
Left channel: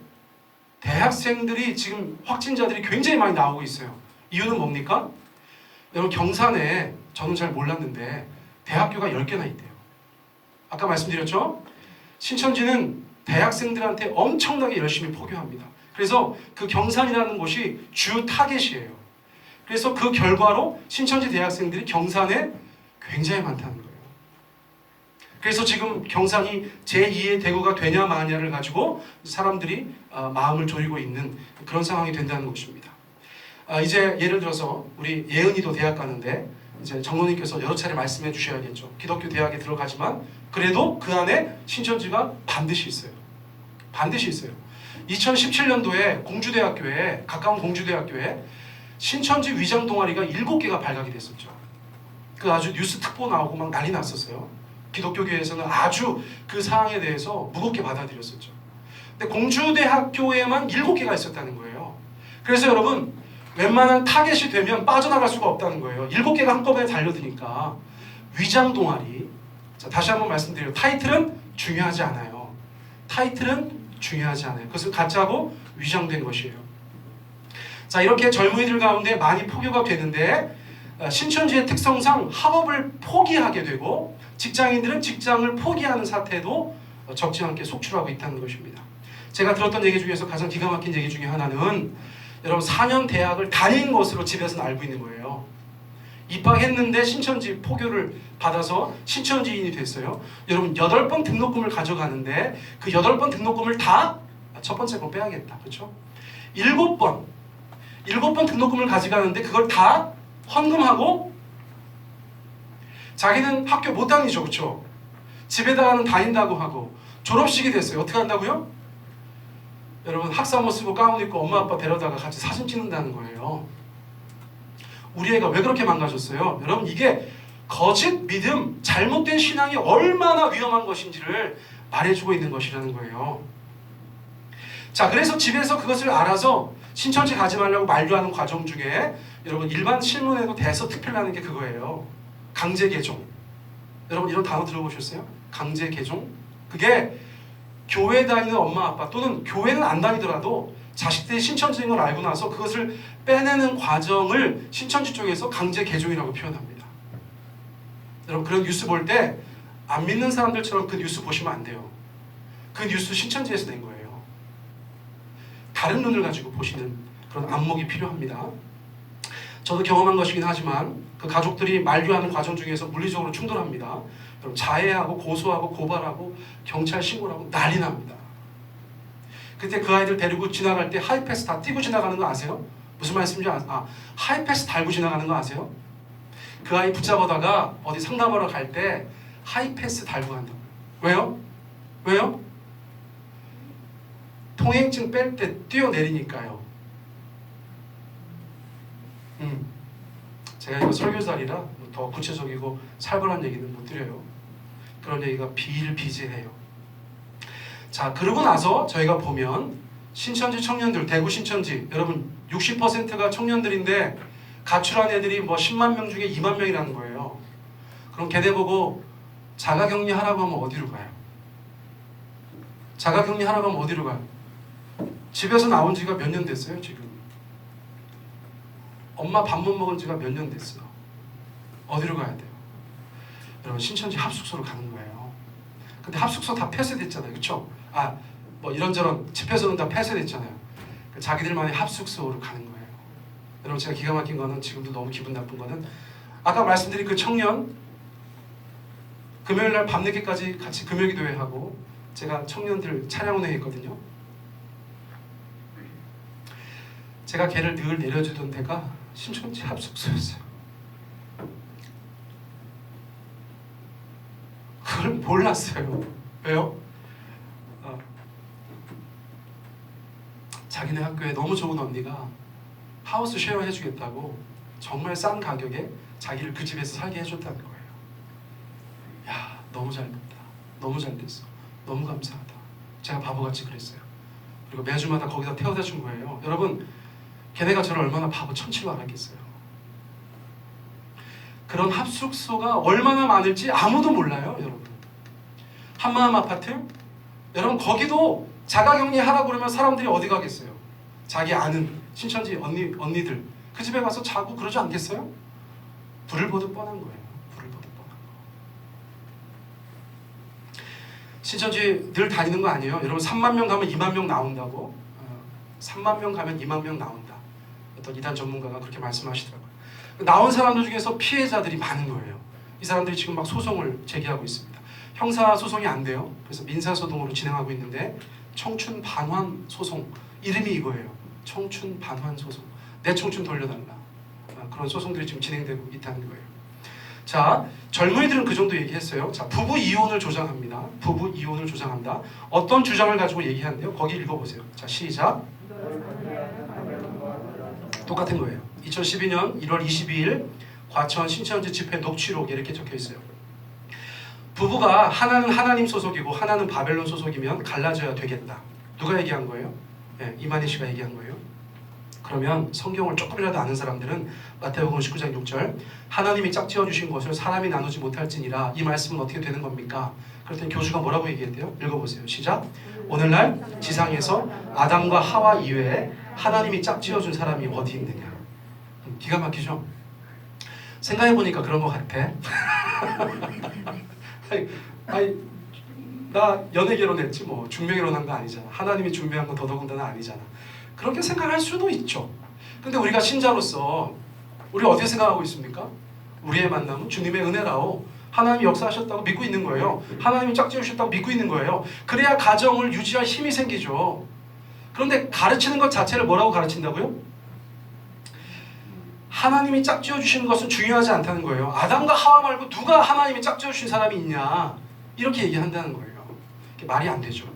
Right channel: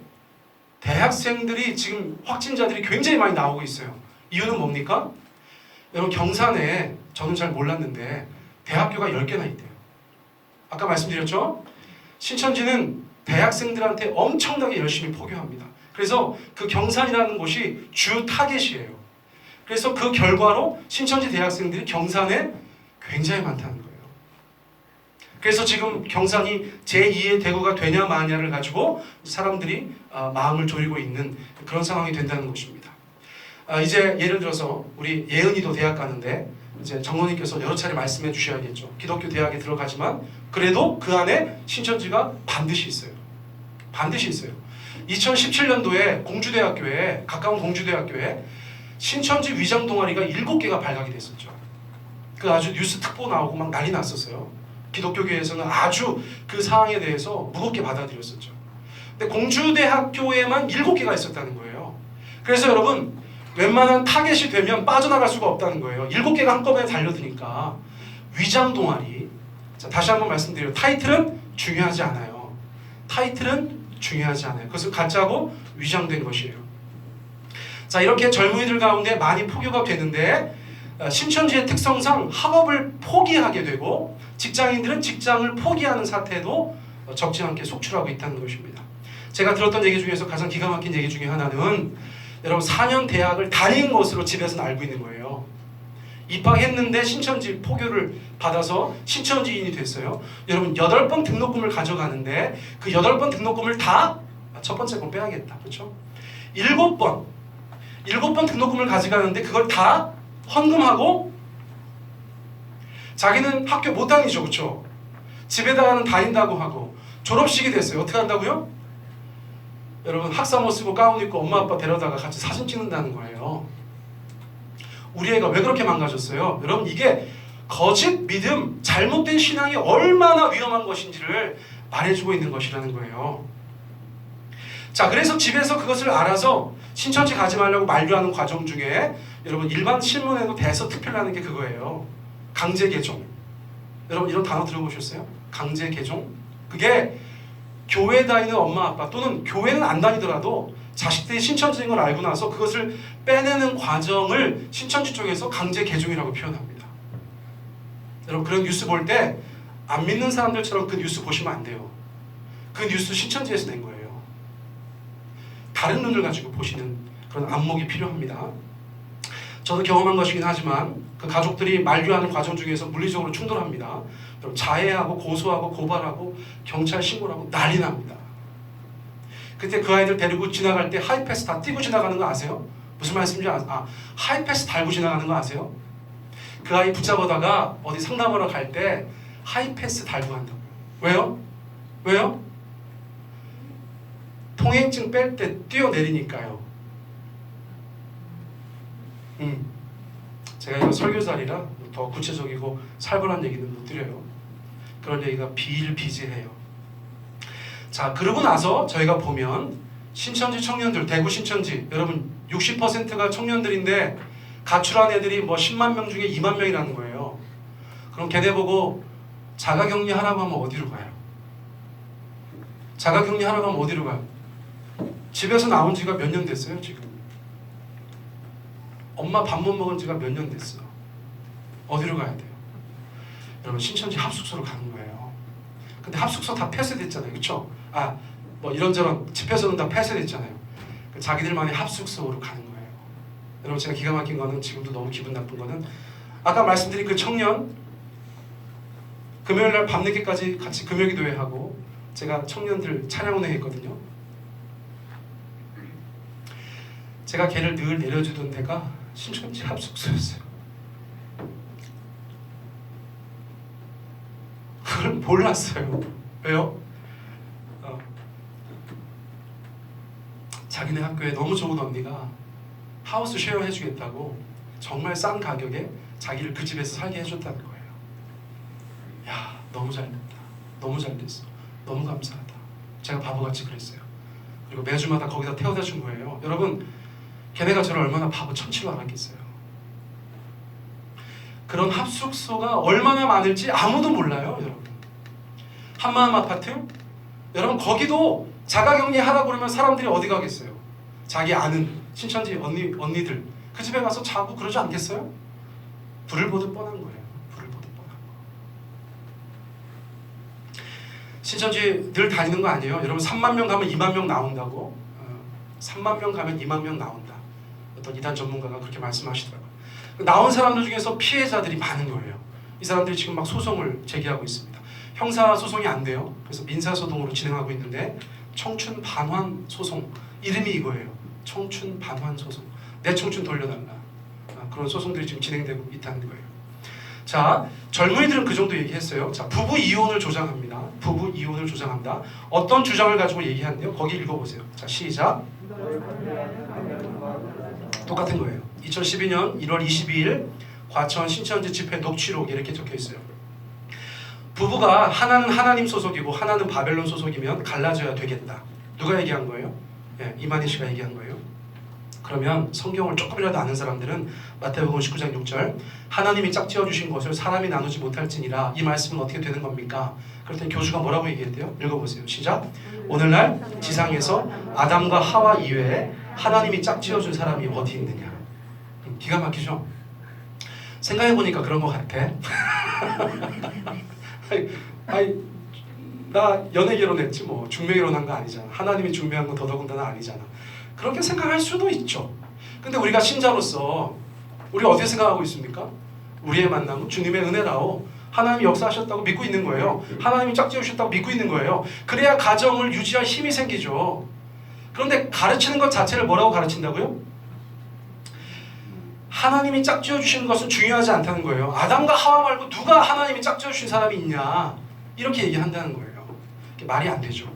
대학생들이 지금 확진자들이 굉장히 많이 나오고 있어요. 이유는 뭡니까? 여러분 경산에 저는 잘 몰랐는데 대학교가 10개나 있대요. 아까 말씀드렸죠? 신천지는 대학생들한테 엄청나게 열심히 포교합니다. 그래서 그 경산이라는 곳이 주 타겟이에요. 그래서 그 결과로 신천지 대학생들이 경산에 굉장히 많다는 거예요. 그래서 지금 경산이 제2의 대구가 되냐 마냐를 가지고 사람들이 마음을 졸이고 있는 그런 상황이 된다는 것입니다. 이제 예를 들어서 우리 예은이도 대학 가는데 이제 장로님께서 여러 차례 말씀해 주셔야겠죠. 기독교 대학에 들어가지만 그래도 그 안에 신천지가 반드시 있어요. 반드시 있어요. 2017년도에 공주대학교에, 가까운 공주대학교에 신천지 위장 동아리가 7개가 발각이 됐었죠. 그 아주 뉴스 특보 나오고 막 난리 났었어요. 기독교계에서는 아주 그 사항에 대해서 무겁게 받아들였었죠. 근데 공주대학교에만 7개가 있었다는 거예요. 그래서 여러분, 웬만한 타겟이 되면 빠져나갈 수가 없다는 거예요. 7개가 한꺼번에 달려드니까. 위장 동아리. 자, 다시 한번 말씀드려요. 타이틀은 중요하지 않아요. 타이틀은 중요하지 않아요. 그것은 가짜고 위장된 것이에요. 자, 이렇게 젊은이들 가운데 많이 포교가 되는데 신천지의 특성상 학업을 포기하게 되고 직장인들은 직장을 포기하는 사태도 적지 않게 속출하고 있다는 것입니다. 제가 들었던 얘기 중에서 가장 기가 막힌 얘기 중에 하나는 여러분 4년 대학을 다닌 것으로 집에서는 알고 있는 거예요. 입학했는데 신천지 포교를 받아서 신천지인이 됐어요. 여러분 8번 등록금을 가져가는데 그 8번 등록금을 다 첫 번째 건 빼야겠다. 그렇죠? 7번 등록금을 가져가는데 그걸 다 헌금하고 자기는 학교 못 다니죠. 그렇죠? 집에다가는 다닌다고 하고 졸업식이 됐어요. 어떻게 한다고요? 여러분 학사모 쓰고 가운 입고 엄마 아빠 데려다가 같이 사진 찍는다는 거예요. 우리 애가 왜 그렇게 망가졌어요? 여러분 이게 거짓 믿음, 잘못된 신앙이 얼마나 위험한 것인지를 말해주고 있는 것이라는 거예요. 자, 그래서 집에서 그것을 알아서 신천지 가지 말라고 만류하는 과정 중에 여러분 일반 신문에도 대서특필나는 게 그거예요. 강제 개종. 여러분 이런 단어 들어보셨어요? 강제 개종? 그게 교회 다니는 엄마 아빠 또는 교회는 안 다니더라도 자식들이 신천지인 걸 알고 나서 그것을 빼내는 과정을 신천지 쪽에서 강제 개종이라고 표현합니다. 여러분 그런 뉴스 볼 때 안 믿는 사람들처럼 그 뉴스 보시면 안 돼요. 그 뉴스 신천지에서 낸 거예요. 다른 눈을 가지고 보시는 그런 안목이 필요합니다. 저도 경험한 것이긴 하지만 그 가족들이 만류하는 과정 중에서 물리적으로 충돌합니다. 자해하고 고소하고 고발하고 경찰 신고를 하고 난리 납니다. 그때 그 아이들 데리고 지나갈 때 하이패스 다 띄고 지나가는 거 아세요? 무슨 말씀인지 하이패스 달고 지나가는 거 아세요? 그 아이 붙잡아다가 어디 상담하러 갈 때 하이패스 달고 간다고. 왜요? 왜요? 통행증 뺄 때 뛰어내리니까요. 제가 이거 설교자리라 더 구체적이고 살벌한 얘기는 못 드려요. 그런 얘기가 비일비재해요. 자, 그러고 나서 저희가 보면 신천지 청년들, 대구 신천지 여러분 60%가 청년들인데 가출한 애들이 뭐 10만 명 중에 2만 명이라는 거예요. 그럼 걔네 보고 자가격리 하라고 하면 어디로 가요? 자가격리 하라고 하면 어디로 가요? 집에서 나온 지가 몇 년 됐어요 지금? 엄마 밥 못 먹은 지가 몇 년 됐어. 어디로 가야 돼요? 여러분 신천지 합숙소로 가는 거예요. 근데 합숙소 다 폐쇄됐잖아요. 그렇죠? 뭐 이런저런 집회소는 다 폐쇄됐잖아요. 자기들만의 합숙소로 가는 거예요. 여러분 제가 기가 막힌 거는 지금도 너무 기분 나쁜 거는 아까 말씀드린 그 청년 금요일날 밤늦게까지 같이 금요기도회하고 제가 청년들 찬양운행 했거든요. 제가 걔를 늘 내려주던 데가 신천지 합숙소였어요. 그걸 몰랐어요. 왜요? 자기네 학교에 너무 좋은 언니가 하우스 쉐어 해주겠다고 정말 싼 가격에 자기를 그 집에서 살게 해줬다는 거예요. 야, 너무 잘 됐다. 너무 잘 됐어. 너무 감사하다. 제가 바보같이 그랬어요. 그리고 매주마다 거기다 태워다 준 거예요. 여러분 걔네가 저를 얼마나 바보 천치로 알았겠어요. 그런 합숙소가 얼마나 많을지 아무도 몰라요. 여러분 한마음 아파트 여러분 거기도 자가격리 하라고 그러면 사람들이 어디 가겠어요? 자기 아는 신천지 언니들 그 집에 가서 자고 그러지 않겠어요? 불을 보듯 뻔한 거예요. 불을 보듯 뻔한 거. 신천지 늘 다니는 거 아니에요? 여러분 3만 명 가면 2만 명 나온다고? 3만 명 가면 2만 명 나온다. 어떤 이단 전문가가 그렇게 말씀하시더라고요. 나온 사람들 중에서 피해자들이 많은 거예요. 이 사람들이 지금 막 소송을 제기하고 있습니다. 형사 소송이 안 돼요. 그래서 민사 소송으로 진행하고 있는데 청춘 반환 소송, 이름이 이거예요. 청춘 반환 소송. 내 청춘 돌려달라. 그런 소송들이 지금 진행되고 있다는 거예요. 자, 젊은이들은 그 정도 얘기했어요. 자, 부부 이혼을 조장합니다. 부부 이혼을 조장합니다. 어떤 주장을 가지고 얘기하는데요? 거기 읽어보세요. 자, 시작. 똑같은 거예요. 2012년 1월 22일 과천 신천지 집회 녹취록에 이렇게 적혀 있어요. 부부가 하나는 하나님 소속이고 하나는 바벨론 소속이면 갈라져야 되겠다. 누가 얘기한 거예요? 네, 이만희 씨가 얘기한 거예요. 그러면 성경을 조금이라도 아는 사람들은 마태복음 19장 6절 하나님이 짝지어 주신 것을 사람이 나누지 못할지니라, 이 말씀은 어떻게 되는 겁니까? 그랬더니 교주가 뭐라고 얘기했대요? 읽어보세요. 시작. 오늘날 지상에서 아담과 하와 이외에 하나님이 짝지어 준 사람이 어디 있느냐. 기가 막히죠? 생각해보니까 그런 것 같아. 나 연애 결혼했지 뭐 중매 결혼한 거 아니잖아. 하나님이 중매한 건 더더군다나 아니잖아. 그렇게 생각할 수도 있죠. 근데 우리가 신자로서 우리 어떻게 생각하고 있습니까? 우리의 만남은 주님의 은혜라고, 하나님이 역사하셨다고 믿고 있는 거예요. 하나님이 짝지으셨다고 믿고 있는 거예요. 그래야 가정을 유지할 힘이 생기죠. 그런데 가르치는 것 자체를 뭐라고 가르친다고요? 하나님이 짝지어 주시는 것은 중요하지 않다는 거예요. 아담과 하와 말고 누가 하나님이 짝지어 주신 사람이 있냐, 이렇게 얘기한다는 거예요. 말이 안 되죠.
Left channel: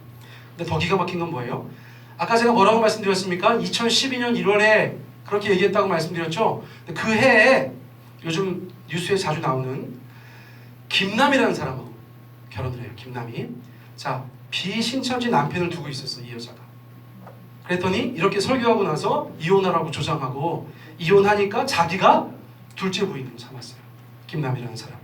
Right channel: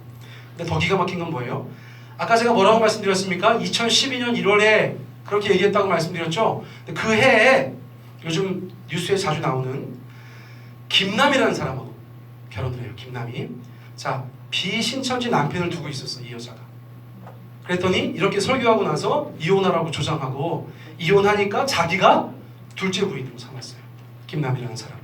근데 더 기가 막힌 건 뭐예요? 아까 제가 뭐라고 말씀드렸습니까? 2012년 1월에 그렇게 얘기했다고 말씀드렸죠. 그 해에 요즘 뉴스에 자주 나오는 김남이라는 사람하고 결혼을 해요. 김남이. 자, 비신천지 남편을 두고 있었어, 이 여자가. 그랬더니 이렇게 설교하고 나서 이혼하라고 조장하고, 이혼하니까 자기가 둘째 부인으로 삼았어요. 김남이라는 사람을.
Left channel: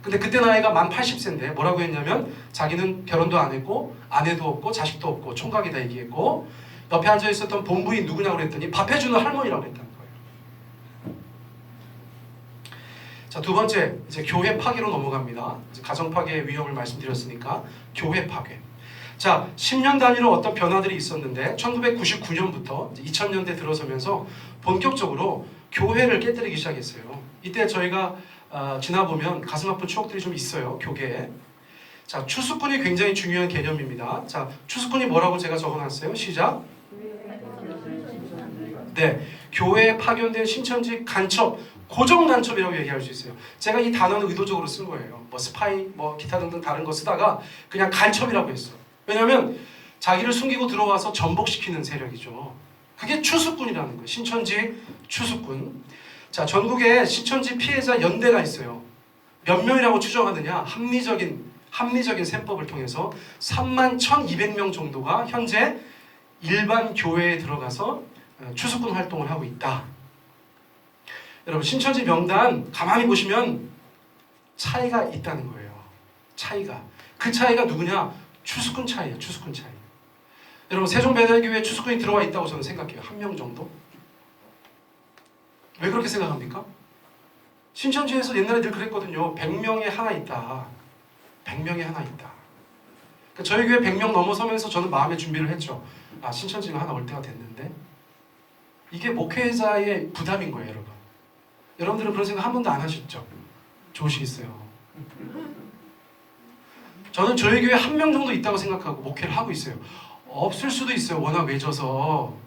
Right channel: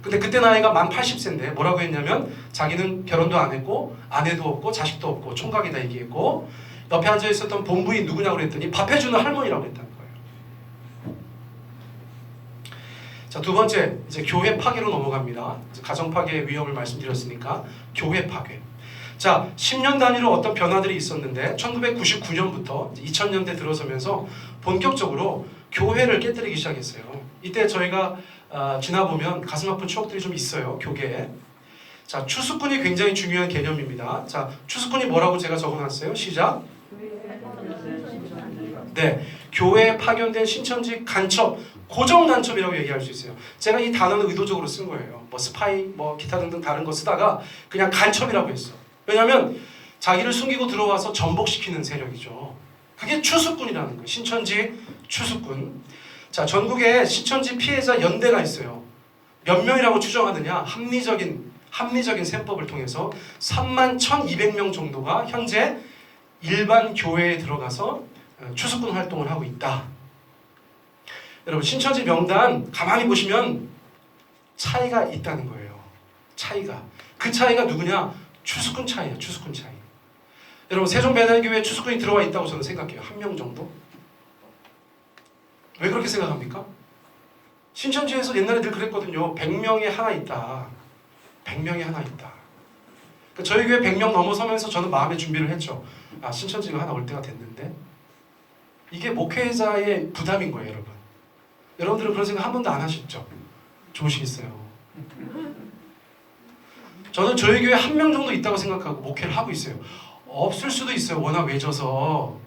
근데 그때 나이가 만 80세인데 뭐라고 했냐면 자기는 결혼도 안 했고 아내도 없고 자식도 없고 총각이다 얘기했고, 옆에 앉아 있었던 본부인 누구냐고 그랬더니 밥 해주는 할머니라고 했다는 거예요. 자, 두 번째, 이제 교회 파괴로 넘어갑니다. 이제 가정 파괴의 위험을 말씀드렸으니까 교회 파괴. 자, 10년 단위로 어떤 변화들이 있었는데 1999년부터 2000년대 들어서면서 본격적으로 교회를 깨뜨리기 시작했어요. 이때 저희가 지나보면 가슴 아픈 추억들이 좀 있어요, 교계에. 자, 추수꾼이 굉장히 중요한 개념입니다. 자, 추수꾼이 뭐라고 제가 적어놨어요? 시작. 네, 교회에 파견된 신천지 간첩, 고정 간첩이라고 얘기할 수 있어요. 제가 이 단어는 의도적으로 쓴 거예요. 뭐 스파이, 뭐 기타 등등 다른 거 쓰다가 그냥 간첩이라고 했어요. 왜냐하면 자기를 숨기고 들어와서 전복시키는 세력이죠. 그게 추수꾼이라는 거예요. 신천지 추수꾼. 자, 전국에 신천지 피해자 연대가 있어요. 몇 명이라고 추정하느냐? 합리적인 셈법을 통해서 31,200명 정도가 현재 일반 교회에 들어가서 추수꾼 활동을 하고 있다. 여러분, 신천지 명단 가만히 보시면 차이가 있다는 거예요. 차이가. 그 차이가 누구냐? 추수꾼 차이예요. 추수꾼 차이. 여러분, 세종배달교회에 추수꾼이 들어와 있다고 저는 생각해요. 한 명 정도? 왜 그렇게 생각합니까? 신천지에서 옛날에 늘 그랬거든요. 100명에 하나 있다. 100명에 하나 있다. 그러니까 저희 교회 100명 넘어서면서 저는 마음의 준비를 했죠. 아, 신천지가 하나 올 때가 됐는데. 이게 목회자의 부담인 거예요, 여러분. 여러분들은 그런 생각 한 번도 안 하셨죠? 좋으시겠어요. 저는 저희 교회 한 명 정도 있다고 생각하고 목회를 하고 있어요. 없을 수도 있어요. 워낙 외져서.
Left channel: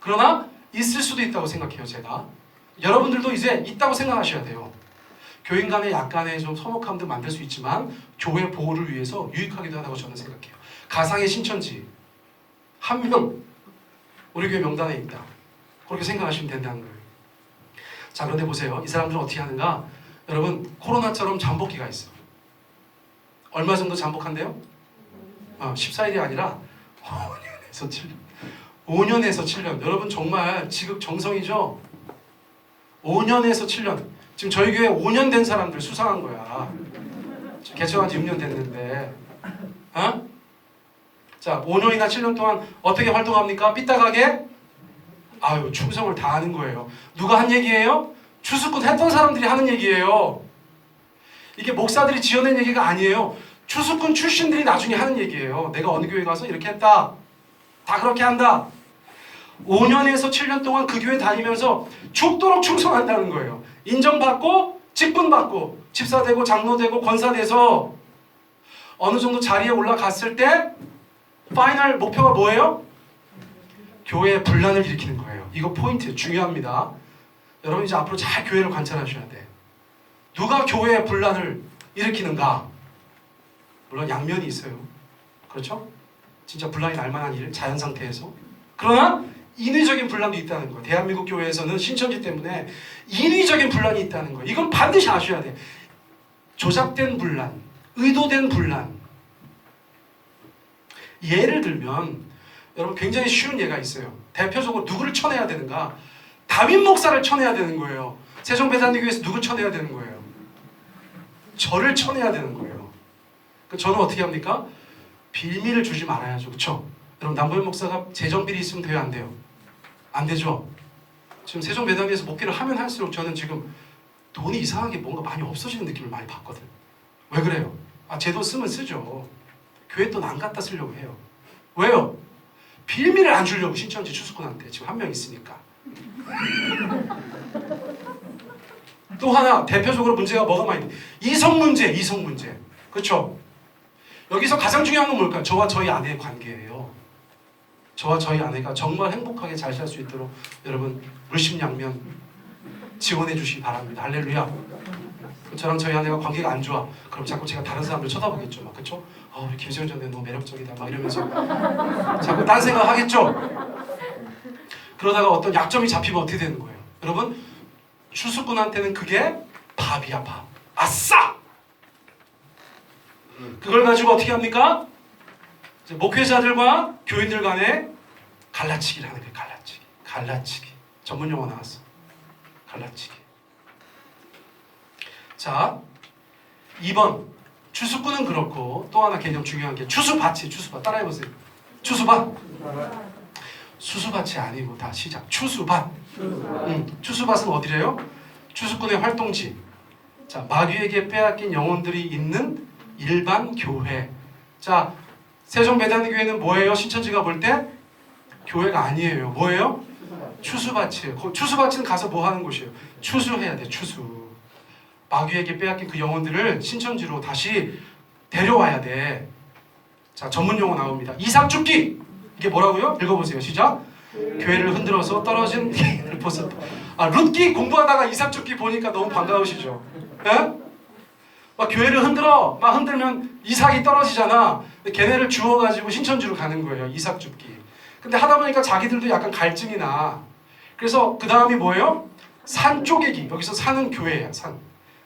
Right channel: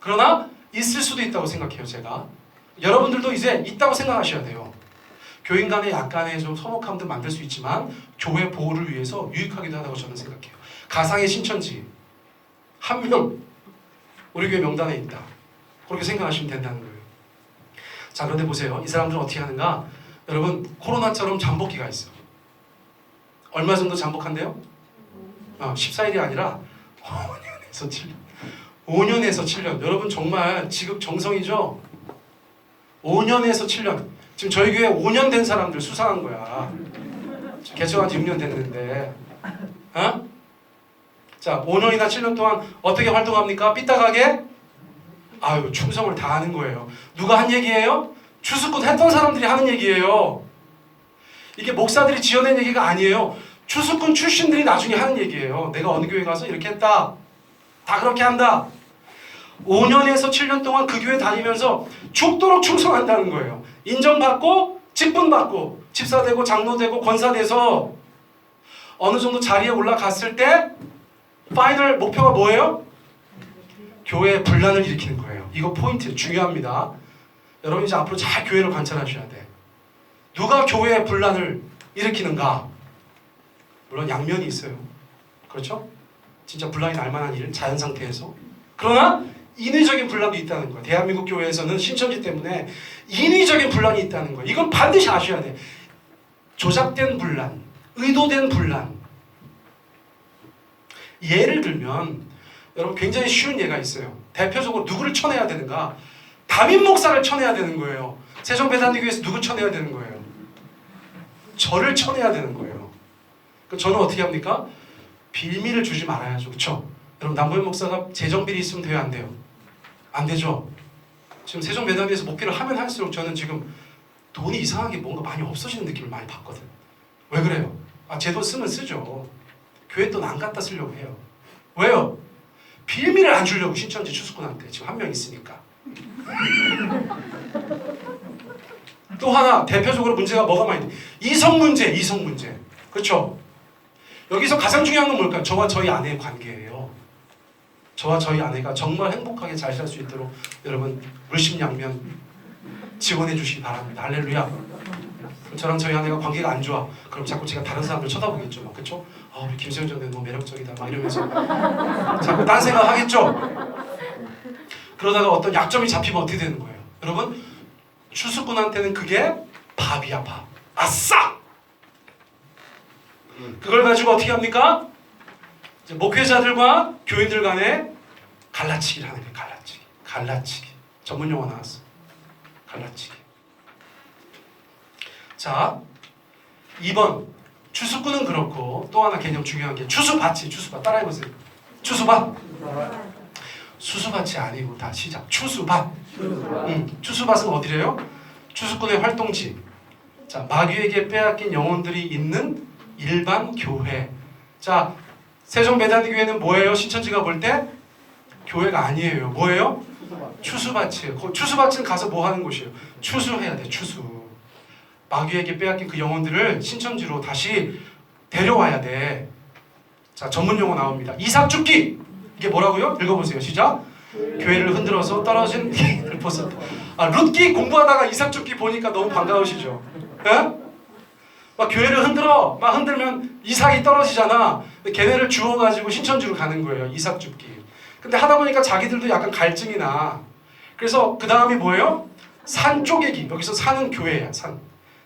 그러나 있을 수도 있다고 생각해요, 제가. 여러분들도 이제 있다고 생각하셔야 돼요. 교인 간의 약간의 좀 서먹함도 만들 수 있지만 교회 보호를 위해서 유익하기도 하다고 저는 생각해요. 가상의 신천지 한 명 우리 교회 명단에 있다. 그렇게 생각하시면 된다는 거예요. 자, 그런데 보세요. 이 사람들은 어떻게 하는가? 여러분, 코로나처럼 잠복기가 있어요. 얼마 정도 잠복한대요? 14일이 아니라 5년에서 7년. 5년에서 7년. 여러분, 정말 지극정성이죠? 5년에서 7년. 지금 저희 교회 5년 된 사람들 수상한 거야. 개척한 지 6년 됐는데. 어? 자, 5년이나 7년 동안 어떻게 활동합니까? 삐딱하게? 아유, 충성을 다하는 거예요. 누가 한 얘기예요? 추수꾼 했던 사람들이 하는 얘기예요. 이게 목사들이 지어낸 얘기가 아니에요. 추수꾼 출신들이 나중에 하는 얘기예요. 내가 어느 교회 가서 이렇게 했다. 다 그렇게 한다. 5년에서 7년 동안 그 교회 다니면서 죽도록 충성한다는 거예요. 인정받고 직분받고 집사되고 장로되고 권사돼서 어느 정도 자리에 올라갔을 때 파이널 목표가 뭐예요? 교회의 분란을 일으키는 거예요. 이거 포인트 중요합니다. 여러분 이제 앞으로 잘 교회를 관찰하셔야 돼. 누가 교회의 분란을 일으키는가? 물론 양면이 있어요. 그렇죠? 진짜 분란이 날 만한 일, 자연 상태에서. 그러나 인위적인 분란도 있다는 거예요. 대한민국 교회에서는 신천지 때문에 인위적인 분란이 있다는 거예요. 이건 반드시 아셔야 돼. 조작된 분란, 의도된 분란. 예를 들면 여러분 굉장히 쉬운 예가 있어요. 대표적으로 누구를 쳐내야 되는가? 다윗 목사를 쳐내야 되는 거예요. 세종배단교회에서 누구 쳐내야 되는 거예요? 저를 쳐내야 되는 거예요. 저는 어떻게 합니까? 빌미를 주지 말아야죠. 그렇죠? 여러분 남보현 목사가 재정비리 있으면 돼요? 안 돼요? 안 되죠? 지금 세종배단교회에서 목회를 하면 할수록 저는 지금 돈이 이상하게 뭔가 많이 없어지는 느낌을 많이 받거든. 왜 그래요? 제 돈 쓰면 쓰죠. 교회 돈 안 갖다 쓰려고 해요. 왜요? 빌미를 안 주려고 신천지 추수꾼한테 지금 한 명 있으니까. 또 하나 대표적으로 문제가 뭐가 많이 있는데 이성 문제. 그렇죠? 여기서 가장 중요한 건 뭘까요? 저와 저희 아내의 관계예요. 저와 저희 아내가 정말 행복하게 잘 살 수 있도록 여러분 물심양면 지원해 주시기 바랍니다. 할렐루야. 저랑 저희 아내가 관계가 안 좋아. 그럼 자꾸 제가 다른 사람들 쳐다보겠죠. 막 그렇죠? 우리 김세현 전대 너무 매력적이다. 막 이러면서 자꾸 딴 생각 하겠죠. 그러다가 어떤 약점이 잡히면 어떻게 되는 거예요? 여러분 추수꾼한테는 그게 밥이야 밥. 아싸! 그걸 가지고 어떻게 합니까? 이제 목회자들과 교인들 간에 갈라치기를 하는 거예요. 갈라치기. 전문 용어 나왔어. 갈라치기. 자, 2번 추수꾼은 그렇고 또 하나 개념 중요한 게 추수밭이 따라해보세요. 추수밭. 수수밭이 아니고 다 시작. 추수밭. 추수밭은 어디래요? 추수꾼의 활동지. 자, 마귀에게 빼앗긴 영혼들이 있는 일반 교회. 자, 세종배단교회는 뭐예요? 신천지가 볼 때 교회가 아니에요. 뭐예요? 추수밭이에요. 추수밭은 가서 뭐 하는 곳이에요? 추수해야 돼. 추수. 마귀에게 빼앗긴 그 영혼들을 신천지로 다시 데려와야 돼. 자, 전문 용어 나옵니다. 이삭죽기. 이게 뭐라고요? 읽어보세요. 시작. 교회를 흔들어서 떨어진 를 벗었다. 룻기 공부하다가 이삭죽기 보니까 너무 반가우시죠? 예? 막 교회를 막 흔들면 이삭이 떨어지잖아. 걔네를 주워가지고 신천지로 가는 거예요. 이삭죽기. 근데 하다 보니까 자기들도 약간 갈증이 나. 그래서 그 다음이 뭐예요? 산 쪼개기. 여기서 산은 교회야.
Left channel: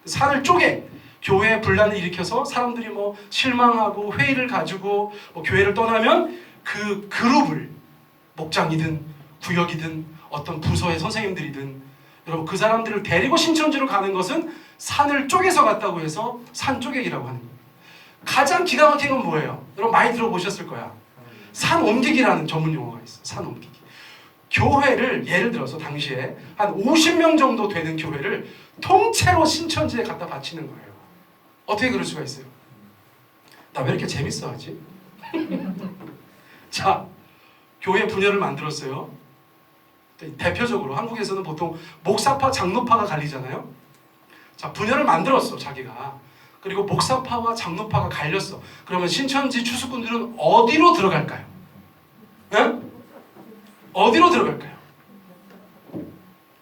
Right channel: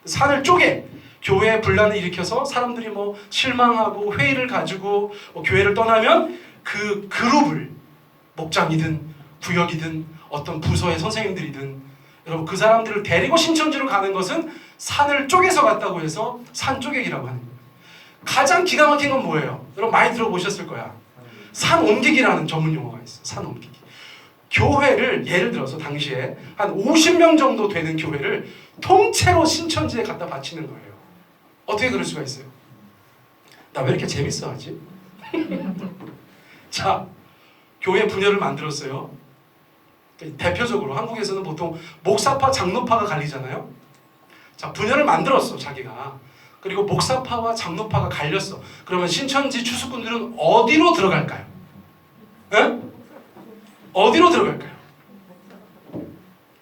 산을 쪼개. 교회에 분란을 일으켜서 사람들이 뭐 실망하고 회의를 가지고 교회를 떠나면 그 그룹을 목장이든 구역이든 어떤 부서의 선생님들이든 여러분 그 사람들을 데리고 신천지로 가는 것은 산을 쪼개서 갔다고 해서 산 쪼개기라고 하는 거예요. 가장 기가 막힌 건 뭐예요? 여러분 많이 들어보셨을 거야. 산 옮기기라는 전문 용어가 있어. 산 옮기기. 교회를 예를 들어서 당시에 한 50명 정도 되는 교회를 통째로 신천지에 갖다 바치는 거예요. 어떻게 그럴 수가 있어요? 나 왜 이렇게 재밌어 하지? 자, 교회 분열을 만들었어요. 대표적으로 한국에서는 보통 목사파, 장로파가 갈리잖아요. 자, 분열을 만들었어, 자기가. 그리고 목사파와 장로파가 갈렸어. 그러면 신천지 추수꾼들은 어디로 들어갈까요? 네? 어디로 들어갈까요?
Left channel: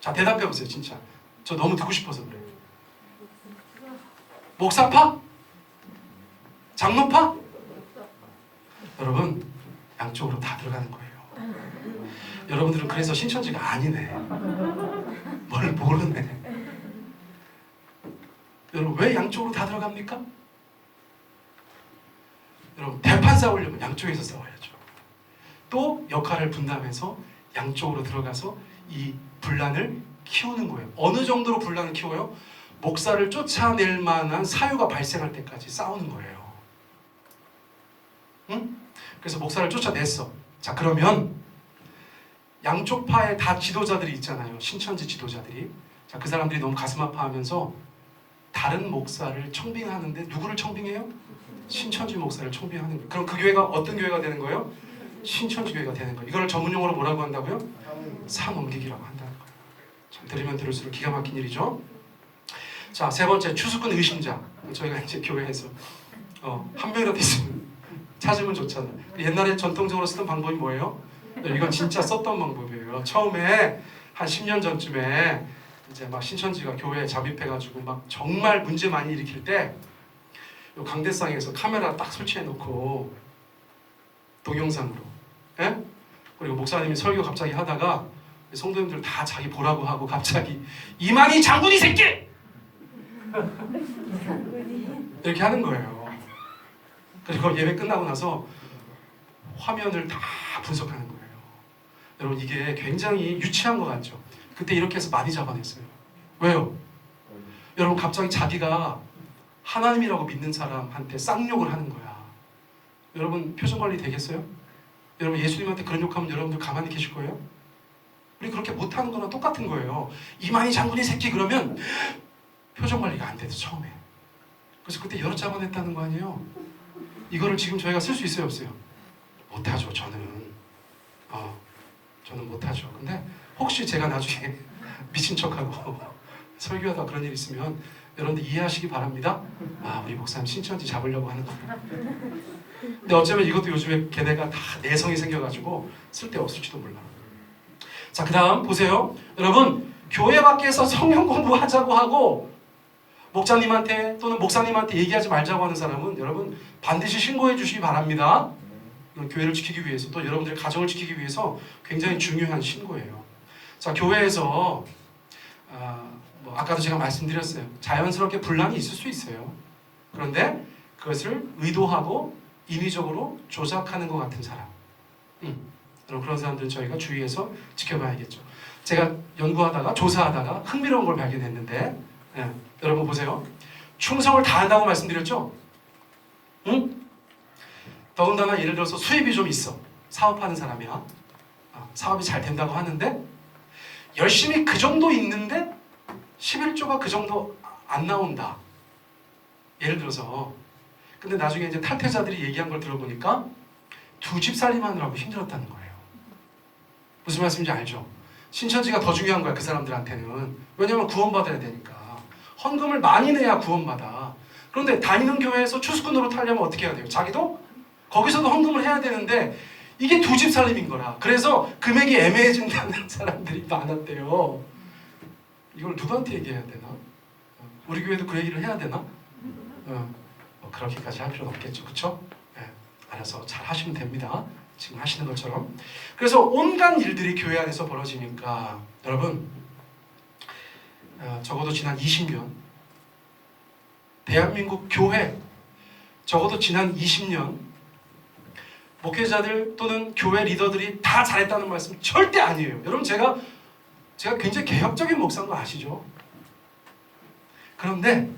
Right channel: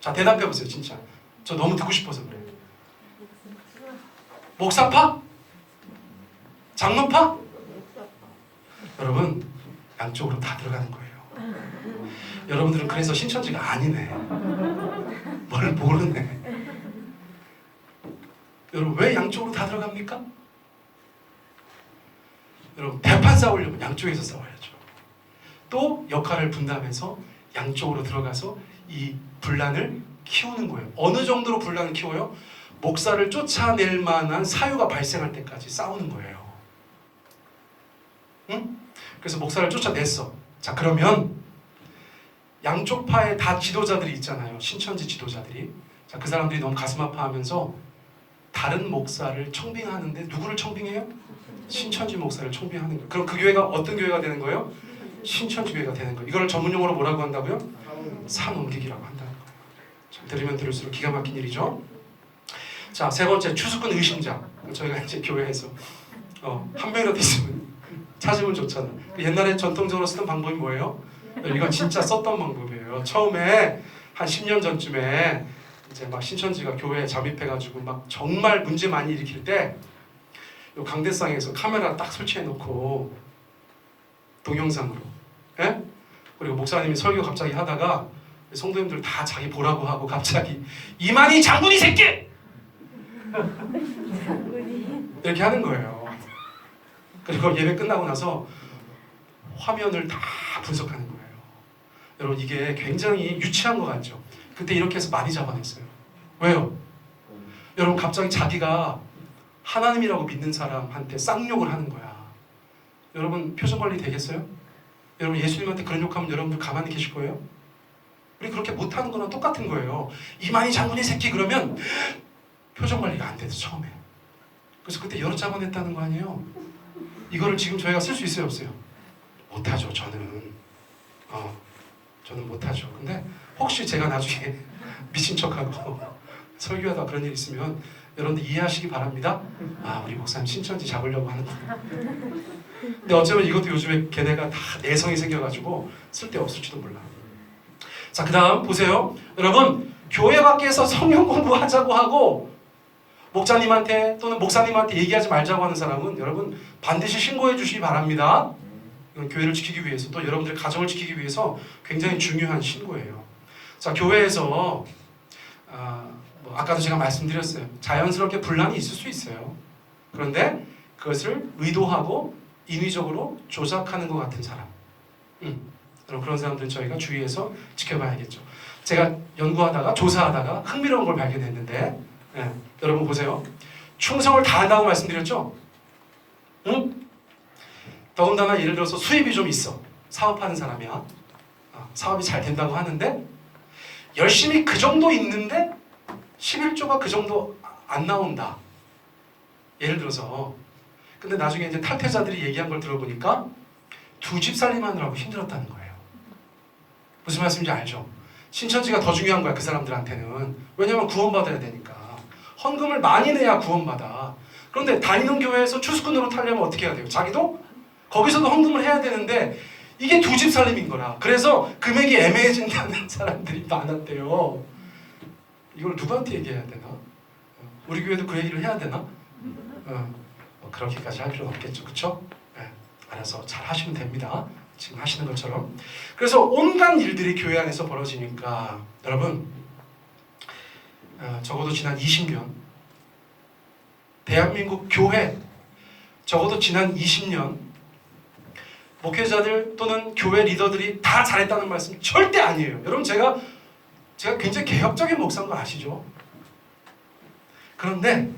자, 대답해보세요, 진짜. 저 너무 듣고 싶어서 그래요. 목사파? 장로파? 여러분, 양쪽으로 다 들어가는 거예요. 여러분들은 그래서 신천지가 아니네. 뭘 모르네. 여러분 왜 양쪽으로 다 들어갑니까? 여러분 대판 싸우려면 양쪽에서 싸워야죠. 또 역할을 분담해서 양쪽으로 들어가서 이 분란을 키우는 거예요. 어느 정도로 분란을 키워요? 목사를 쫓아낼 만한 사유가 발생할 때까지 싸우는 거예요. 응? 그래서 목사를 쫓아냈어. 자, 그러면 양쪽 파에 다 지도자들이 있잖아요. 신천지 지도자들이. 자, 그 사람들이 너무 가슴 아파하면서 다른 목사를 청빙하는데 누구를 청빙해요? 신천지 목사를 청빙하는 거예요. 그럼 그 교회가 어떤 교회가 되는 거예요? 신천지교회가 되는 거예요. 이걸 전문 용어로 뭐라고 한다고요? 사옮기기라고 한다는 거예요. 참 들으면 들을수록 기가 막힌 일이죠. 자, 세 번째, 추수꾼 의심자. 저희가 이제 교회에서 한 명이라도 있으면 찾으면 좋잖아요. 옛날에 전통적으로 쓰던 방법이 뭐예요? 이건 진짜 썼던 방법이에요. 처음에 한 10년 전쯤에 이제 막 신천지가 교회에 잠입해가지고 막 정말 문제 많이 일으킬 때 요 강대상에서 카메라 딱 설치해놓고 동영상으로, 예? 그리고 목사님이 설교 갑자기 하다가 성도님들 다 자기 보라고 하고 갑자기 이만희 장군이 새끼! 이렇게 하는 거예요. 그리고 예배 끝나고 나서 화면을 다 분석하는 거예요. 여러분 이게 굉장히 유치한 것 같죠? 그때 이렇게 해서 많이 잡아냈어요. 왜요? 여러분 갑자기 자기가 하나님이라고 믿는 사람한테 쌍욕을 하는 거야. 여러분 표정 관리 되겠어요? 여러분 예수님한테 그런 욕하면 여러분들 가만히 계실 거예요? 우리 그렇게 못하는 거랑 똑같은 거예요. 이만희 장군이 새끼 그러면 표정 관리가 안 돼서 처음에. 그래서 그때 여러 잡아냈다는 거 아니에요? 이거를 지금 저희가 쓸 수 있어요 없어요? 못하죠. 저는 못하죠. 근데 혹시 제가 나중에 미친 척하고 설교하다 그런 일 있으면 여러분들 이해하시기 바랍니다. 아, 우리 목사님 신천지 잡으려고 하는구나. 근데 어쩌면 이것도 요즘에 걔네가 다 내성이 생겨가지고 쓸데없을지도 몰라. 자, 그 다음 보세요. 여러분 교회 밖에서 성경 공부하자고 하고 목자님한테 또는 목사님한테 얘기하지 말자고 하는 사람은 여러분 반드시 신고해 주시기 바랍니다. 이건 교회를 지키기 위해서 또 여러분들의 가정을 지키기 위해서 굉장히 중요한 신고예요. 자, 교회에서 아까도 제가 말씀드렸어요. 자연스럽게 분란이 있을 수 있어요. 그런데 그것을 의도하고 인위적으로 조작하는 것 같은 사람, 여러분 그런 사람들 저희가 주의해서 지켜봐야겠죠. 제가 연구하다가 조사하다가 흥미로운 걸 발견했는데, 여러분 보세요. 충성을 다한다고 말씀드렸죠? 응? 더군다나 예를 들어서 수입이 좀 있어. 사업하는 사람이야. 사업이 잘 된다고 하는데 열심히 그 정도 있는데 11조가 그 정도 안 나온다. 예를 들어서. 근데 나중에 이제 탈퇴자들이 얘기한 걸 들어보니까 두 집 살림하느라고 힘들었다는 거예요. 무슨 말씀인지 알죠? 신천지가 더 중요한 거야, 그 사람들한테는. 왜냐면 구원받아야 되니까. 헌금을 많이 내야 구원받아. 그런데 다니는 교회에서 추수꾼으로 타려면 어떻게 해야 돼요? 자기도 거기서도 헌금을 해야 되는데 이게 두 집 살림인 거라. 그래서 금액이 애매해진다는 사람들이 많았대요. 이걸 누구한테 얘기해야 되나? 우리 교회도 그 얘기를 해야 되나? 그렇게까지 할 필요는 없겠죠. 그렇죠? 알아서 잘 하시면 됩니다. 지금 하시는 것처럼. 그래서 온갖 일들이 교회 안에서 벌어지니까 여러분 적어도 지난 20년 대한민국 교회 적어도 지난 20년 목회자들 또는 교회 리더들이 다 잘했다는 말씀 절대 아니에요. 여러분 제가 굉장히 개혁적인 목사인 거 아시죠? 그런데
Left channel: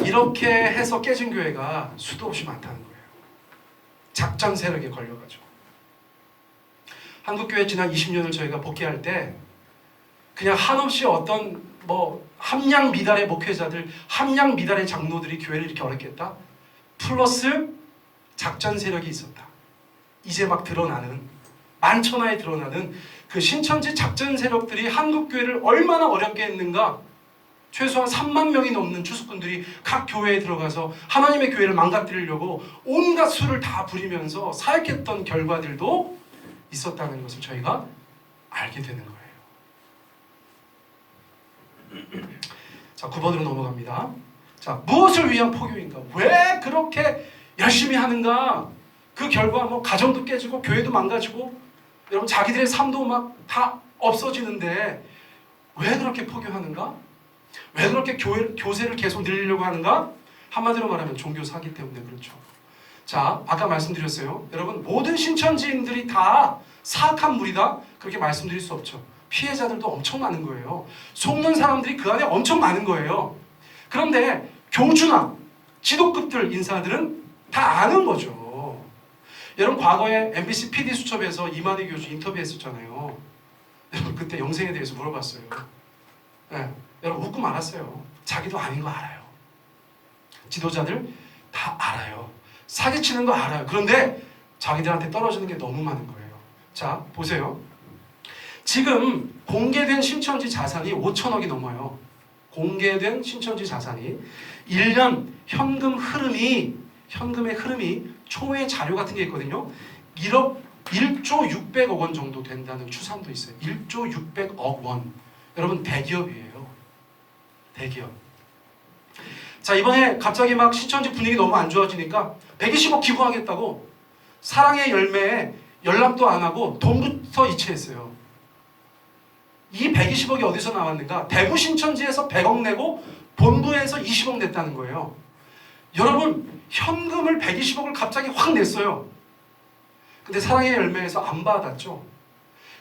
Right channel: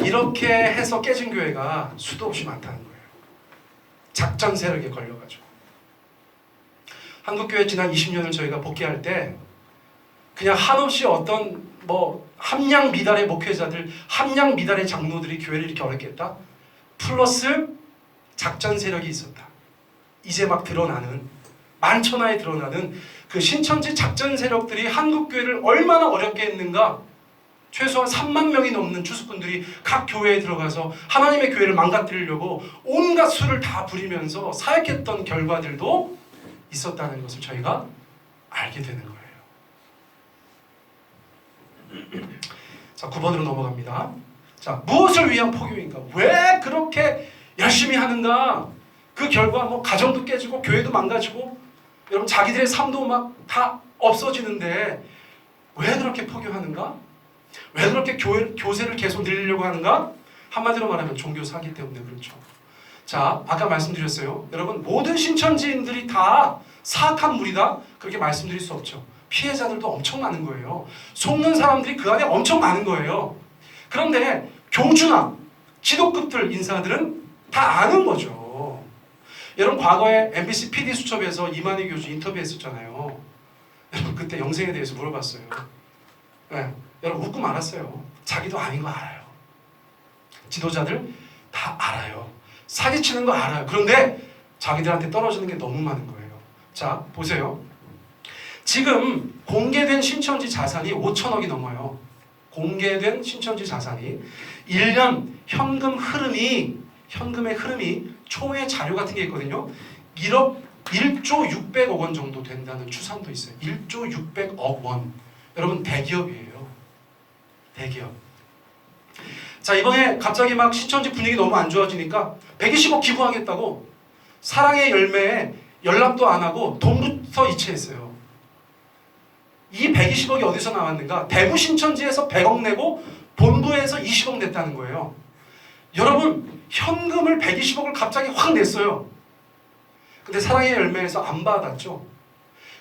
이렇게 해서 깨진 교회가 수도 없이 많다는 거예요. 작전 세력에 걸려가지고. 한국교회 지난 20년을 저희가 복귀할 때 그냥 한없이 어떤 함량 미달의 목회자들, 함량 미달의 장로들이 교회를 이렇게 어렵겠다? 플러스 작전 세력이 있었다. 이제 막 드러나는, 만천하에 드러나는 그 신천지 작전 세력들이 한국교회를 얼마나 어렵게 했는가. 최소한 3만 명이 넘는 추수꾼들이 각 교회에 들어가서 하나님의 교회를 망가뜨리려고 온갖 수를 다 부리면서 사역했던 결과들도 있었다는 것을 저희가 알게 되는 거예요. 자, 9번으로 넘어갑니다. 자, 무엇을 위한 포교인가? 왜 그렇게 열심히 하는가? 그 결과 가정도 깨지고 교회도 망가지고 여러분 자기들의 삶도 막 다 없어지는데 왜 그렇게 포교하는가? 왜 그렇게 교세를 계속 늘리려고 하는가? 한마디로 말하면 종교 사기 때문에 그렇죠. 자, 아까 말씀드렸어요. 여러분 모든 신천지인들이 다 사악한 무리다? 그렇게 말씀드릴 수 없죠. 피해자들도 엄청 많은 거예요. 속는 사람들이 그 안에 엄청 많은 거예요. 그런데 교주나 지도급들 인사들은 다 아는 거죠. 여러분 과거에 MBC PD 수첩에서 이만희 교수 인터뷰했었잖아요. 여러분 그때 영생에 대해서 물어봤어요. 여러분 웃고 말았어요. 자기도 아닌 거 알아요. 지도자들 다 알아요. 사기치는 거 알아요. 그런데 자기들한테 떨어지는 게 너무 많은 거예요. 자, 보세요. 지금 공개된 신천지 자산이 5천억이 넘어요. 공개된 신천지 자산이 1년 현금의 흐름이 총회 자료 같은 게 있거든요. 1조 600억 원 정도 된다는 추산도 있어요. 1조 600억 원. 여러분 대기업이에요. 대기업. 자, 이번에 갑자기 막 신천지 분위기 너무 안 좋아지니까 120억 기부하겠다고 사랑의 열매에 연락도 안 하고 돈부터 이체했어요. 이 120억이 어디서 나왔는가? 대구 신천지에서 100억 내고 본부에서 20억 냈다는 거예요. 여러분, 현금을 120억을 갑자기 확 냈어요. 근데 사랑의 열매에서 안 받았죠.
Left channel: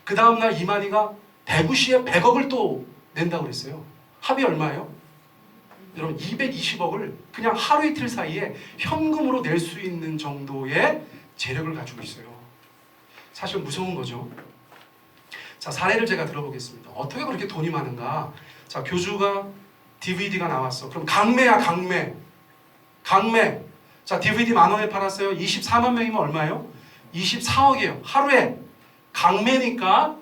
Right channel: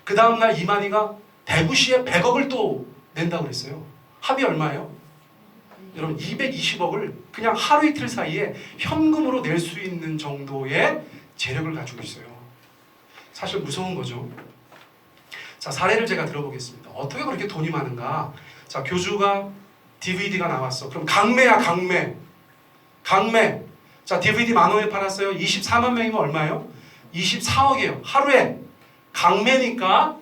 그 다음날 이만희가 대구시에 100억을 또 낸다고 그랬어요. 합이 얼마예요? 여러분, 220억을 그냥 하루 이틀 사이에 현금으로 낼 수 있는 정도의 재력을 가지고 있어요. 사실 무서운 거죠. 자, 사례를 제가 들어보겠습니다. 어떻게 그렇게 돈이 많은가? 자, 교주가 DVD가 나왔어. 그럼 강매야, 강매. 강매. 자, DVD 10,000원에 팔았어요. 24만 명이면 얼마예요? 24억이에요. 하루에. 강매니까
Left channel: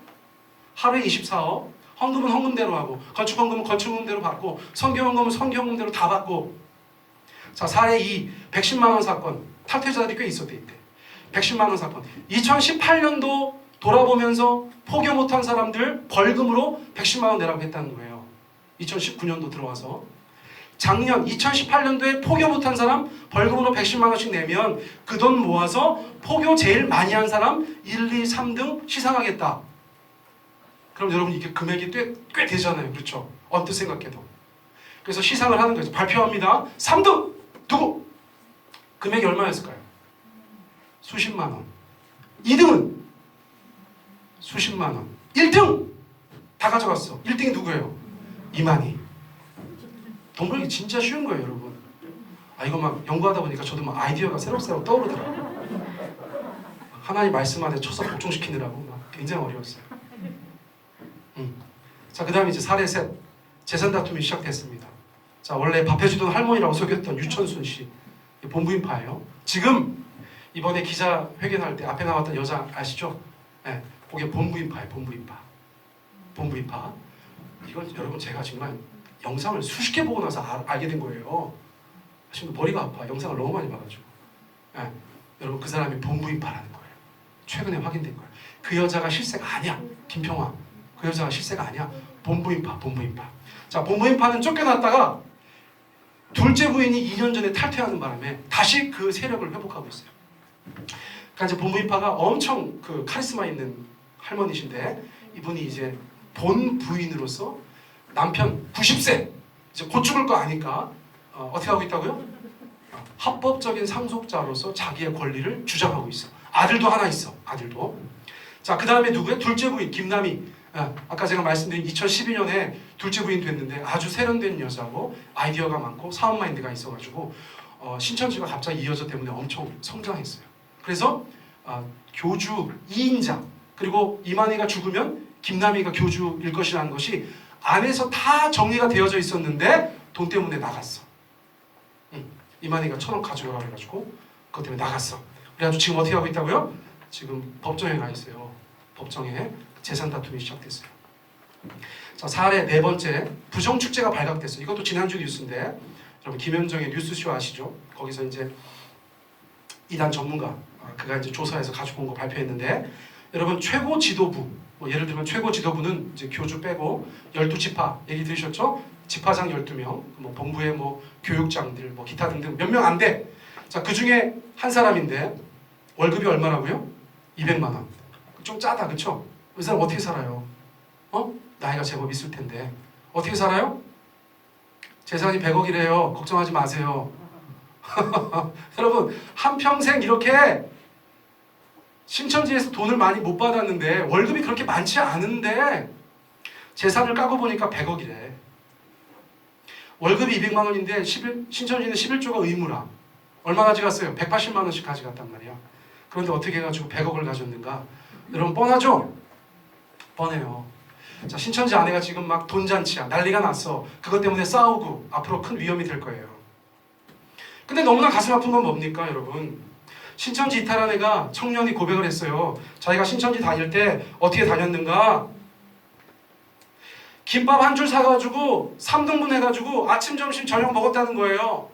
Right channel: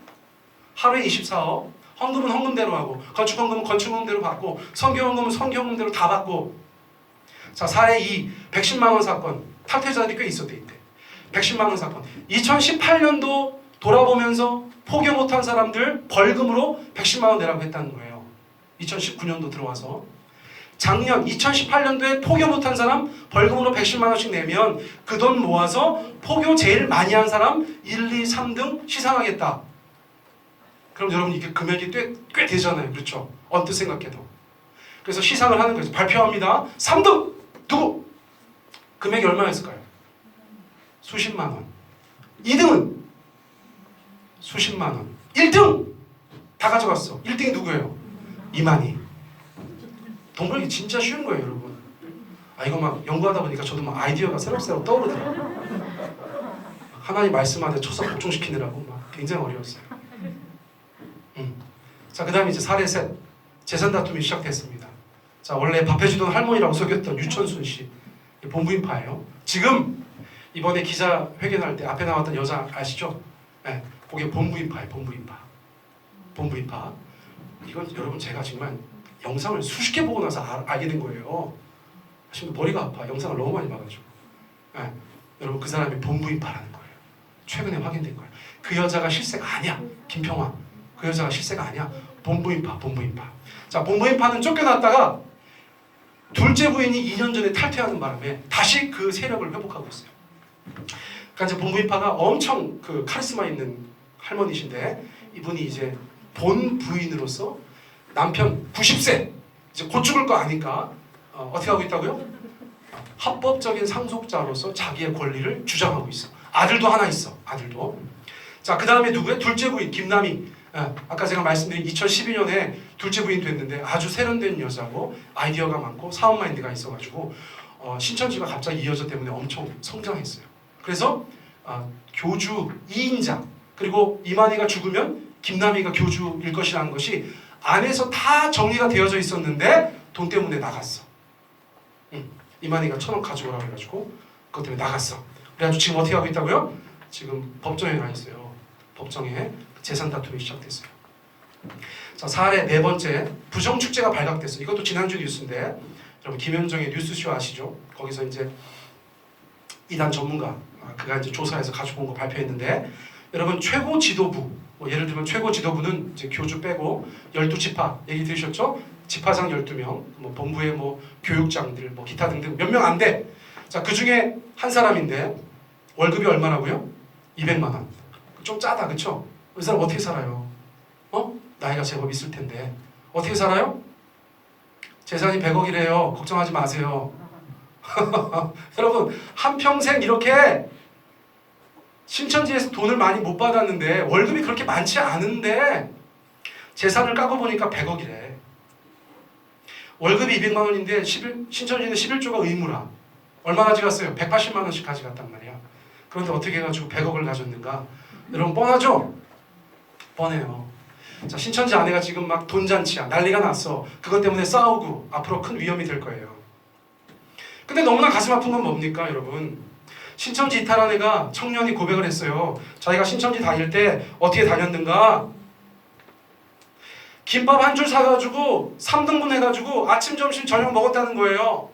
하루에 24억. 헌금은 헌금대로 하고, 건축헌금은 건축헌금대로 받고, 성경헌금은 성경헌금대로 다 받고. 자, 사례 2. 110만 원 사건. 탈퇴자들이 꽤 있었대, 이때. 110만 원 사건. 2018년도 돌아보면서 포교 못한 사람들 벌금으로 110만 원 내라고 했다는 거예요. 2019년도 들어와서. 작년 2018년도에 포교 못한 사람 벌금으로 110만 원씩 내면 그 돈 모아서 포교 제일 많이 한 사람 1, 2, 3등 시상하겠다. 그럼 여러분 이게 금액이 꽤 되잖아요. 그렇죠? 언뜻 생각해도. 그래서 시상을 하는 거죠. 발표합니다. 3등! 누구? 금액이 얼마였을까요? 수십만 원. 2등은? 수십만 원. 1등! 다 가져갔어. 1등이 누구예요? 이만희. 돈 벌기 진짜 쉬운 거예요, 여러분. 이거 막 연구하다 보니까 저도 막 아이디어가 새록새록 떠오르더라고요. 하나님 말씀 안에 쳐서 복종시키느라고 막 굉장히 어려웠어요. 자, 그 다음에 이제 사례 셋. 재산 다툼이 시작됐습니다. 자, 원래 밥 해주던 할머니라고 속였던 유천순 씨. 본부인파예요. 지금 이번에 기자 회견할 때 앞에 나왔던 여자 아시죠? 네, 그게 본부인파예요. 본부인파. 이건 여러분 제가 정말 영상을 수십 개 보고 나서 알게 된 거예요. 지금 머리가 아파. 영상을 너무 많이 봐가지고. 네, 여러분 그 사람이 본부인파라는 거예요. 최근에 확인된 거예요. 그 여자가 실세가 아니야. 김평화. 그 여자가 실세가 아니야. 본부인파. 자, 본부인파는 쫓겨났다가 둘째 부인이 2년 전에 탈퇴하는 바람에 다시 그 세력을 회복하고 있어요. 그러니까 이제 본부인파가 엄청 그 카리스마 있는 할머니신데 이분이 이제 본 부인으로서 남편 90세 이제 곧 죽을 거 아니까 어떻게 하고 있다고요? 합법적인 상속자로서 자기의 권리를 주장하고 있어. 아들도 하나 있어. 아들도. 자, 그 다음에 누구예요? 둘째 부인 김남희. 아까 제가 말씀드린 2012년에 둘째 부인 됐는데 아주 세련된 여자고 아이디어가 많고 사업 마인드가 있어가지고 신천지가 갑자기 이 여자 때문에 엄청 성장했어요. 그래서 교주 2인자 그리고 이만희가 죽으면 김남희가 교주일 것이라는 것이 안에서 다 정리가 되어져 있었는데 돈 때문에 나갔어. 이만희가 1,000원 가져오라고 해가지고 그것 때문에 나갔어. 그래가지고 지금 어떻게 하고 있다고요? 지금 법정에 가 있어요. 법정에 재산 다툼이 시작됐어요. 자, 사례 네 번째, 부정축제가 발각됐어요. 이것도 지난주 뉴스인데 여러분 김현정의 뉴스쇼 아시죠? 거기서 이제 이단 전문가 그가 이제 조사해서 가지고 온 거 발표했는데 여러분 최고 지도부 예를 들면 최고 지도부는 이제 교주 빼고 12지파 얘기 들으셨죠? 지파장 12명, 본부의 교육장들, 기타 등등 몇 명 안 돼. 자, 그 중에 한 사람인데 월급이 얼마라고요? 200만 원. 좀 짜다, 그쵸? 이 사람 어떻게 살아요? 나이가 제법 있을 텐데 어떻게 살아요? 재산이 100억이래요. 걱정하지 마세요. 여러분 한평생 이렇게 신천지에서 돈을 많이 못 받았는데 월급이 그렇게 많지 않은데 재산을 까고 보니까 100억이래. 월급이 200만 원인데 신천지는 11조가 의무라. 얼마 가져갔어요? 180만 원씩 가져갔단 말이야. 그런데 어떻게 해가지고 100억을 가졌는가? 여러분 뻔하죠? 뻔해요. 자, 신천지 아내가 지금 막 돈잔치야. 난리가 났어. 그것 때문에 싸우고 앞으로 큰 위험이 될 거예요. 근데 너무나 가슴 아픈 건 뭡니까, 여러분? 신천지 이탈한 애가 청년이 고백을 했어요. 자기가 신천지 다닐 때 어떻게 다녔는가? 김밥 한 줄 사가지고 3등분 해가지고 아침, 점심, 저녁 먹었다는 거예요.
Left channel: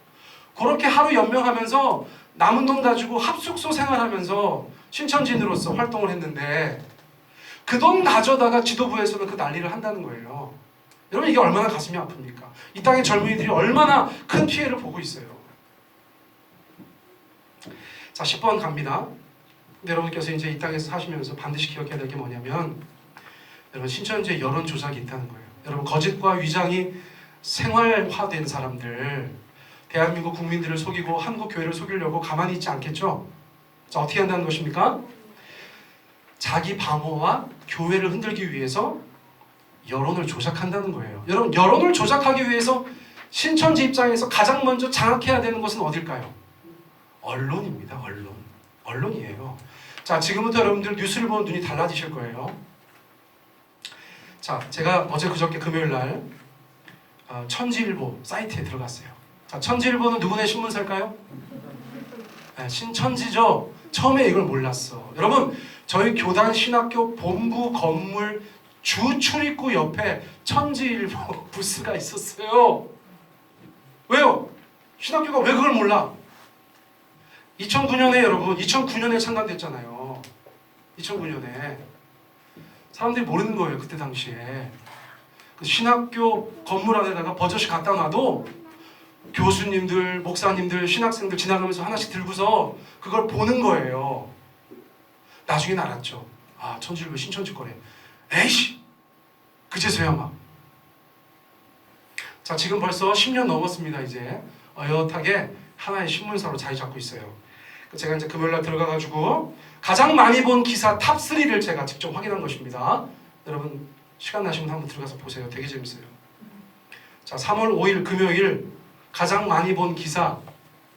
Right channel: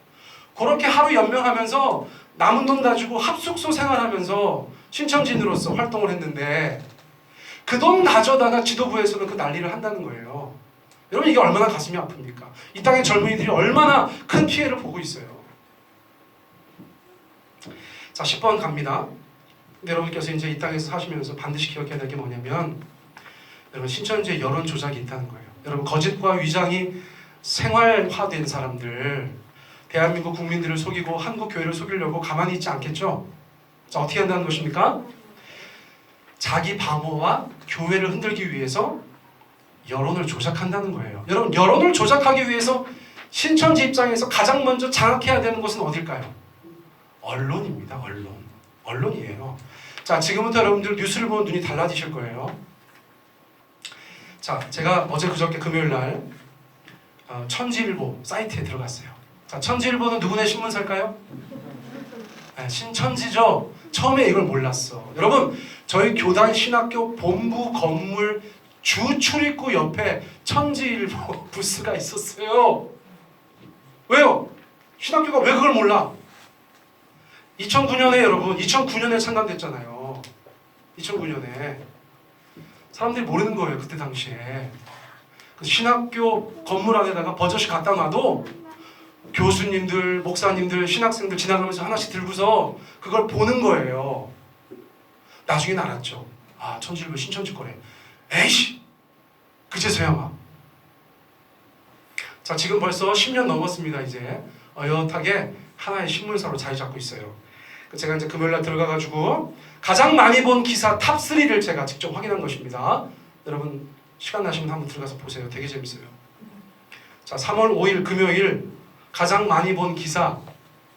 그렇게 하루 연명하면서 남은 돈 가지고 합숙소 생활하면서 신천지인으로서 활동을 했는데 그 돈 가져다가 지도부에서는 그 난리를 한다는 거예요. 여러분 이게 얼마나 가슴이 아픕니까? 이 땅의 젊은이들이 얼마나 큰 피해를 보고 있어요. 자, 10번 갑니다. 근데 여러분께서 이제 이 땅에서 사시면서 반드시 기억해야 될 게 뭐냐면 여러분 신천지에 여론 조작이 있다는 거예요. 여러분 거짓과 위장이 생활화된 사람들, 대한민국 국민들을 속이고 한국 교회를 속이려고 가만히 있지 않겠죠? 자, 어떻게 한다는 것입니까? 자기 방어와 교회를 흔들기 위해서 여론을 조작한다는 거예요. 여러분 여론을 조작하기 위해서 신천지 입장에서 가장 먼저 장악해야 되는 것은 어딜까요? 언론입니다. 언론이에요. 자, 지금부터 여러분들 뉴스를 보면 눈이 달라지실 거예요. 자, 제가 어제 그저께 금요일날 천지일보 사이트에 들어갔어요. 자, 천지일보는 누구네 신문사일까요? 네, 신천지죠. 처음에 이걸 몰랐어. 여러분 저희 교단 신학교 본부 건물 주 출입구 옆에 천지일보 부스가 있었어요. 왜요? 신학교가 왜 그걸 몰라? 2009년에 여러분 2009년에 창단됐잖아요. 2009년에 사람들이 모르는 거예요. 그때 당시에 그 신학교 건물 안에다가 버젓이 갖다 놔도 교수님들, 목사님들, 신학생들 지나가면서 하나씩 들고서 그걸 보는 거예요. 나중에 알았죠. 아, 천지일보 신천지 거래. 에이씨! 그제서야 막. 자, 지금 벌써 10년 넘었습니다. 이제 어엿하게 하나의 신문사로 자리 잡고 있어요. 제가 이제 금요일날 들어가가지고 가장 많이 본 기사 탑3를 제가 직접 확인한 것입니다. 여러분 시간 나시면 한번 들어가서 보세요. 되게 재밌어요. 자, 3월 5일 금요일 가장 많이 본 기사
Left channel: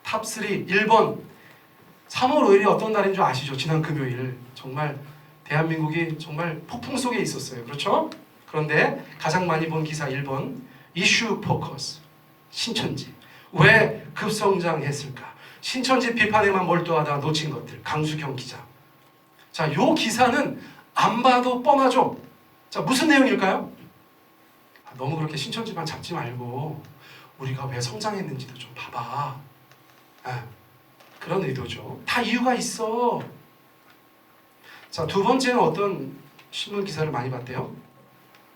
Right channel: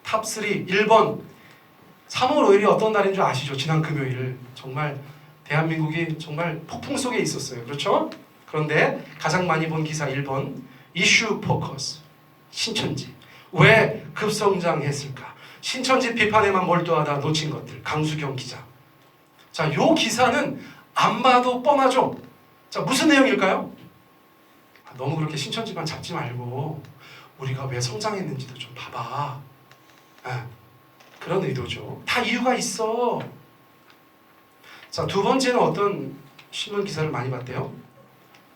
탑3 1번 3월 5일이 어떤 날인 줄 아시죠? 지난 금요일 정말 대한민국이 정말 폭풍 속에 있었어요. 그렇죠? 그런데 가장 많이 본 기사 1번 이슈 포커스 신천지 왜 급성장했을까? 신천지 비판에만 몰두하다 놓친 것들 강수경 기자. 자, 요 기사는 안 봐도 뻔하죠? 자, 무슨 내용일까요? 너무 그렇게 신천지만 잡지 말고 우리가 왜 성장했는지도 좀 봐봐. 그런 의도죠. 다 이유가 있어. 자, 두 번째는 어떤 신문 기사를 많이 봤대요?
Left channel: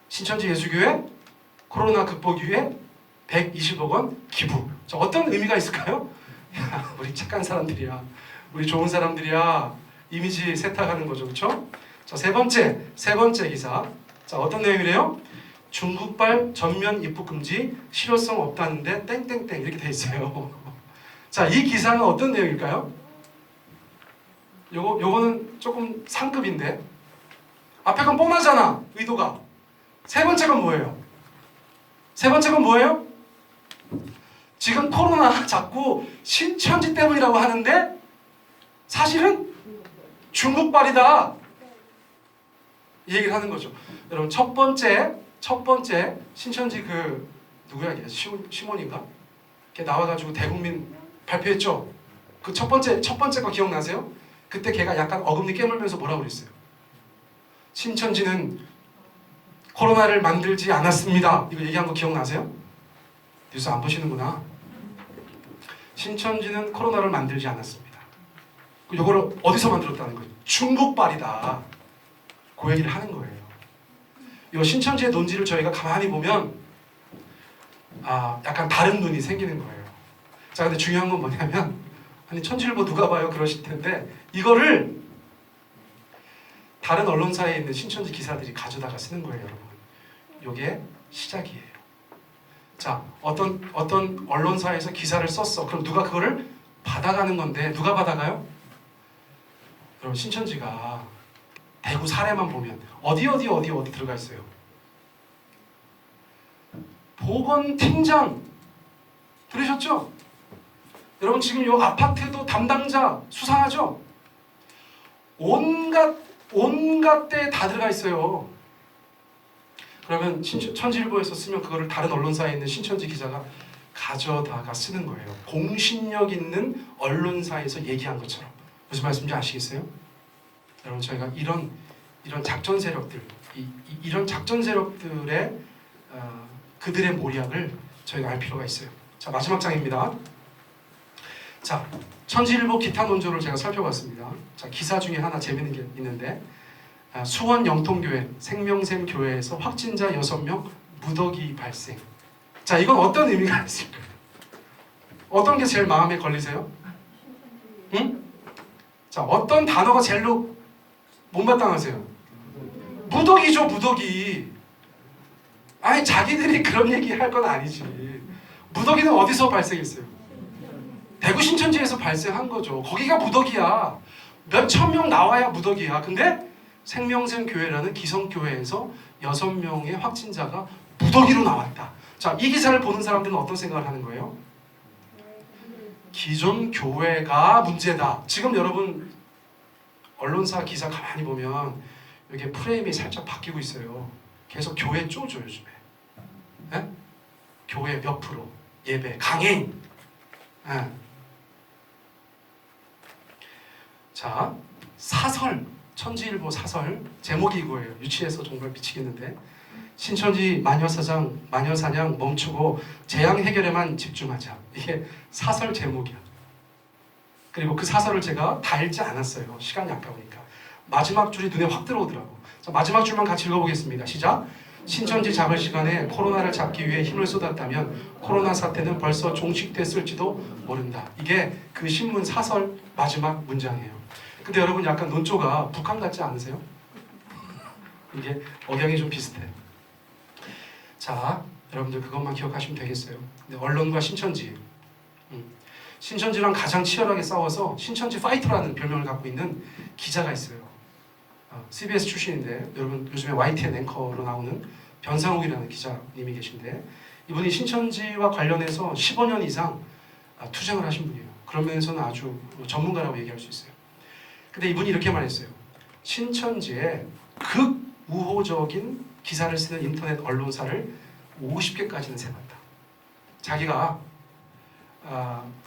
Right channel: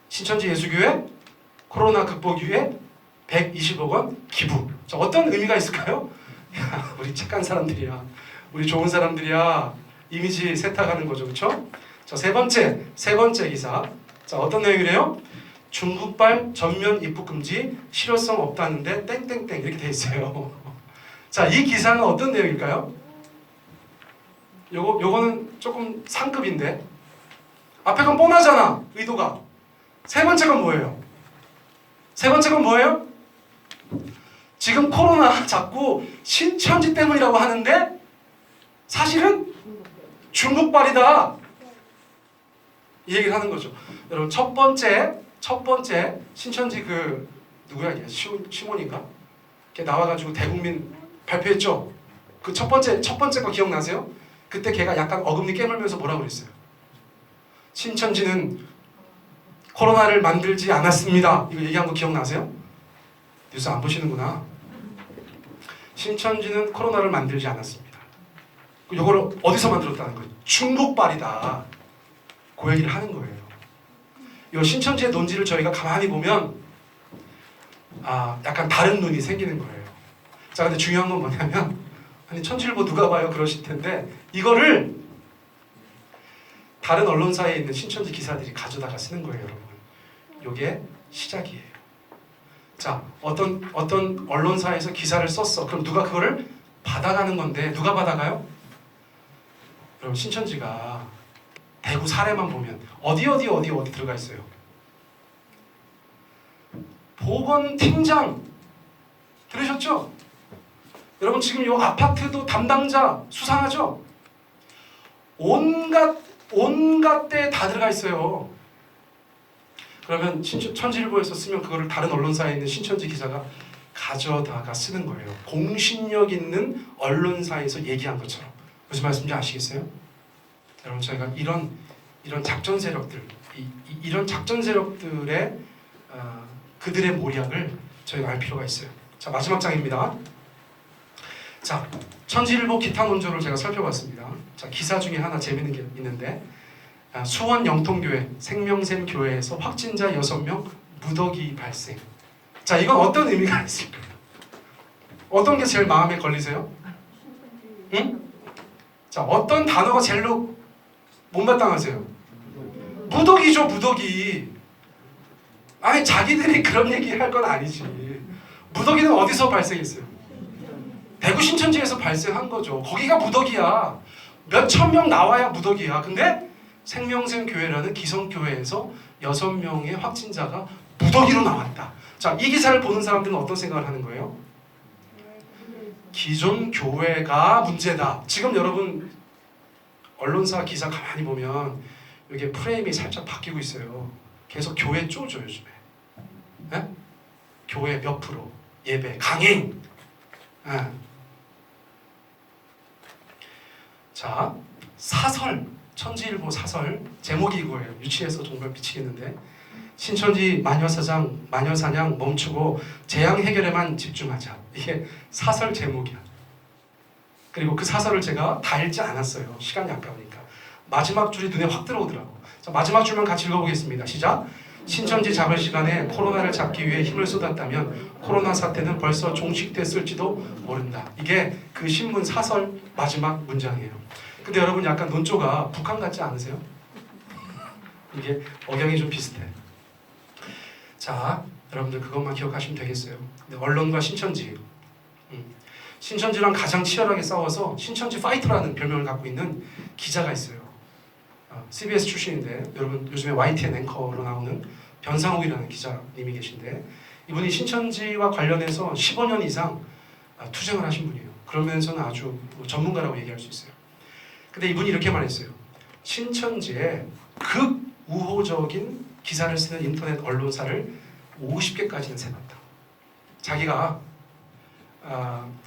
신천지 예수교회 코로나 극복 위해 120억 원 기부. 자, 어떤 의미가 있을까요? 야, 우리 착한 사람들이야. 우리 좋은 사람들이야. 이미지 세탁하는 거죠. 그렇죠? 자, 세 번째 기사. 자, 어떤 내용이래요? 중국발 전면 입국 금지 실효성 없다는데 땡땡땡 이렇게 돼 있어요. 자, 이 기사는 어떤 내용일까요? 요거는 조금 상급인데 앞에 건 뻔하잖아. 의도가. 세 번째 건 뭐예요? 지금 코로나 자꾸 신천지 때문이라고 하는데 사실은 중국발이다. 이 얘기를 하는 거죠. 여러분 첫 번째 신천지 그 누구야 이게 시몬인가? 걔 나와가지고 대국민 발표했죠. 그 첫 번째 거 기억나세요? 그때 걔가 약간 어금니 깨물면서 뭐라고 그랬어요? 신천지는 코로나를 만들지 않았습니다. 이거 얘기한 거 기억나세요? 뉴스 안 보시는구나. 신천지는 코로나를 만들지 않았습니다. 이걸 어디서 만들었다는 거예요? 중국발이다. 그 얘기를 하는 거예요. 이 신천지의 논지를 저희가 가만히 보면 약간 다른 눈이 생기는 거예요. 자, 근데 중요한 건 뭐냐면 아니 천지일보 누가 봐요 그러실 텐데 이거를 다른 언론사에 있는 신천지 기사들이 가져다가 쓰는 거예요, 여러분. 이게 시작이에요. 자, 어떤 언론사에서 기사를 썼어. 그럼 누가 그거를 받아가는 건데 누가 받아가요? 여러분 신천지가 대구 사례만 보면 어디 들어가 있어요. 보건팀장 들으셨죠? 여러분 지금 이 아파트도 담당자 수상하죠? 온갖 데 다 들어가 있어요. 그러면 천지일보에서 쓰면 그거를 다른 언론사에 있는 신천지 기자가 가져다가 쓰는 거예요. 공신력 있는 언론사에서 얘기한 것처럼 무슨 말씀인지 아시겠어요? 여러분 저희가 이런 작전 세력들, 이런 작전 세력들의 그들의 모략을 저희가 알 필요가 있어요. 자, 마지막 장입니다. 자, 천지일보 기타 논조를 제가 살펴봤습니다. 자, 기사 중에 하나 재밌는 게 있는데 수원 영통교회 생명샘 교회에서 확진자 6명 무더기 발생. 자, 이건 어떤 의미가 있을까요? 어떤 게 제일 마음에 걸리세요? 응? 자, 어떤 단어가 제일로 못마땅하세요? 무더기죠, 무더기. 아니, 자기들이 그런 얘기 할 건 아니지. 무더기는 어디서 발생했어요? 대구 신천지에서 발생한 거죠. 거기가 무더기야. 몇 천 명 나와야 무더기야. 근데 생명샘 교회라는 기성교회에서 6명의 확진자가 무더기로 나왔다. 자, 이 기사를 보는 사람들은 어떤 생각을 하는 거예요? 기존 교회가 문제다. 지금 여러분 언론사 기사 가만히 보면 이게 프레임이 살짝 바뀌고 있어요. 계속 교회 쪼죠 요즘에. 네? 교회 몇 프로, 예배, 강행. 네. 자, 사설, 천지일보 사설 제목이 이거예요. 유치해서 정말 미치겠는데 신천지 마녀사냥 멈추고 재앙 해결에만 집중하자. 이게 사설 제목이야. 그리고 그 사설을 제가 다 읽지 않았어요. 시간이 아까우니까. 마지막 줄이 눈에 확 들어오더라고. 자, 마지막 줄만 같이 읽어보겠습니다. 시작. 신천지 잡을 시간에 코로나를 잡기 위해 힘을 쏟았다면 코로나 사태는 벌써 종식됐을지도 모른다. 이게 그 신문 사설 마지막 문장이에요. 근데 여러분 약간 논조가 북한 같지 않으세요? 이게 억양이 좀 비슷해. 자, 여러분들 그것만 기억하시면 되겠어요. 근데 언론과 신천지, 신천지랑 가장 치열하게 싸워서 신천지 파이터라는 별명을 갖고 있는 기자가 있어요. CBS 출신인데 여러분 요즘에 YTN 앵커로 나오는 변상욱이라는 기자님이 계신데 이분이 신천지와 관련해서 15년 이상 투쟁을 하신 분이에요. 그러면서는 아주 전문가라고 얘기할 수 있어요. 근데 이분이 이렇게 말했어요. 신천지에 극우호적인 기사를 쓰는 인터넷 언론사를 50개까지는 세봤다. 자기가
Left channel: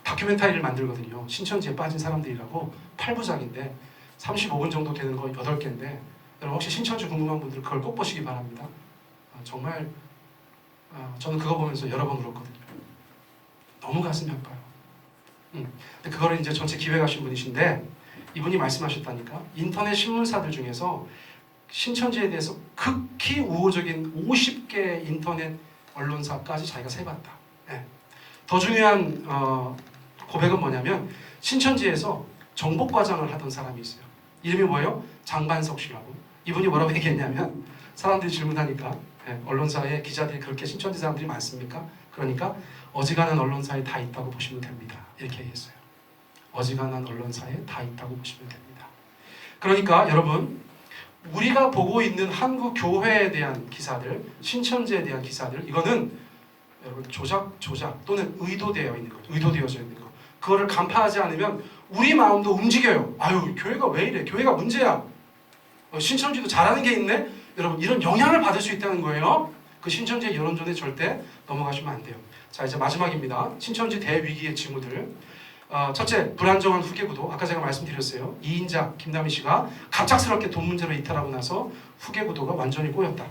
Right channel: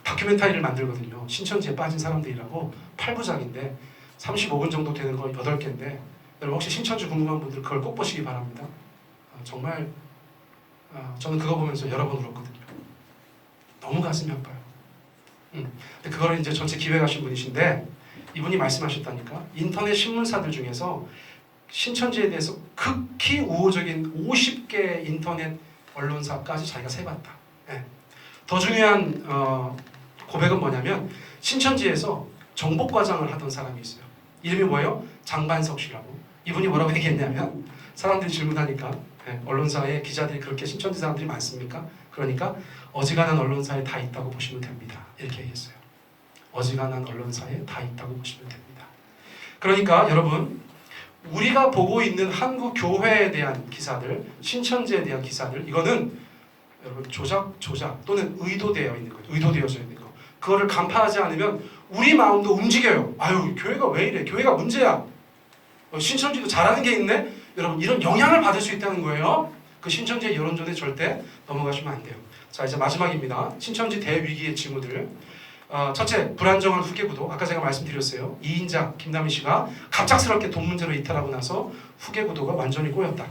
다큐멘터리를 만들거든요. 신천지에 빠진 사람들이라고 8부작인데 35분 정도 되는 거 8개인데 여러분 혹시 신천지 궁금한 분들 그걸 꼭 보시기 바랍니다. 정말 저는 그거 보면서 여러 번 울었거든요. 너무 가슴이 아파요. 근데 그거를 이제 전체 기획하신 분이신데 이분이 말씀하셨다니까 인터넷 신문사들 중에서 신천지에 대해서 극히 우호적인 50개 인터넷 언론사까지 자기가 세봤다. 네. 더 중요한 고백은 뭐냐면 신천지에서 정복과장을 하던 사람이 있어요. 이름이 뭐예요? 장반석 씨라고. 이분이 뭐라고 얘기했냐면 사람들이 질문하니까 언론사에 기자들이 그렇게 신천지 사람들이 많습니까? 그러니까 어지간한 언론사에 다 있다고 보시면 됩니다. 이렇게 얘기했어요. 어지간한 언론사에 다 있다고 보시면 됩니다. 그러니까 여러분 우리가 보고 있는 한국 교회에 대한 기사들, 신천지에 대한 기사들 이거는 여러분 조작 또는 의도되어 있는 거예요. 의도되어져 있는 거. 그거를 간파하지 않으면 우리 마음도 움직여요. 아유 교회가 왜 이래? 교회가 문제야. 신천지도 잘하는 게 있네. 여러분 이런 영향을 받을 수 있다는 거예요. 그 신천지의 여론전에 절대 넘어가시면 안 돼요. 자 이제 마지막입니다. 신천지 대위기의 징후들. 첫째, 불안정한 후계구도. 아까 제가 말씀드렸어요. 이인자 김남희 씨가 갑작스럽게 돈 문제로 이탈하고 나서 후계구도가 완전히 꼬였다.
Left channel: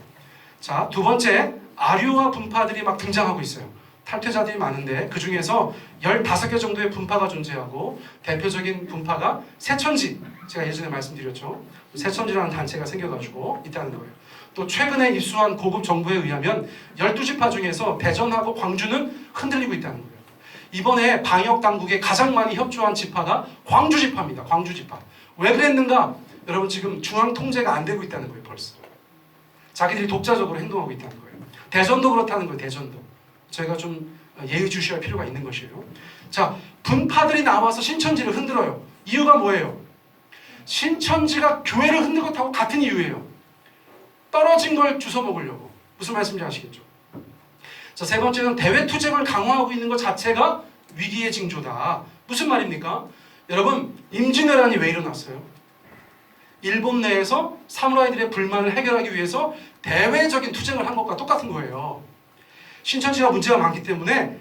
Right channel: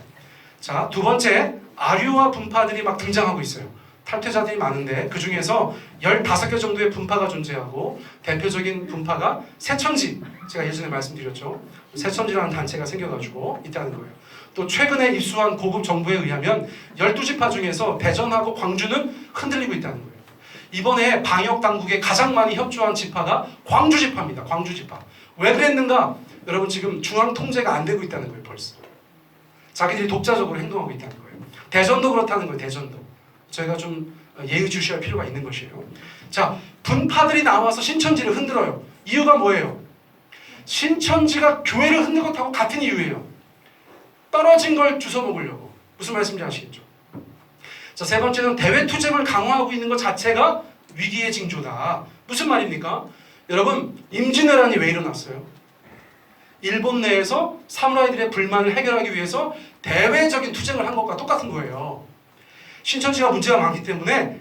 자, 두 번째, 아류화 분파들이 막 등장하고 있어요. 탈퇴자들이 많은데 그 중에서 15개 정도의 분파가 존재하고 대표적인 분파가 새천지. 제가 예전에 말씀드렸죠. 새천지라는 단체가 생겨가지고 있다는 거예요. 또 최근에 입수한 고급 정보에 의하면 12지파 중에서 대전하고 광주는 흔들리고 있다는 거예요. 이번에 방역 당국에 가장 많이 협조한 지파가 광주 지파입니다. 광주 지파. 왜 그랬는가? 여러분 지금 중앙 통제가 안 되고 있다는 거예요. 벌써. 자기들이 독자적으로 행동하고 있다는 거예요. 대전도 그렇다는 거예요. 대전도. 저희가 좀 예의주시할 필요가 있는 것이에요. 자, 분파들이 나와서 신천지를 흔들어요. 이유가 뭐예요? 신천지가 교회를 흔든 것하고 같은 이유예요. 떨어진 걸 주워 먹으려고. 무슨 말씀인지 아시겠죠? 자, 세 번째는 대외 투쟁을 강화하고 있는 것 자체가 위기의 징조다. 무슨 말입니까? 여러분, 임진왜란이 왜 일어났어요? 일본 내에서 사무라이들의 불만을 해결하기 위해서 대외적인 투쟁을 한 것과 똑같은 거예요. 신천지가 문제가 많기 때문에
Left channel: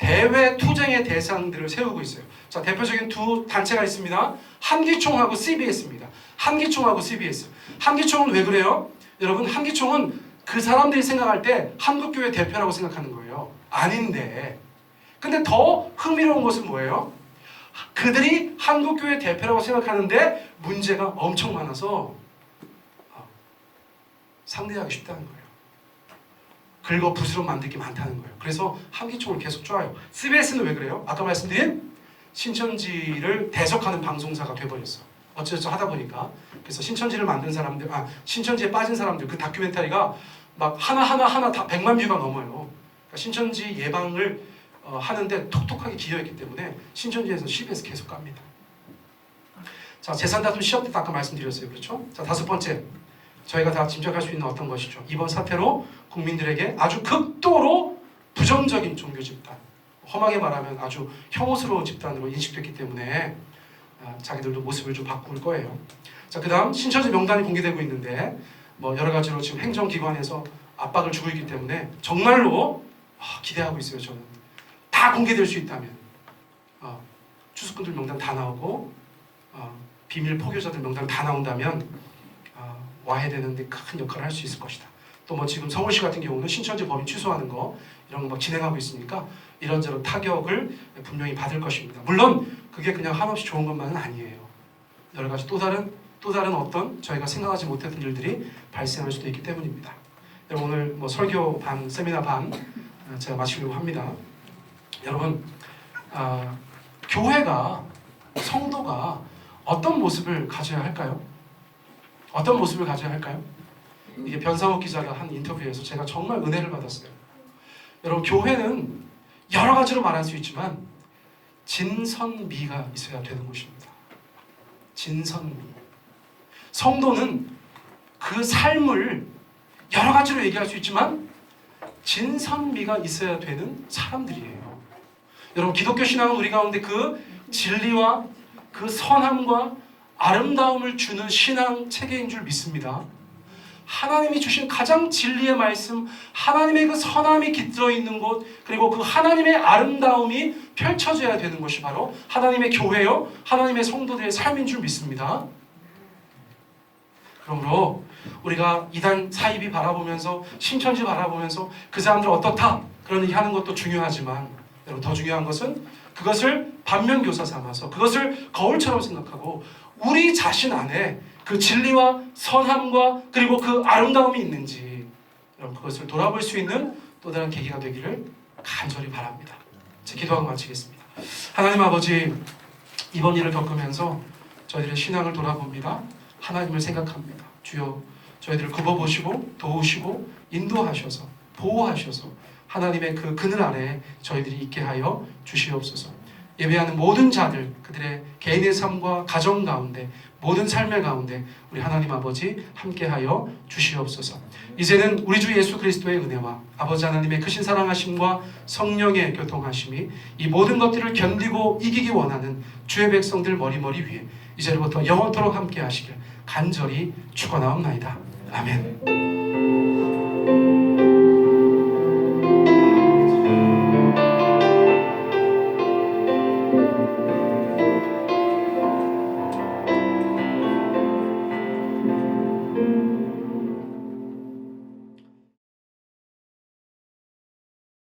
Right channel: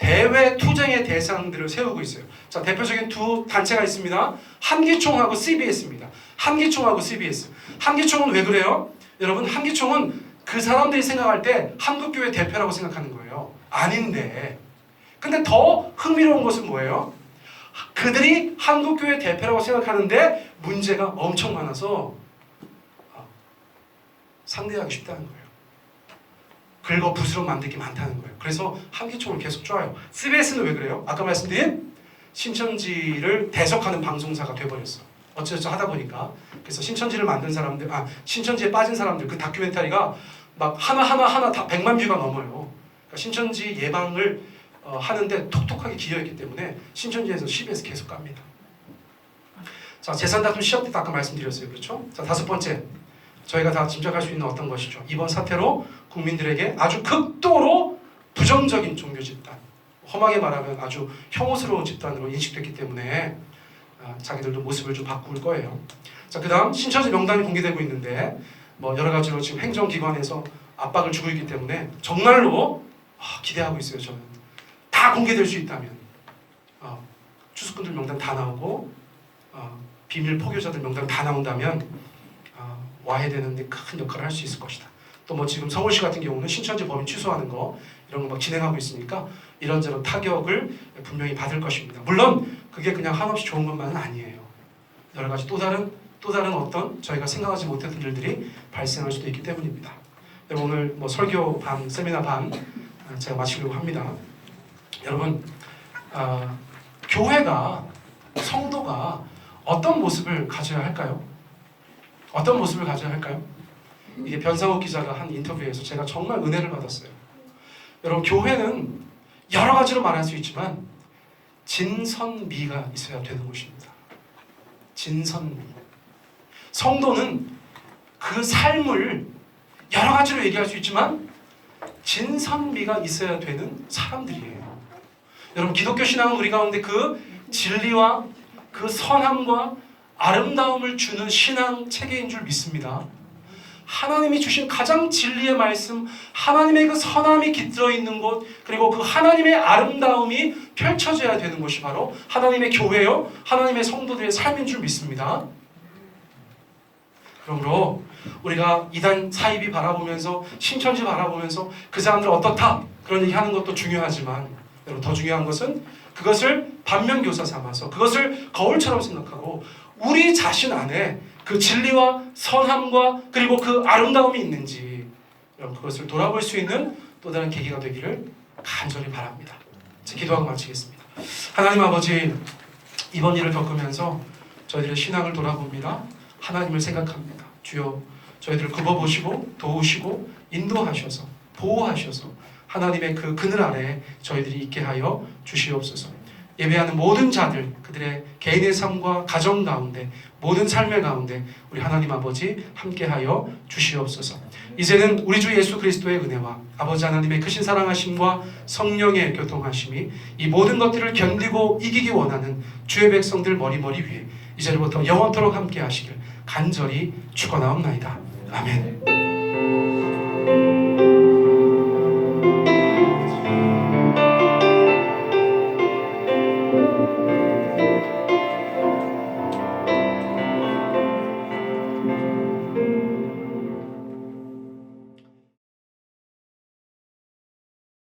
대외 투쟁의 대상들을 세우고 있어요. 자, 대표적인 두 단체가 있습니다. 한기총하고 CBS입니다. 한기총하고 CBS. 한기총은 왜 그래요? 여러분, 한기총은 그 사람들이 생각할 때 한국교회 대표라고 생각하는 거예요. 아닌데. 근데 더 흥미로운 것은 뭐예요? 그들이 한국교회 대표라고 생각하는데 문제가 엄청 많아서 상대하기 쉽다는 거예요. 긁어 부스럼 만들기 많다는 거예요. 그래서 한기총을 계속 쪼아요. CBS는 왜 그래요? 아까 말씀드린 신천지를 대적하는 방송사가 돼버렸어. 어쩌저쩌 하다 보니까. 그래서 신천지를 만든 사람들, 신천지에 빠진 사람들, 그 다큐멘터리가 막 하나 다 100만 뷰가 넘어요. 그러니까 신천지 예방을 하는데 톡톡하게 기여했기 때문에 신천지에서 CBS 계속 갑니다. 자, 재산다툼 시합 때 아까 말씀드렸어요. 그렇죠? 자, 다섯 번째. 저희가 다 짐작할 수 있는 어떤 것이죠. 이번 사태로 국민들에게 아주 극도로 부정적인 종교 집단, 험하게 말하면 아주 혐오스러운 집단으로 인식됐기 때문에 자기들도 모습을 좀 바꿀 거예요. 자, 그 다음 신천지 명단이 공개되고 있는데 뭐 여러 가지로 지금 행정기관에서 압박을 주고 있기 때문에 정말로 기대하고 있어요. 저는 다 공개될 수 있다면 추수꾼들 명단 다 나오고 비밀 포교자들 명단 다 나온다면 와해되는데 큰 역할을 할 수 있을 것이다. 또 뭐 지금 서울시 같은 경우는 신천지 법인 취소하는 거 이런 거 막 진행하고 있으니까 이런저런 타격을 분명히 받을 것입니다. 물론 그게 그냥 한없이 좋은 것만은 아니에요. 여러 가지 또 다른 어떤 저희가 생각하지 못했던 일들이 발생할 수도 있기 때문입니다. 여러분, 오늘 뭐 설교 반, 세미나 반 제가 마치려고 합니다. 여러분, 교회가, 성도가 어떤 모습을 가져야 할까요? 어떤 모습을 가져야 할까요? 이게 변상욱 기자가 한 인터뷰에서 제가 정말 은혜를 받았어요. 여러분, 교회는 여러 가지로 말할 수 있지만 진선미가 있어야 되는 곳입니다. 진선미. 성도는 그 삶을 여러 가지로 얘기할 수 있지만 진선미가 있어야 되는 사람들이에요. 여러분, 기독교 신앙은 우리 가운데 그 진리와 그 선함과 아름다움을 주는 신앙 체계인 줄 믿습니다. 하나님이 주신 가장 진리의 말씀, 하나님의 그 선함이 깃들어 있는 곳, 그리고 그 하나님의 아름다움이 펼쳐져야 되는 것이 바로 하나님의 교회요, 하나님의 성도들의 삶인 줄 믿습니다. 그러므로 우리가 이단 사이비 바라보면서, 신천지 바라보면서 그 사람들 어떻다 그런 얘기 하는 것도 중요하지만, 여러분, 더 중요한 것은 그것을 반면교사 삼아서 그것을 거울처럼 생각하고 우리 자신 안에 그 진리와 선함과 그리고 그 아름다움이 있는지, 여러분, 그것을 돌아볼 수 있는 또 다른 계기가 되기를 간절히 바랍니다. 제가 기도하고 마치겠습니다. 하나님 아버지, 이번 일을 겪으면서 저희들의 신앙을 돌아봅니다. 하나님을 생각합니다. 주여, 저희들을 굽어보시고 도우시고 인도하셔서 보호하셔서 하나님의 그 그늘 아래 저희들이 있게 하여 주시옵소서. 예배하는 모든 자들, 그들의 개인의 삶과 가정 가운데, 모든 삶의 가운데 우리 하나님 아버지 함께하여 주시옵소서. 이제는 우리 주 예수 그리스도의 은혜와 아버지 하나님의 크신 사랑하심과 성령의 교통하심이 이 모든 것들을 견디고 이기기 원하는 주의 백성들 머리머리 위에 이제부터 영원토록 함께하시길 간절히 축원하옵나이다. 아멘.